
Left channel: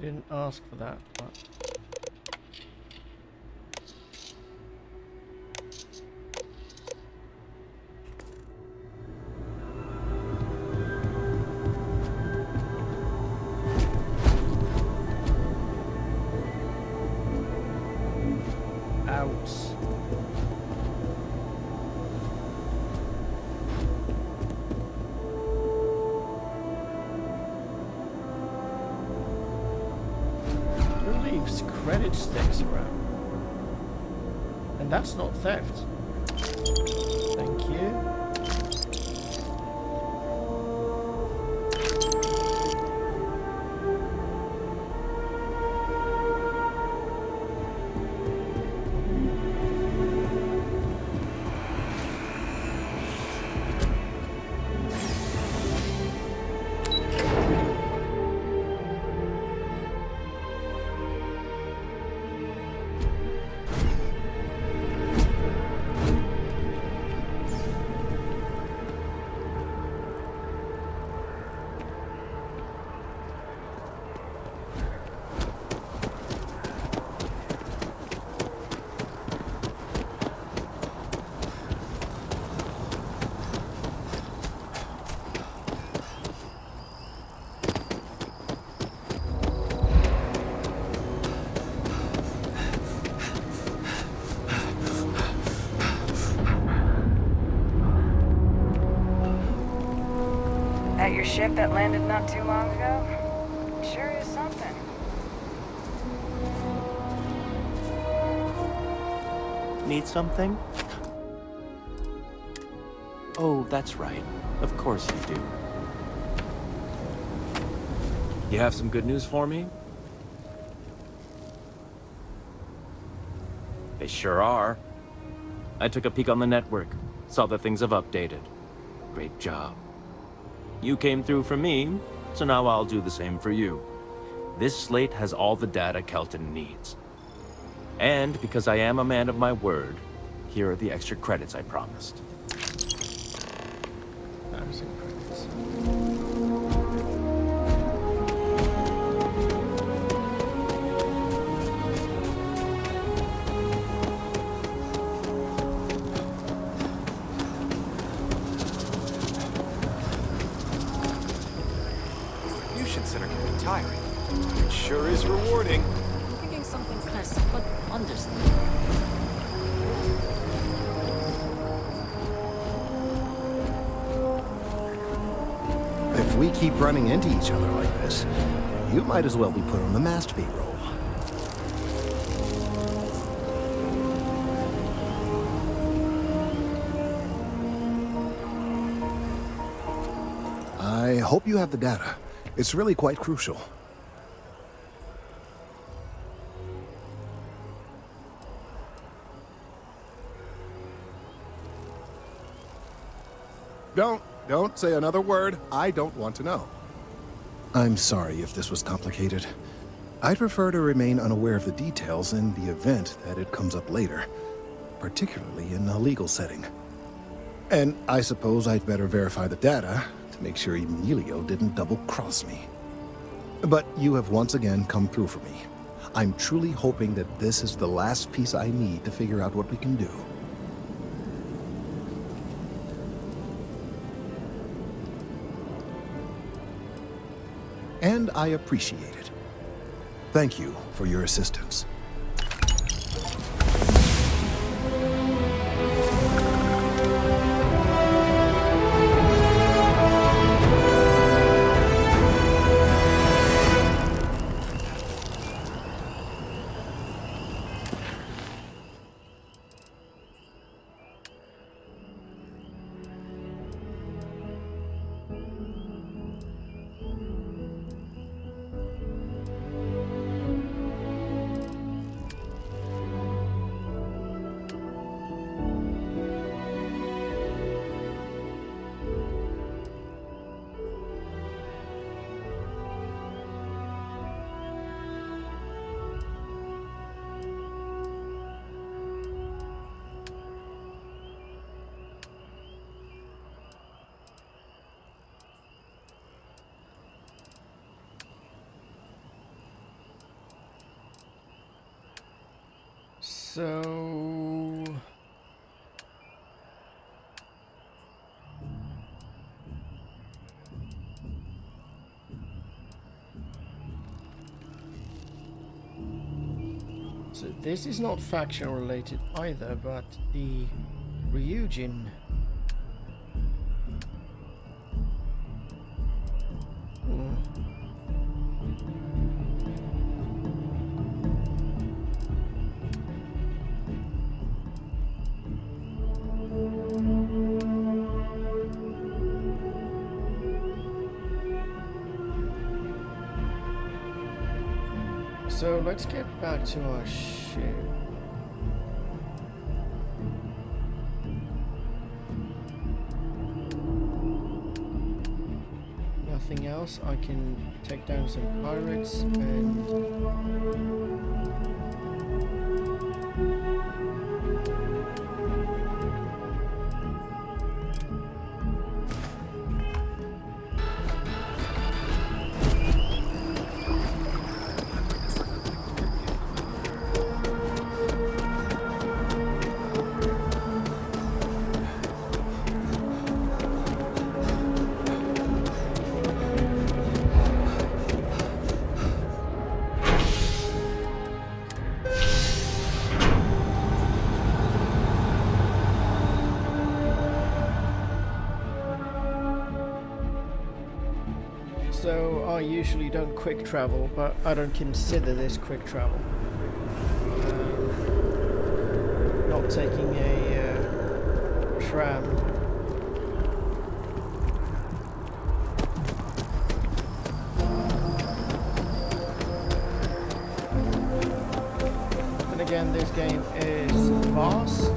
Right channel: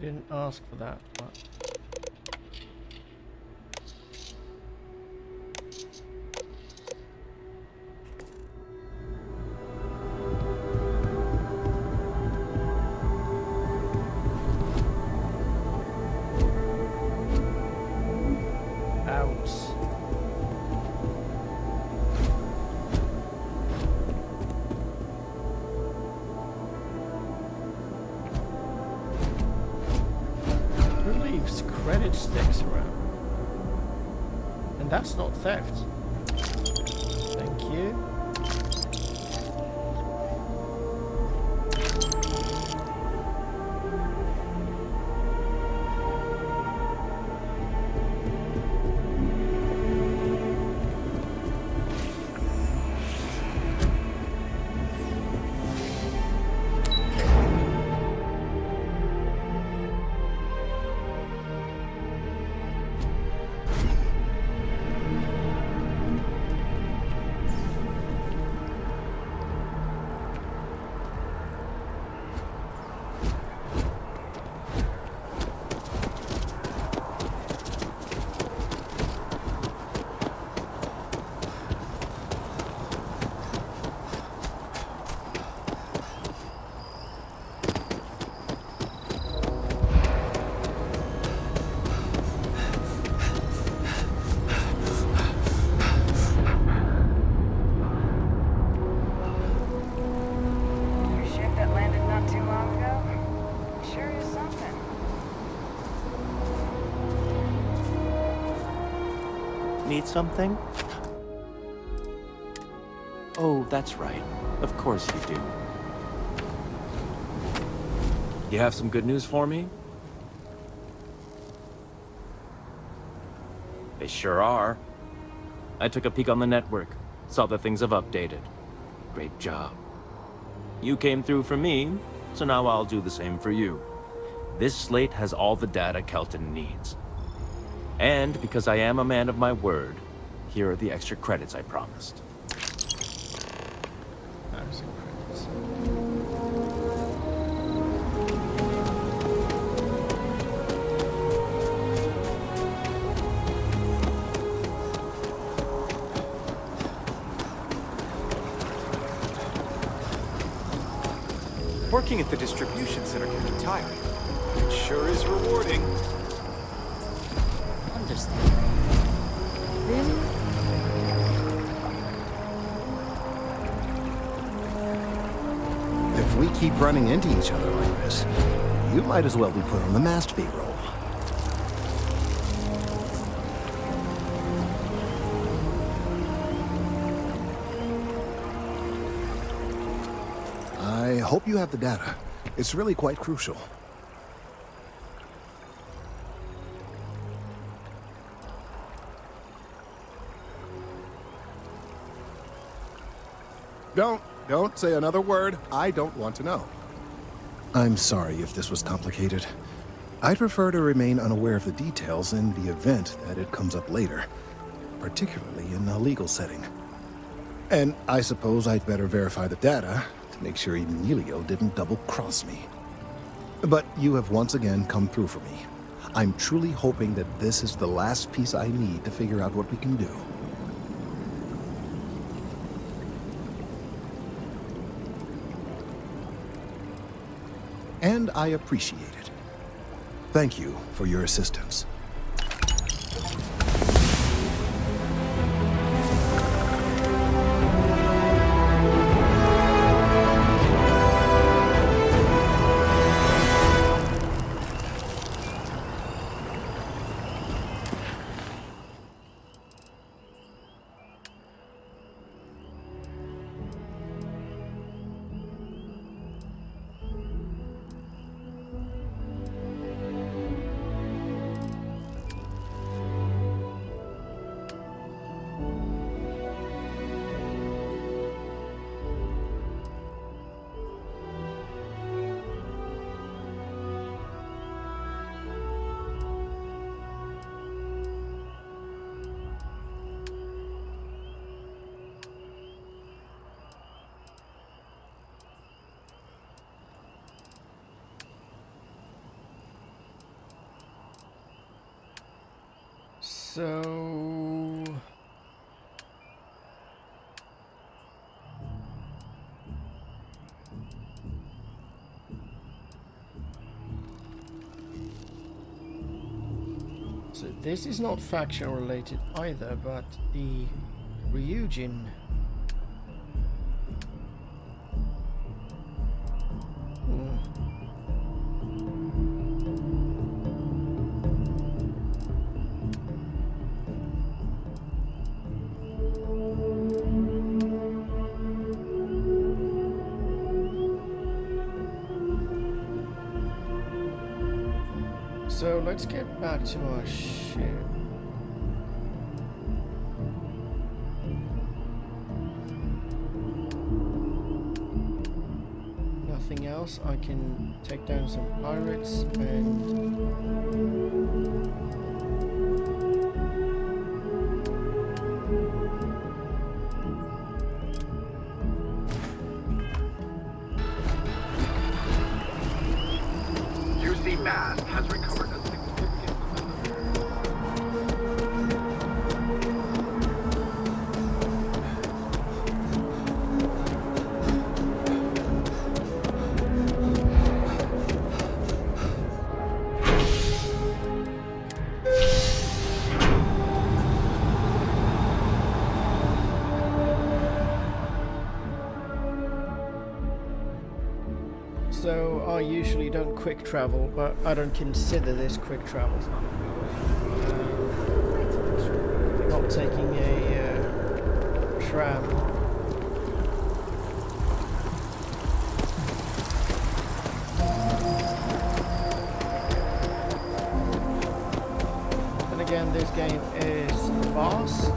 Didn't ask for that, but... Out. Who leaves credit sticks around? And that's not theft. Thank you. That your ship that landed not too long ago? Sure is something. Need something? Oh, that's right. Of course you do. You have some good news for me? They sure are. I took a peek on the network, saw that things have updated. Great job. You came through for me, so now I'll do the same for you. This slate has all the data Kelton needs. And because I am a man of my word, here are the extra credits I promised. Working at the distribution center can be tiring. It sure is rewarding. Understand. If we keep running into each other like this, you might as well be put on the masturbate roll. I hope you have the data. It's really quite crucial. Don't say another word. I don't want to know. I'm sorry if this was complicated. I'd prefer to remain unaware of the details in the event that it comes up later, particularly in a legal setting. And I suppose I'd better verify the data to make sure Emilio didn't double-cross me. But you have once again come through for me. I'm truly hoping that this is the last piece I need to figure out what we can do. And I appreciate it. Thank you for your assistance. So... So this is not faction related either, but the Ryujin. So let's get back to our ship. Nothing else. I can take down some pirates and so I usually don't quick travel, but I don't consider this quick travel. Not taking a tram. And again, this game is vast.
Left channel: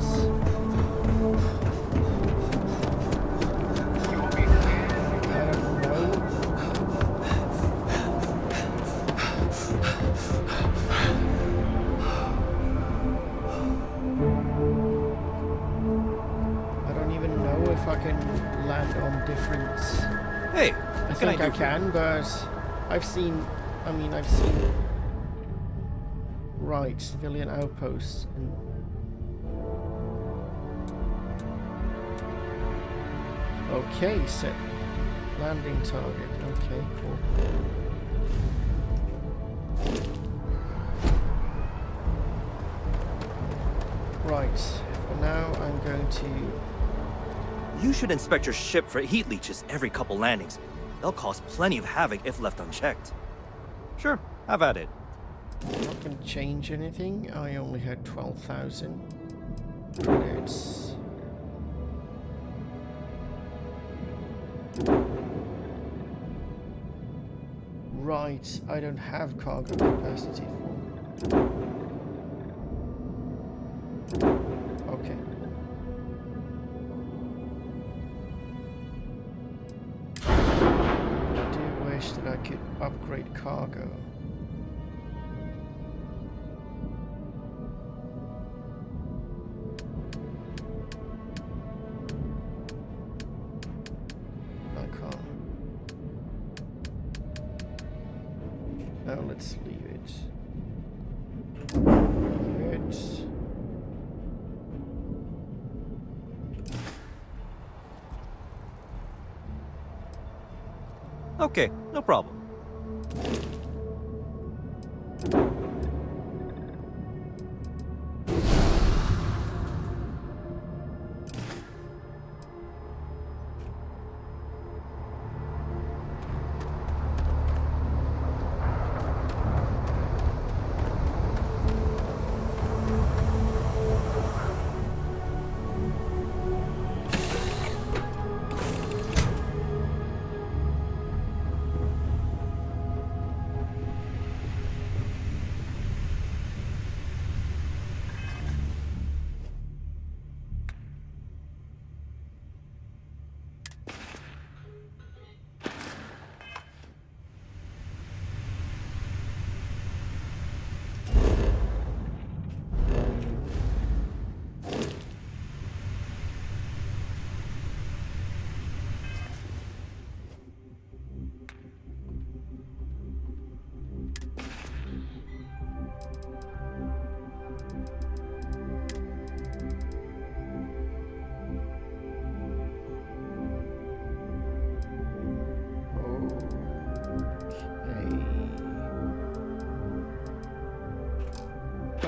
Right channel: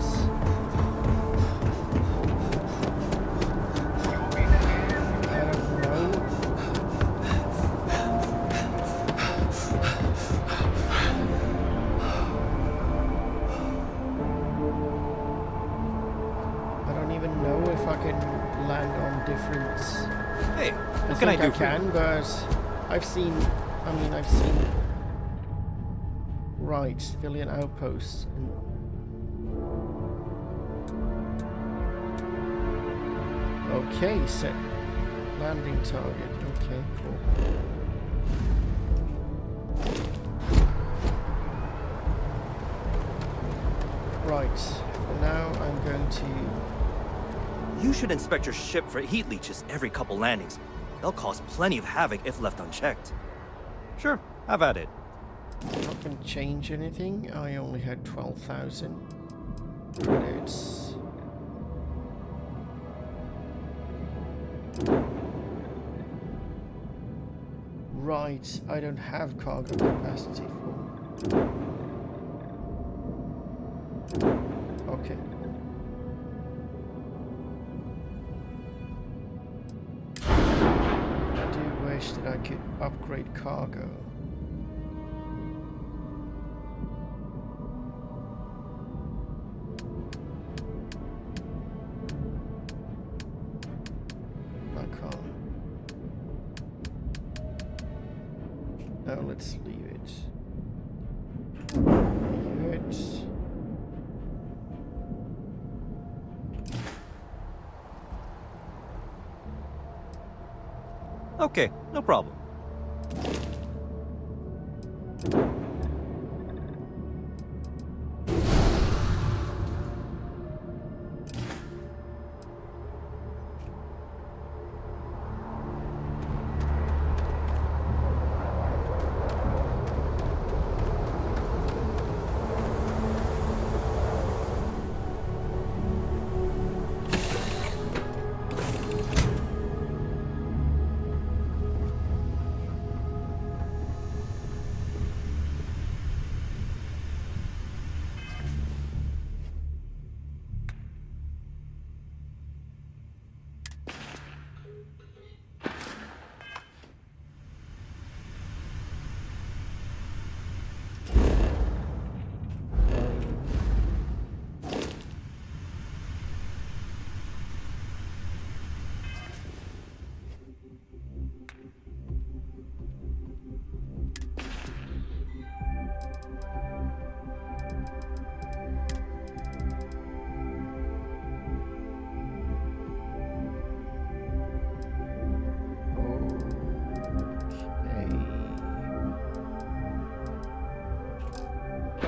I can land on different. Hey, what can I do? I can, but I've seen. Right, civilian outposts and. Okay, set landing target. Okay, cool. Right, for now I'm going to. You should inspect your ship for heat leeches every couple landings. They'll cause plenty of havoc if left unchecked. Sure, have at it. I'm not going to change anything. I only had 12,000 credits. Right, I don't have cargo capacity for. Okay. That I could upgrade cargo. I can't. Now let's leave it. Leave it. Okay, no problem.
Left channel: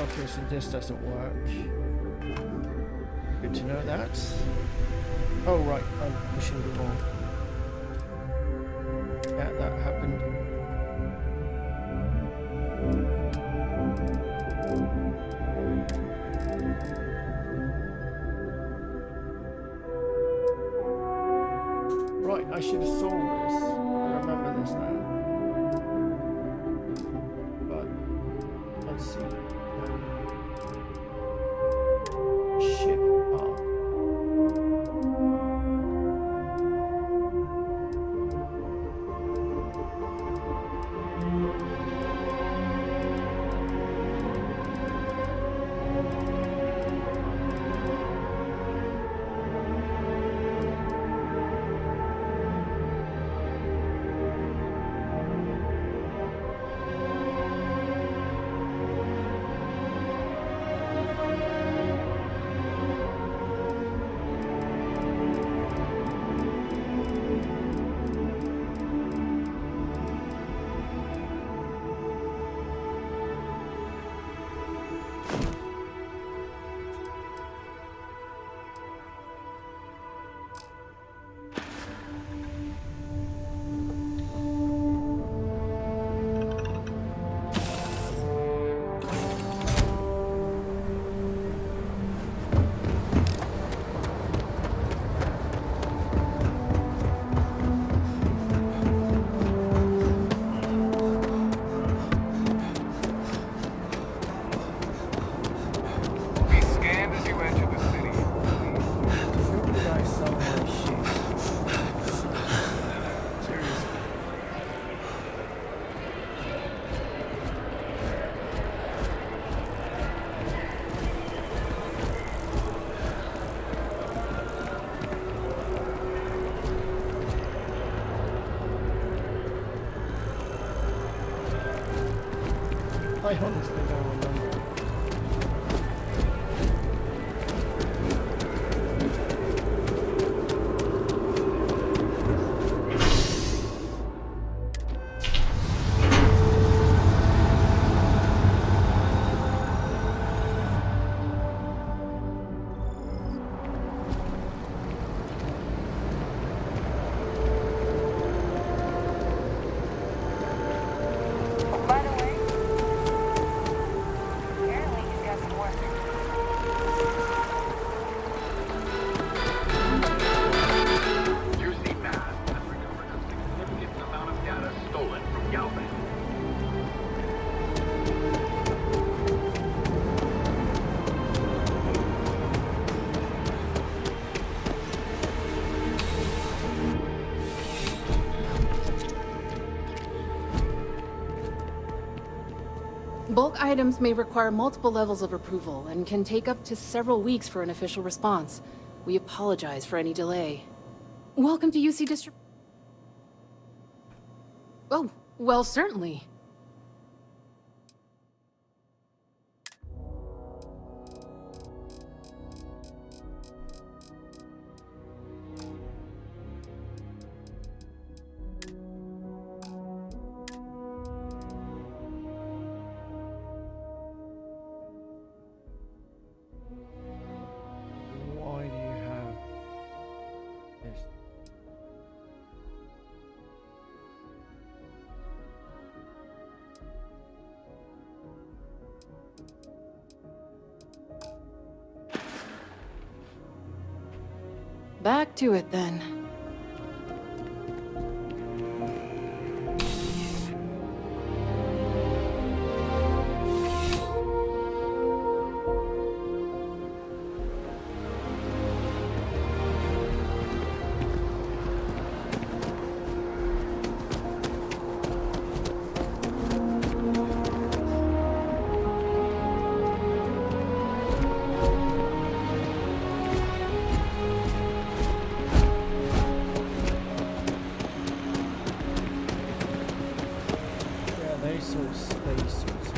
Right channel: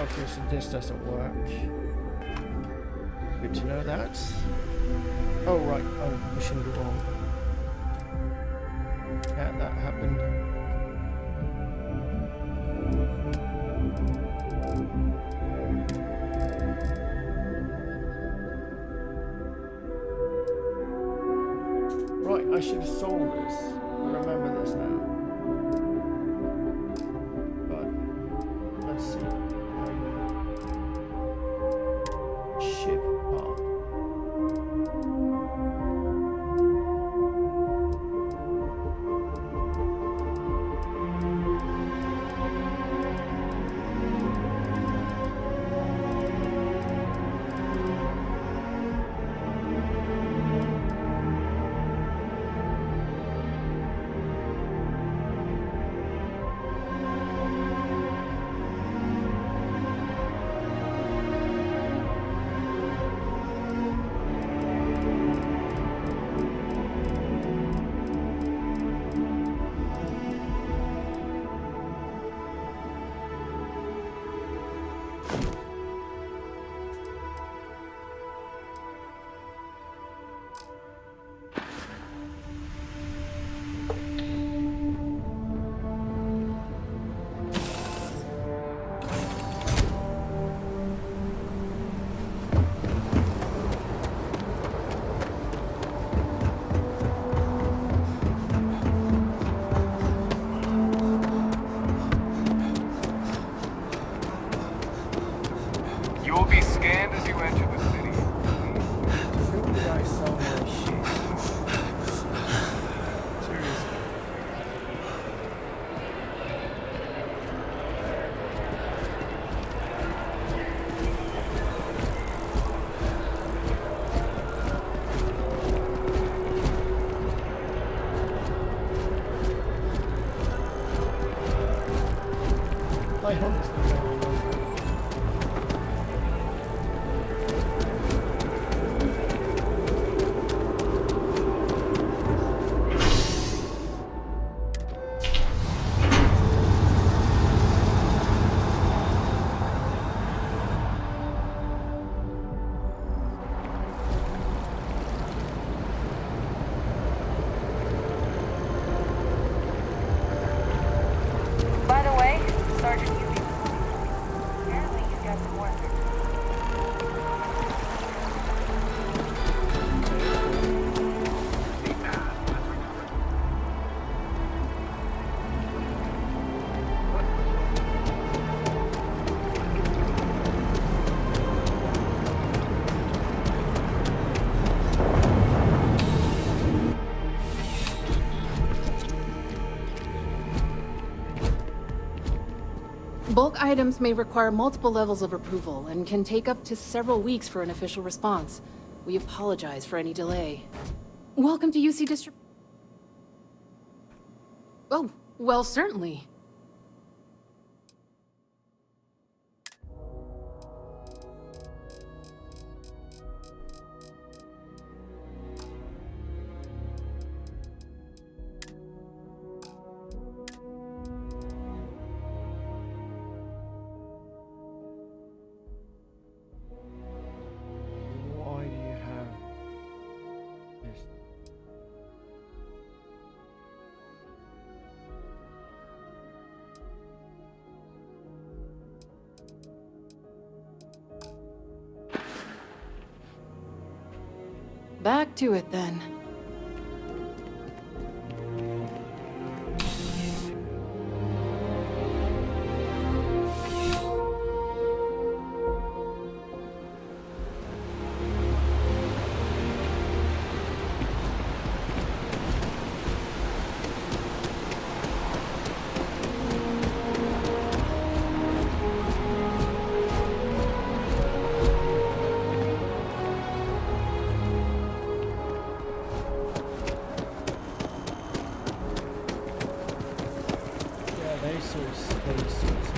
Okay, so this doesn't work. Good to know that. Oh, right, I'm pushing the wrong. Yeah, that happened. Right, I should have sold this. I remember this now. But Let's see. Ship part. I honestly don't remember. By the way, Sergeant, apparently he's got some work. Bulk items may require multiple levels of approval and can take up to several weeks for an official response. We apologize for any delay. Welcome to UC District. Oh, well, certainly. Why do you have this? Back to it then. Yeah, they saw space suits.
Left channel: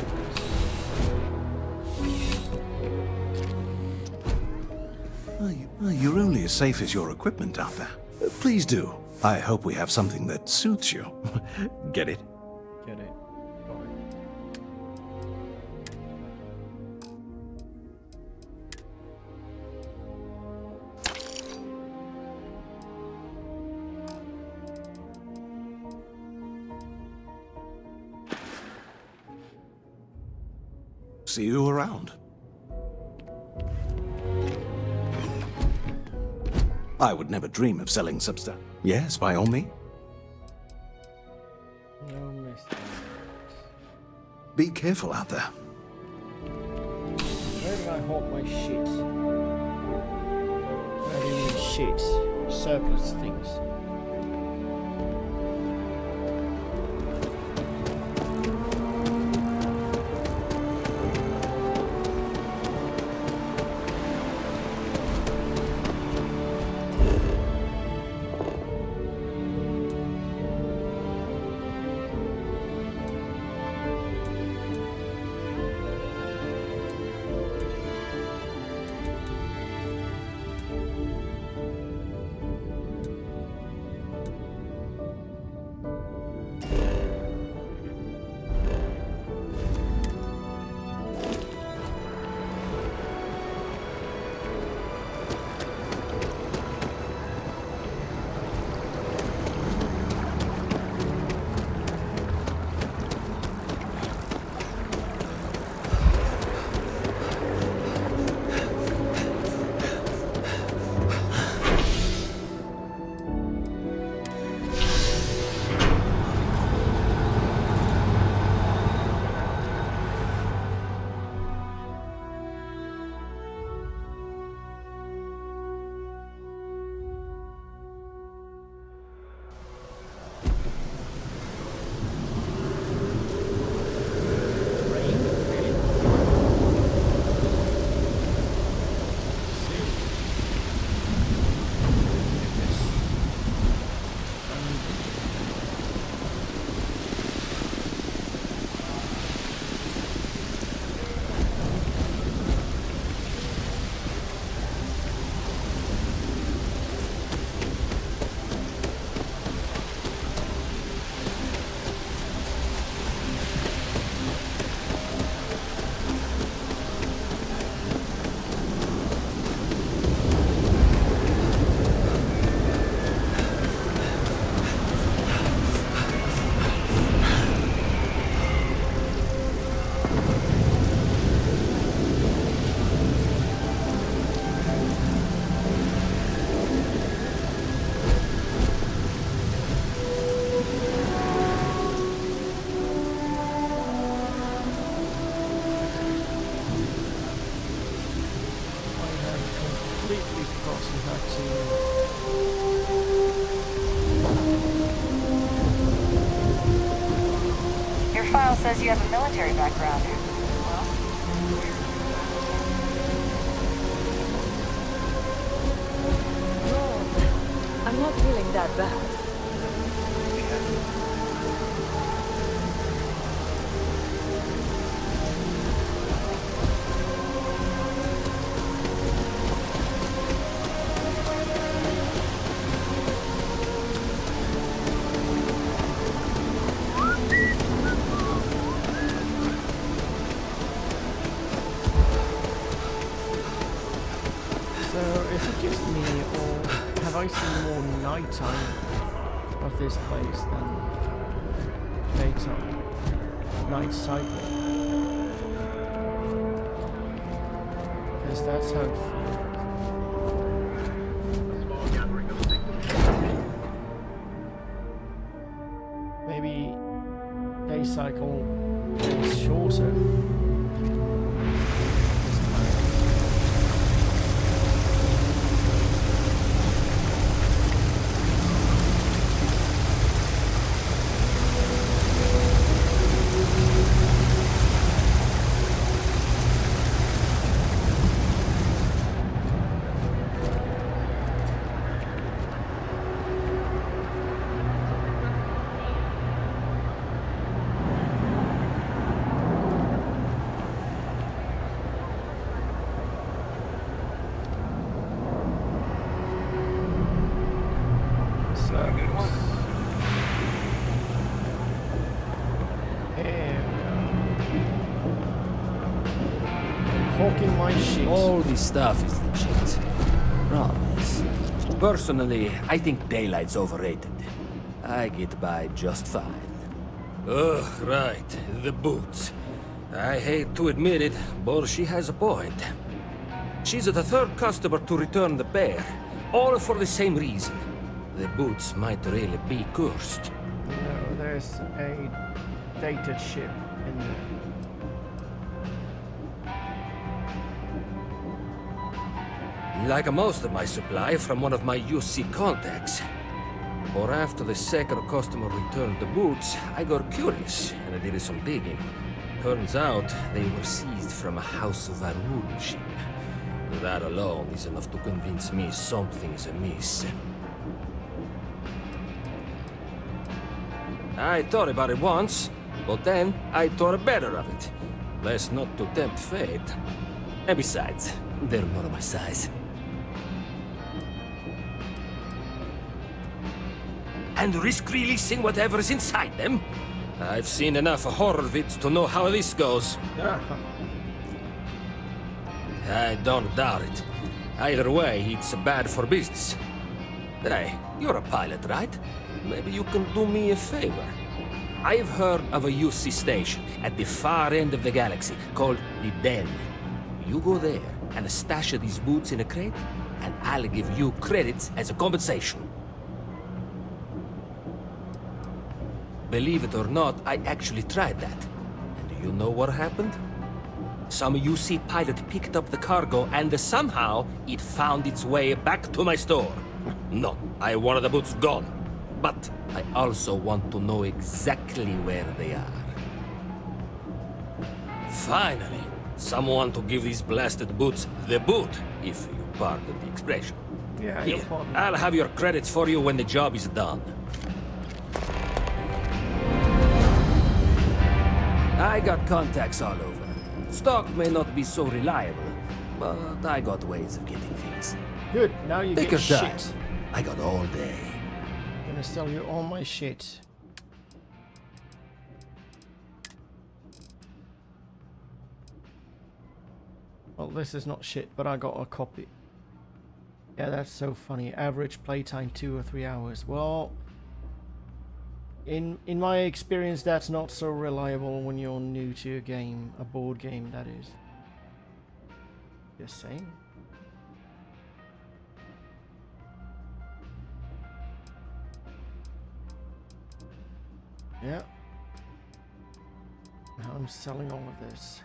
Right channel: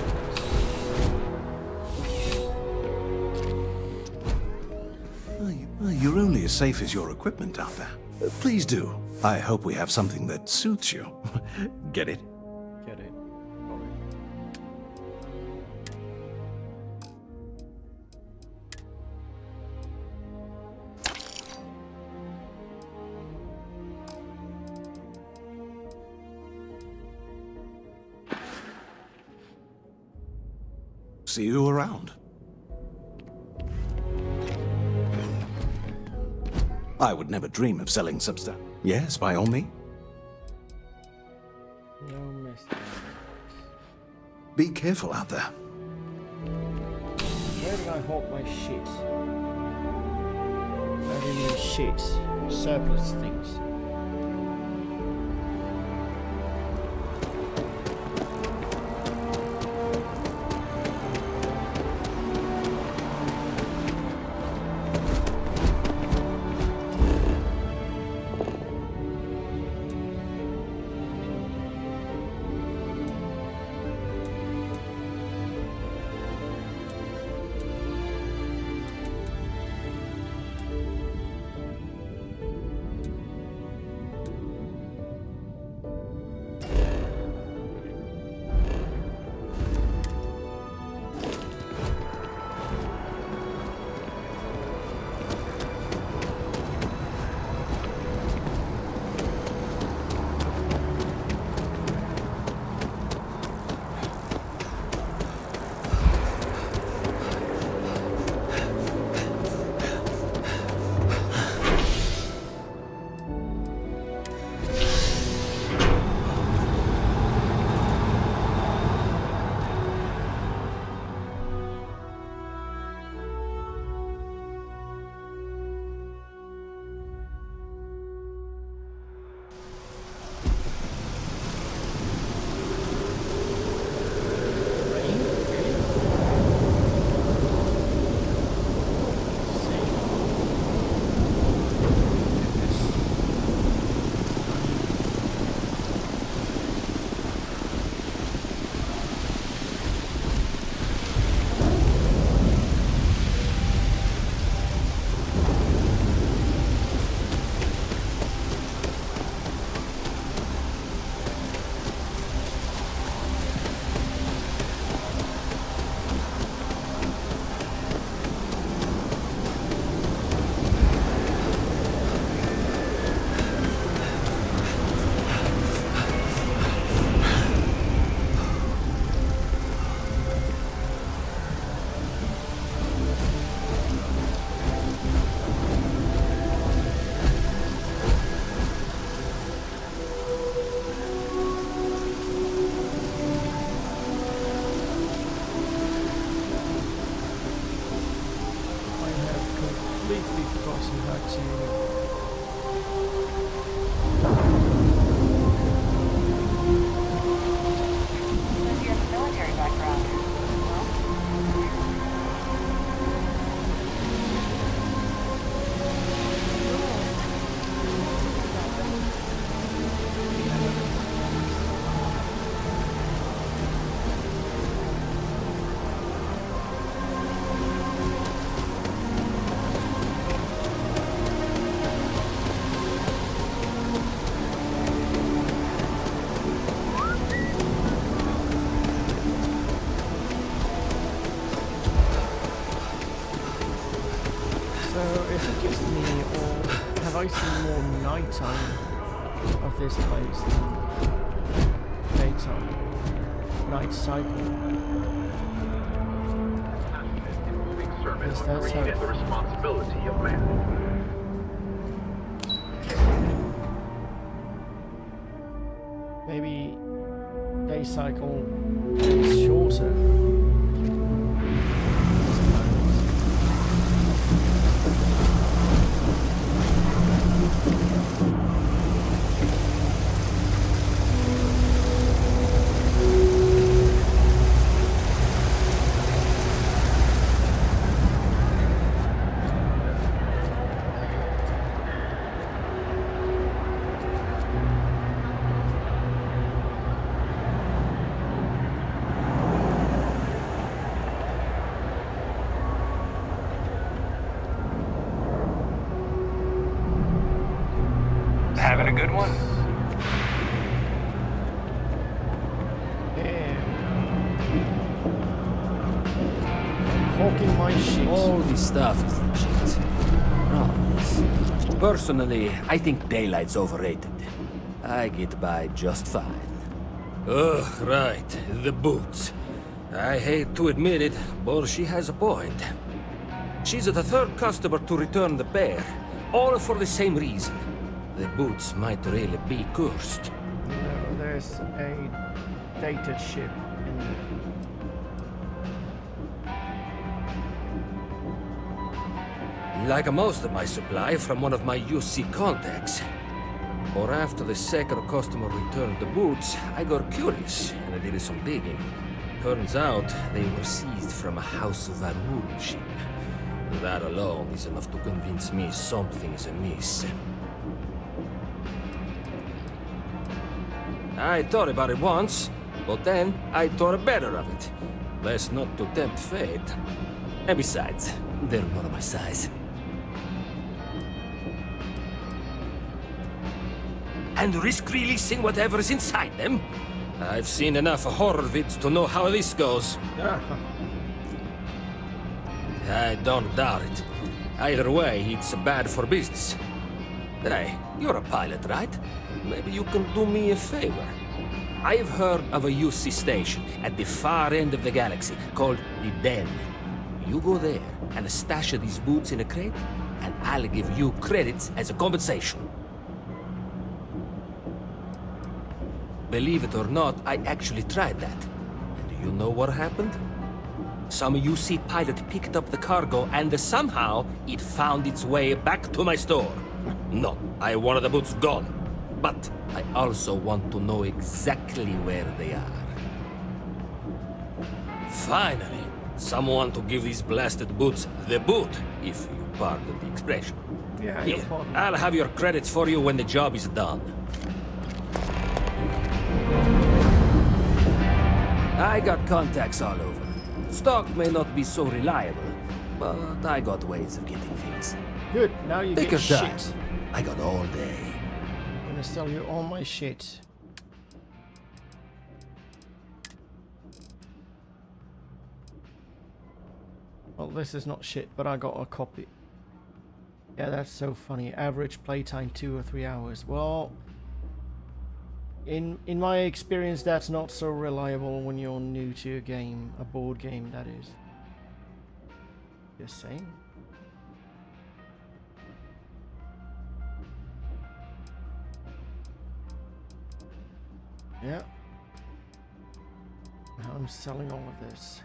You're only as safe as your equipment out there. Please do. I hope we have something that suits you. Get it? Get it. Got it. See you around. I would never dream of selling substance. Yes, by all means. No mistake. Be careful out there. Where did I hold my shit? I didn't mean shit. Surplus things. Completely forgotten how to. Your file says you have a military background. Well, No, I'm not feeling that bad. So, is it just me, or have I seen more nighttime of this place than daytime? Night cycle. Because that's how it feels. Maybe day cycle is shorter. Having a good one? Hawking my shit. All this stuff is legit. Promise. Personally, I think daylight's overrated. I get by just fine. Ugh, right. The boots. I hate to admit it, but she has a point. She's the third customer to return the bear, all for the same reason. The boots might really be cursed. No, there's a dated ship in there. like most of my supply from one of my UC contacts. Or after the second customer returned the boots, I got curious and I did some digging. Turns out they were seized from a House of Arun ship. That alone is enough to convince me something is amiss. I thought about it once, but then I thought better of it. Best not to tempt fate. And besides, they're not my size. And risk releasing whatever's inside them? I've seen enough horror vids to know how this goes. I don't doubt it. Either way, it's bad for business. Hey, you're a pilot, right? Maybe you can do me a favor. I've heard of a UC station at the far end of the galaxy called the Den. You go there and stash these boots in a crate, and I'll give you credits as a compensation. Believe it or not, I actually tried that. And do you know what happened? Some UC pilot picked up the cargo and somehow it found its way back to my store. No, I wanted the boots gone. But I also want to know exactly where they are. Finally, someone to give these blasted boots the boot, if you pardon the expression. Yeah, Here, I'll have your credits for you when the job is done. I got contacts all over. Stock may not be so reliable, but I got ways of getting things. Good, now you Take get your time. shit. I got all day. I'm gonna sell you all my shit. Well, this is not shit, but I got a copy. Yeah, that's so funny. Average playtime 2 or 3 hours. Well, in my experience, that's not so reliable when you're new to a game, a board game, that is. Just saying. Yeah. Now I'm selling all of this.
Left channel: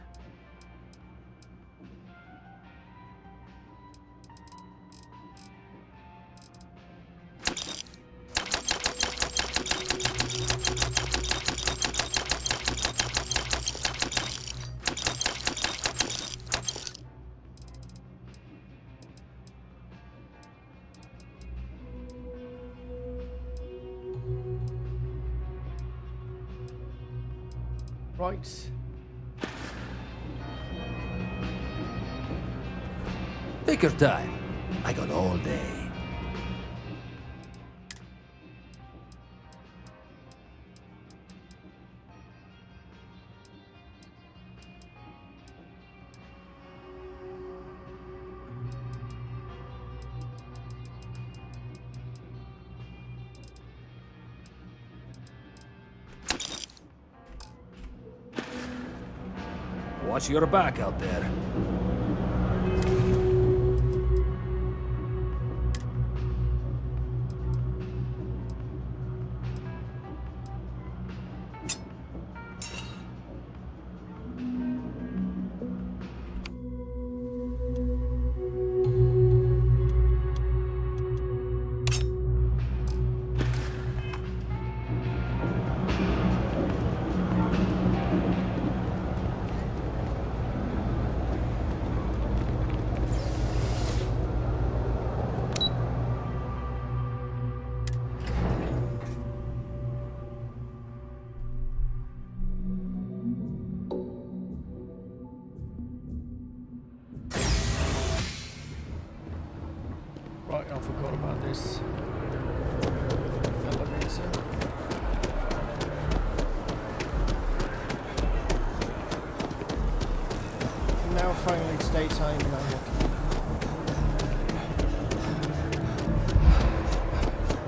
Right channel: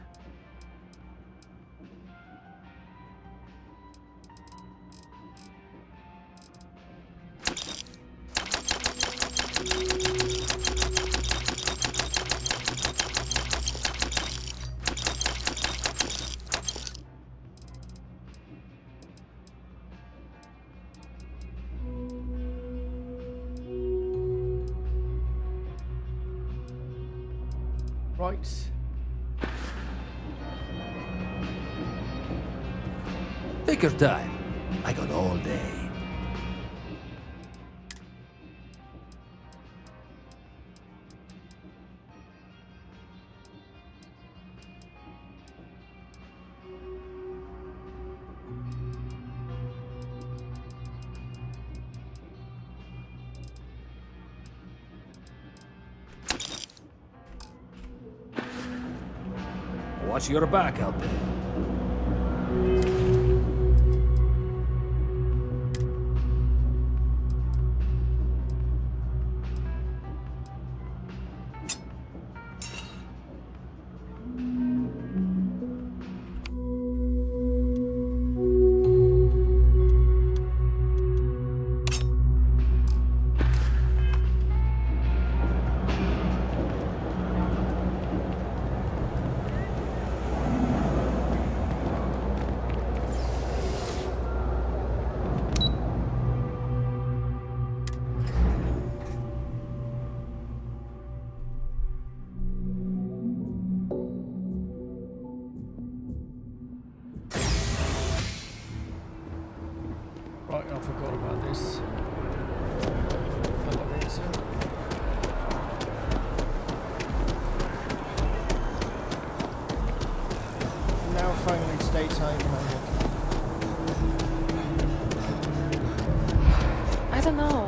Right. Take your time. I got all day. Watch your back out there. Right, I forgot about this. Elevator. Now finally it's daytime and I'm walking. I don't know.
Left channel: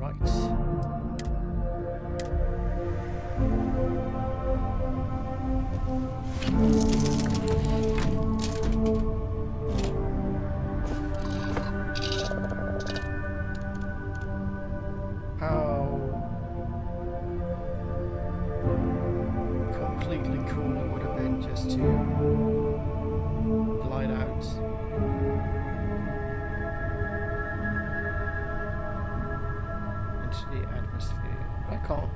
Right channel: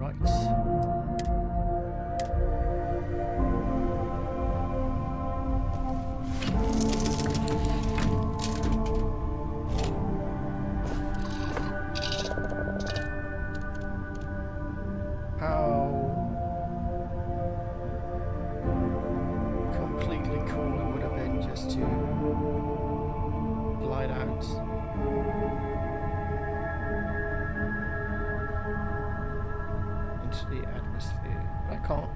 Right. How completely cool it would have been just to glide out. Into the atmosphere. But I can't.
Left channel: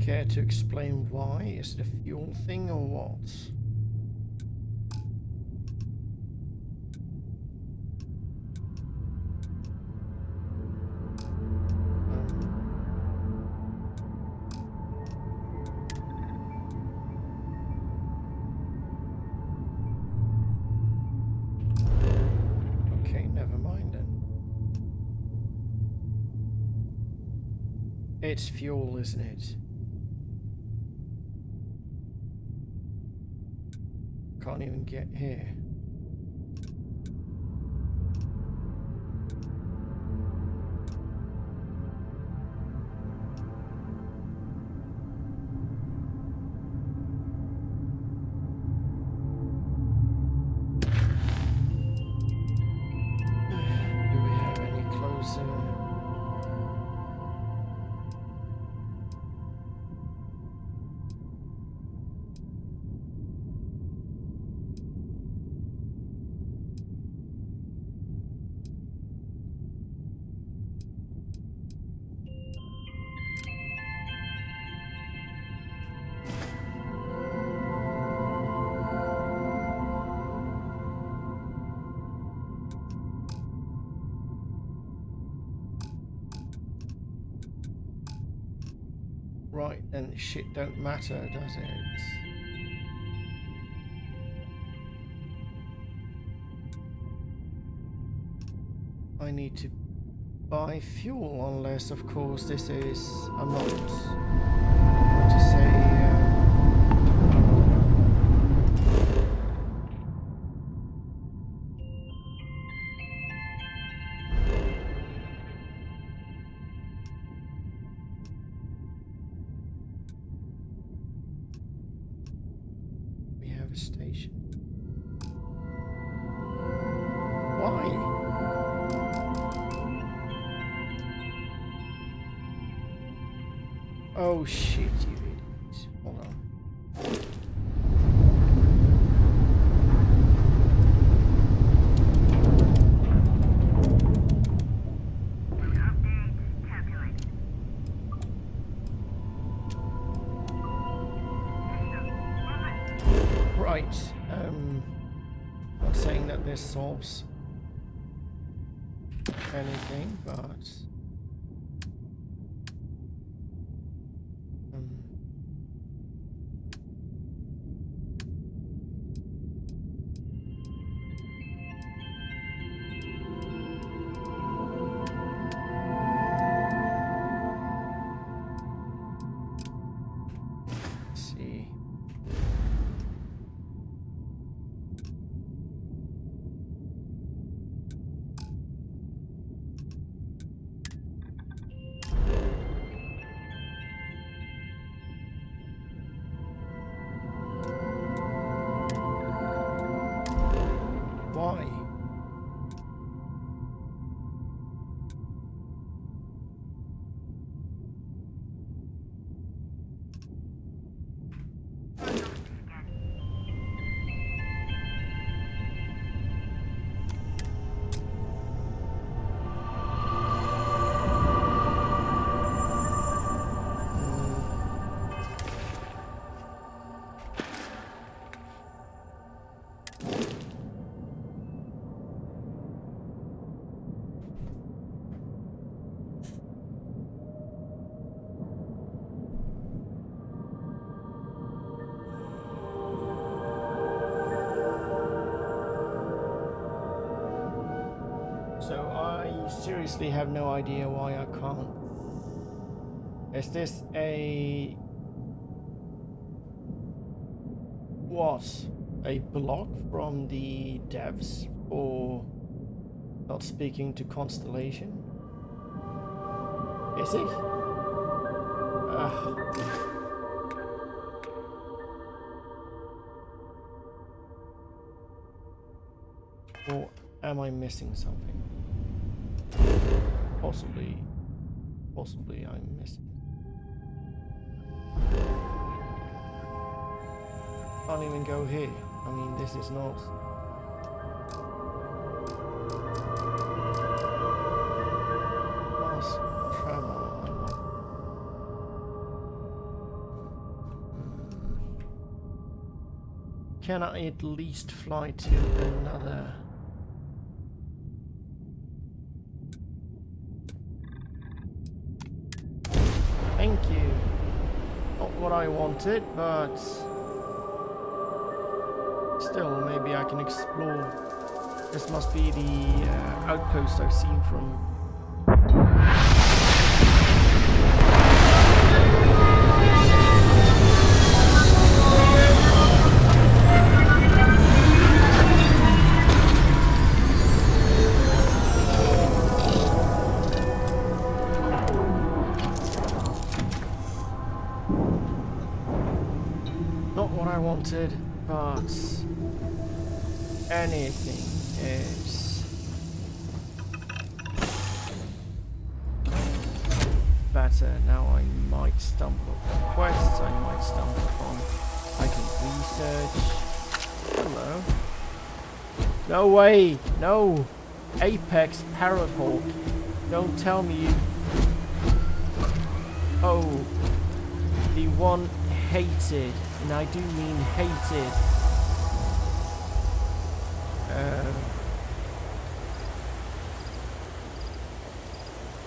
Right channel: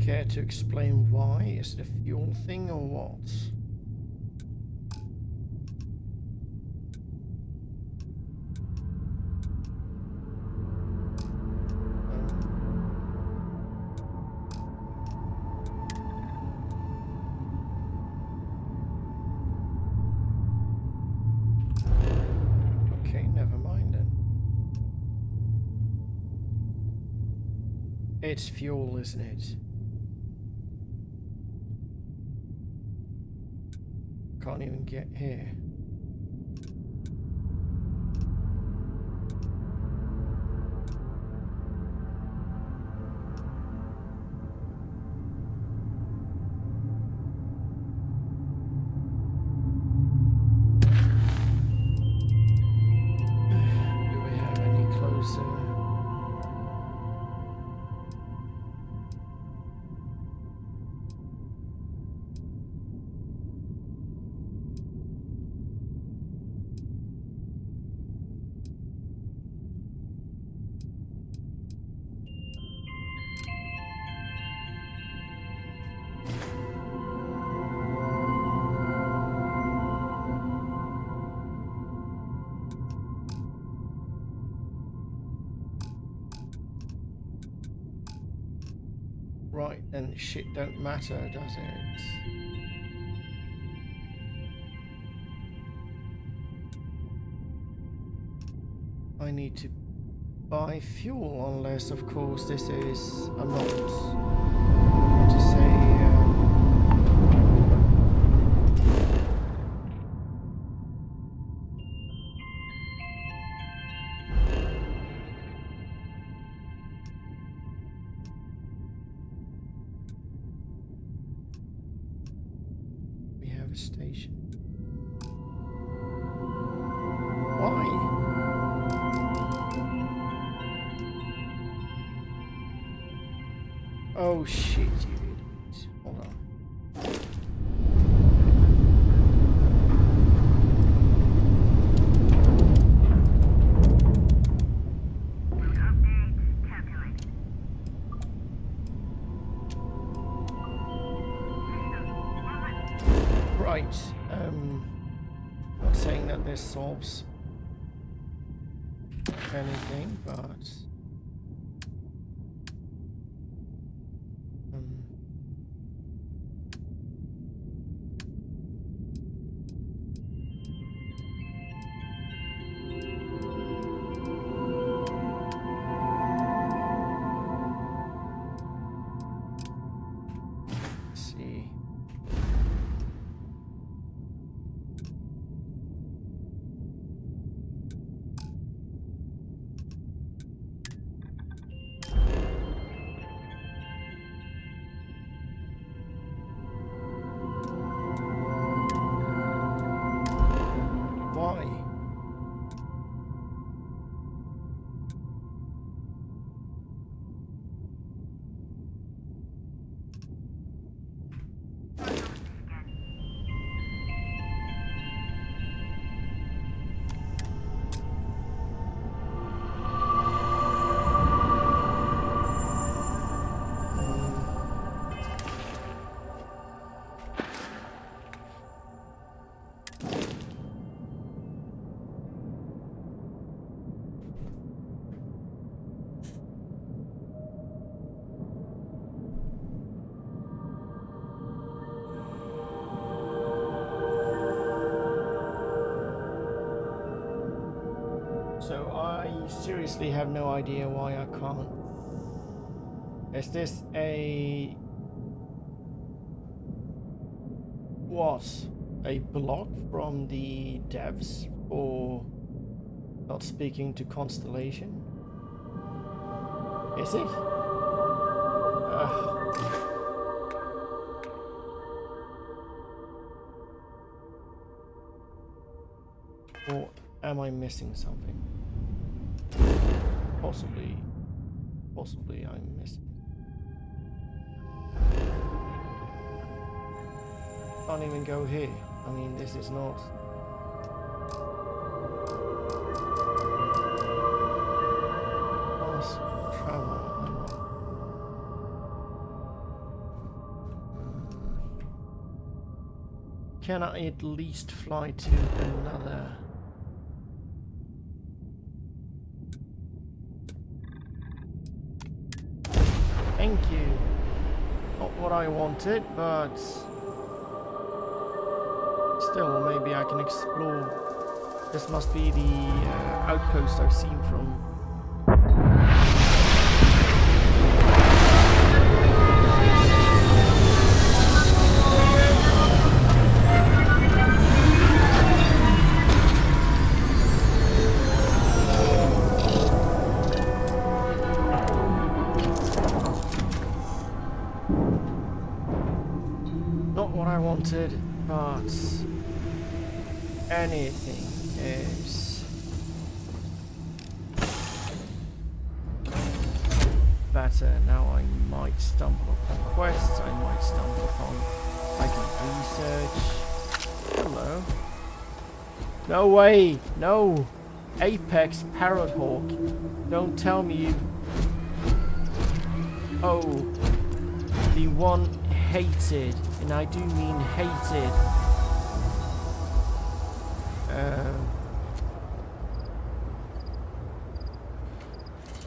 Care to explain why? Is it a fuel thing or what? Okay, never mind then. It's fuel, isn't it? Can't even get here. Do we have any closer? Right, then shit don't matter, does it? I need to buy fuel unless, of course, this is... I'm not going to say... we have a station. Why? Oh shit, you idiot. Hold on. Right. Not saying that this solves anything, but let's see. Why? So I seriously have no idea why I can't. Is this a... what? A block from the devs for not speaking to Constellation? Is it? Or am I missing something? Possibly I'm missing. Can't even go here. I mean, this is not... fast travel, I'm not... Can I at least fly to another... Thank you. Not what I wanted, but still, maybe I can explore. This must be the outpost I've seen from. Not what I wanted, but anything is better. Now I might stumble upon quests, I might stumble upon... I can research. Hello. No way! No! Apex Parrot Hawk. Don't tell me you... Oh. The one hated, and I do mean hated,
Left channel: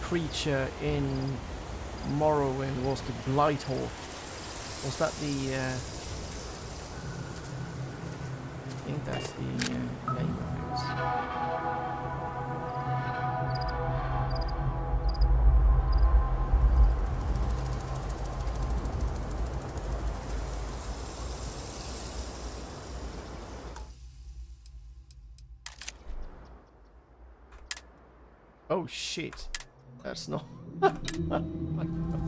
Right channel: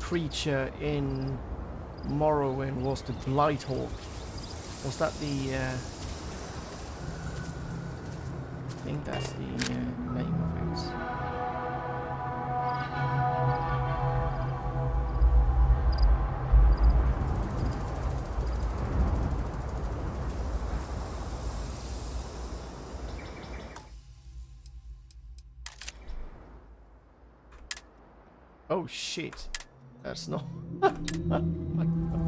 creature in Morrowind was the Blighthawk. Was that the, I think that's the name of it. Oh shit, that's not... My God.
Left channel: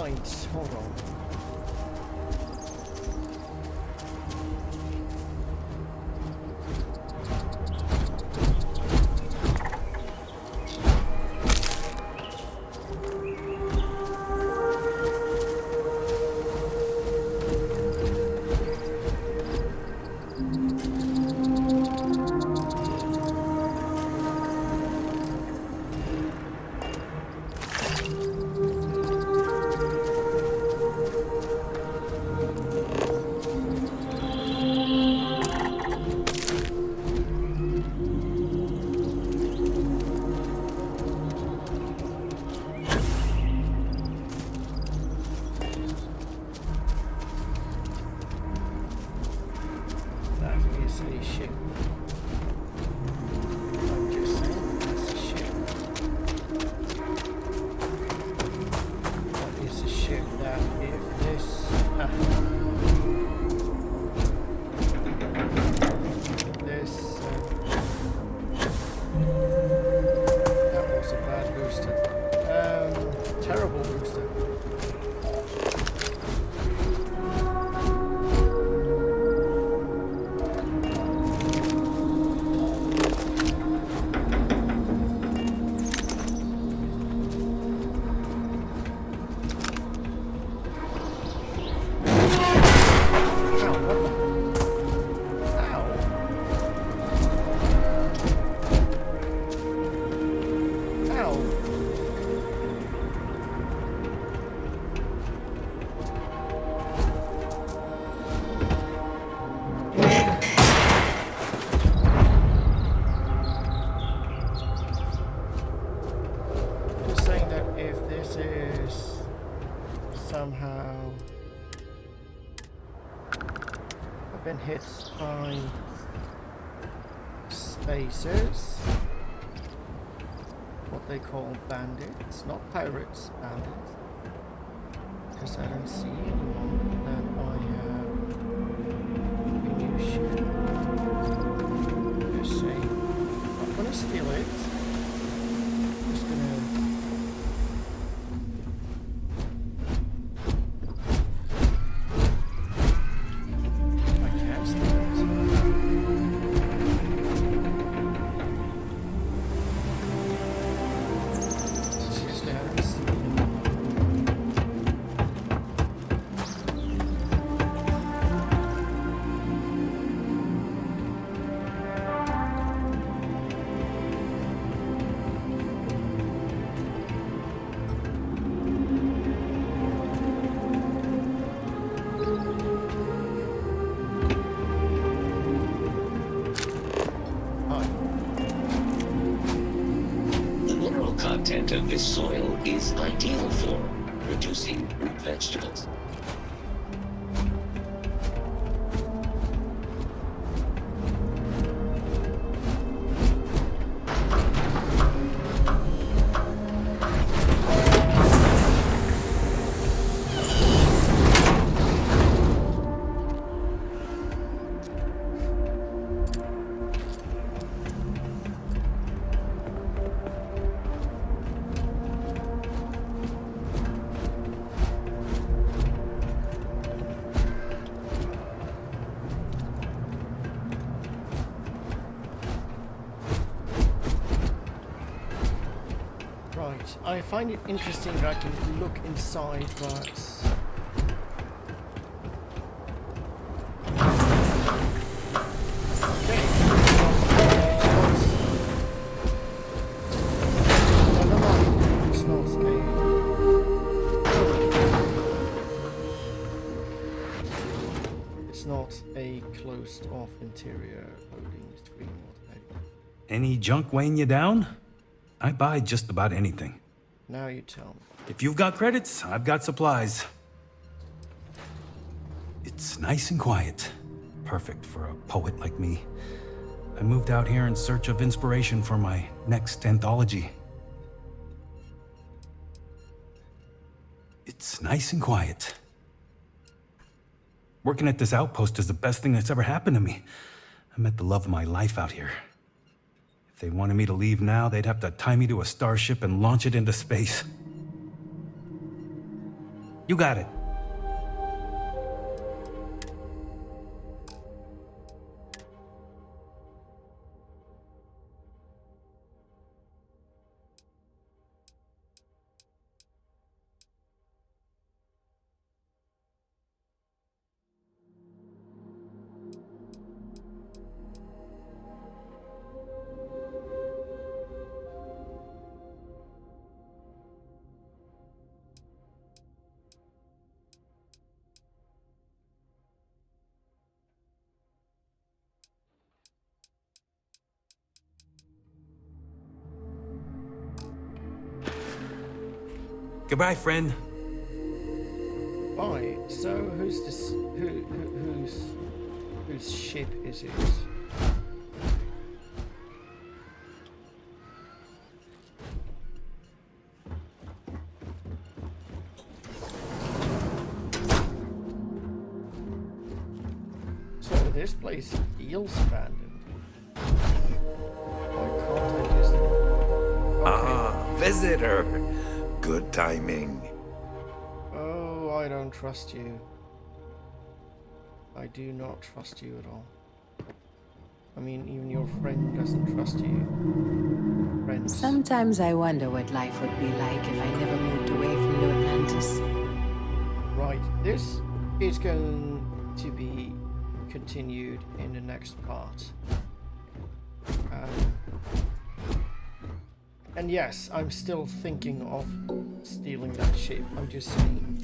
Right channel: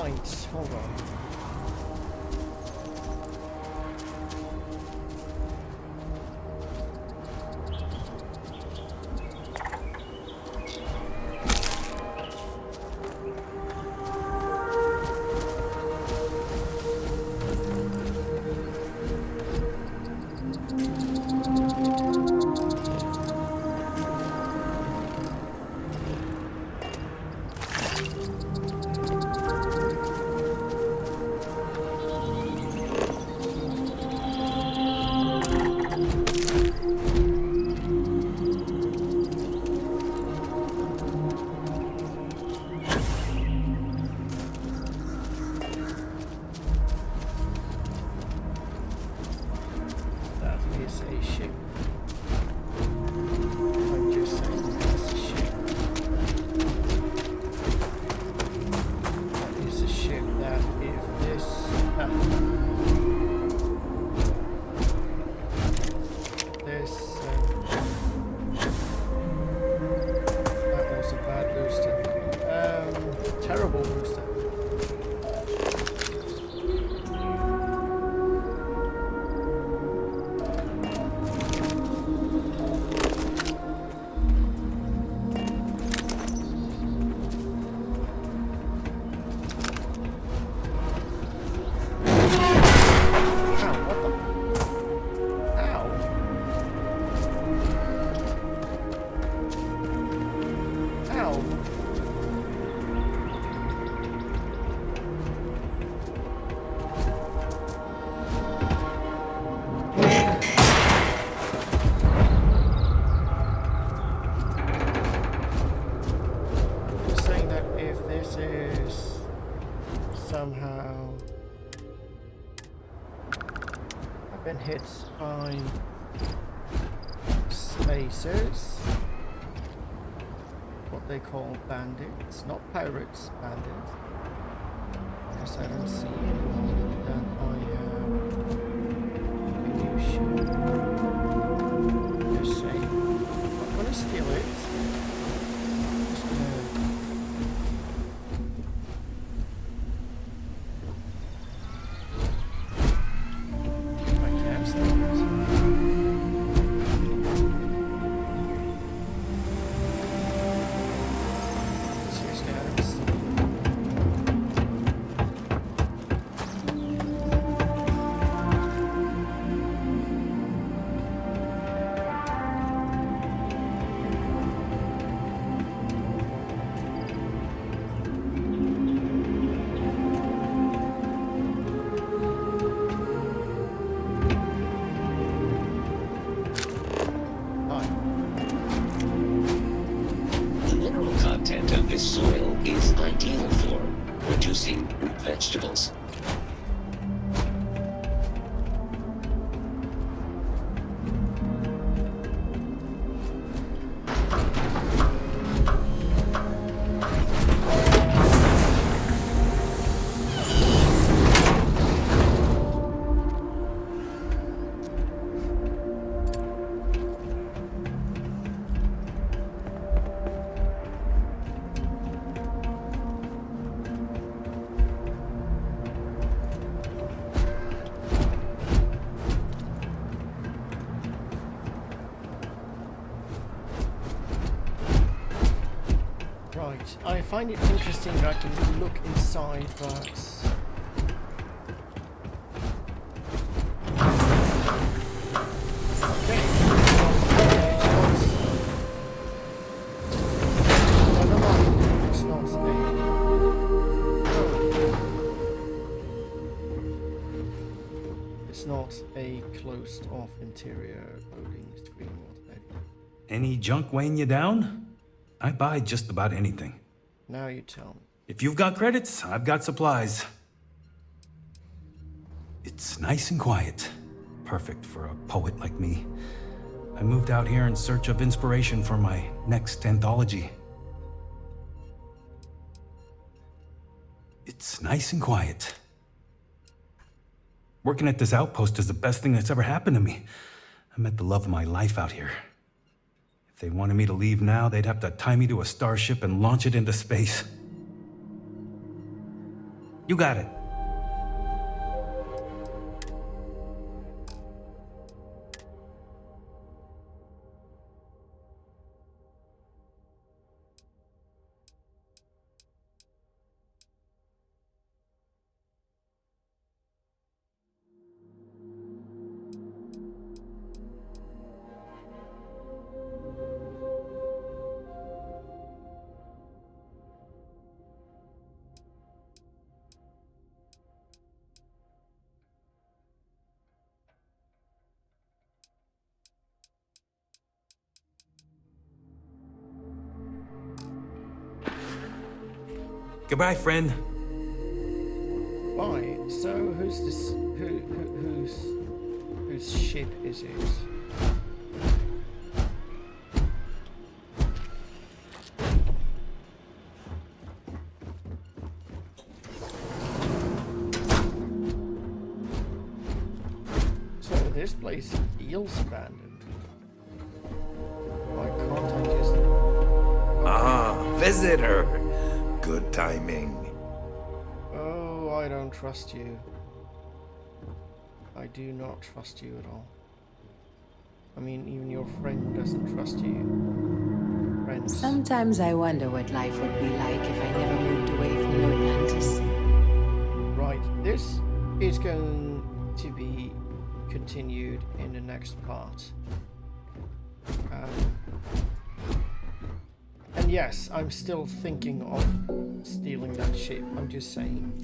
Right, hold on. A ship. I'm just saying that's a ship. That is a ship that if this this that was a bad booster. Terrible booster. This is somehow I've been hit by spacers, what they call bandits, not pirates, bandits, because I don't see anyone. Then I have a new ship. Just saying, I'm not gonna steal it. Just gonna content of this soil is ideal for producing root vegetables. Right, I find it interesting that I can look inside, but okay. No, it's not it's not a closed off interior loading screen. Any junk weighing you down? I buy just about anything. Now you tell me. If you've got credits, I've got supplies. It's nice and quiet. Perfect for a poet like me. I moved out here in search of inspiration for my next anthology. It's nice and quiet. Working at this outpost is the best thing that's ever happened to me. I met the love of my life out here. If they wanted me to leave now, they'd have to tie me to a starship and launch it into space. You got it. Goodbye, friend. Right. So who's this? Whose ship is it? So this place feels abandoned. Why can't I just? Ah, visitor. Good timing. Oh, I don't trust you. I do not trust you at all. I mean, even your friend doesn't trust you. Friends. Sometimes I wonder what life would be like if I never moved away from New Atlantis. Right, this is going to be continued in the next part. And yes, I'm still thinking of stealing that ship. I'm just saying.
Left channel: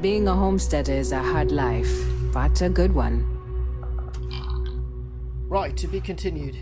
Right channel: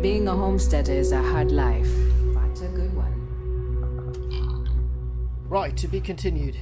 Being a homesteader is a hard life, but a good one. Right, to be continued.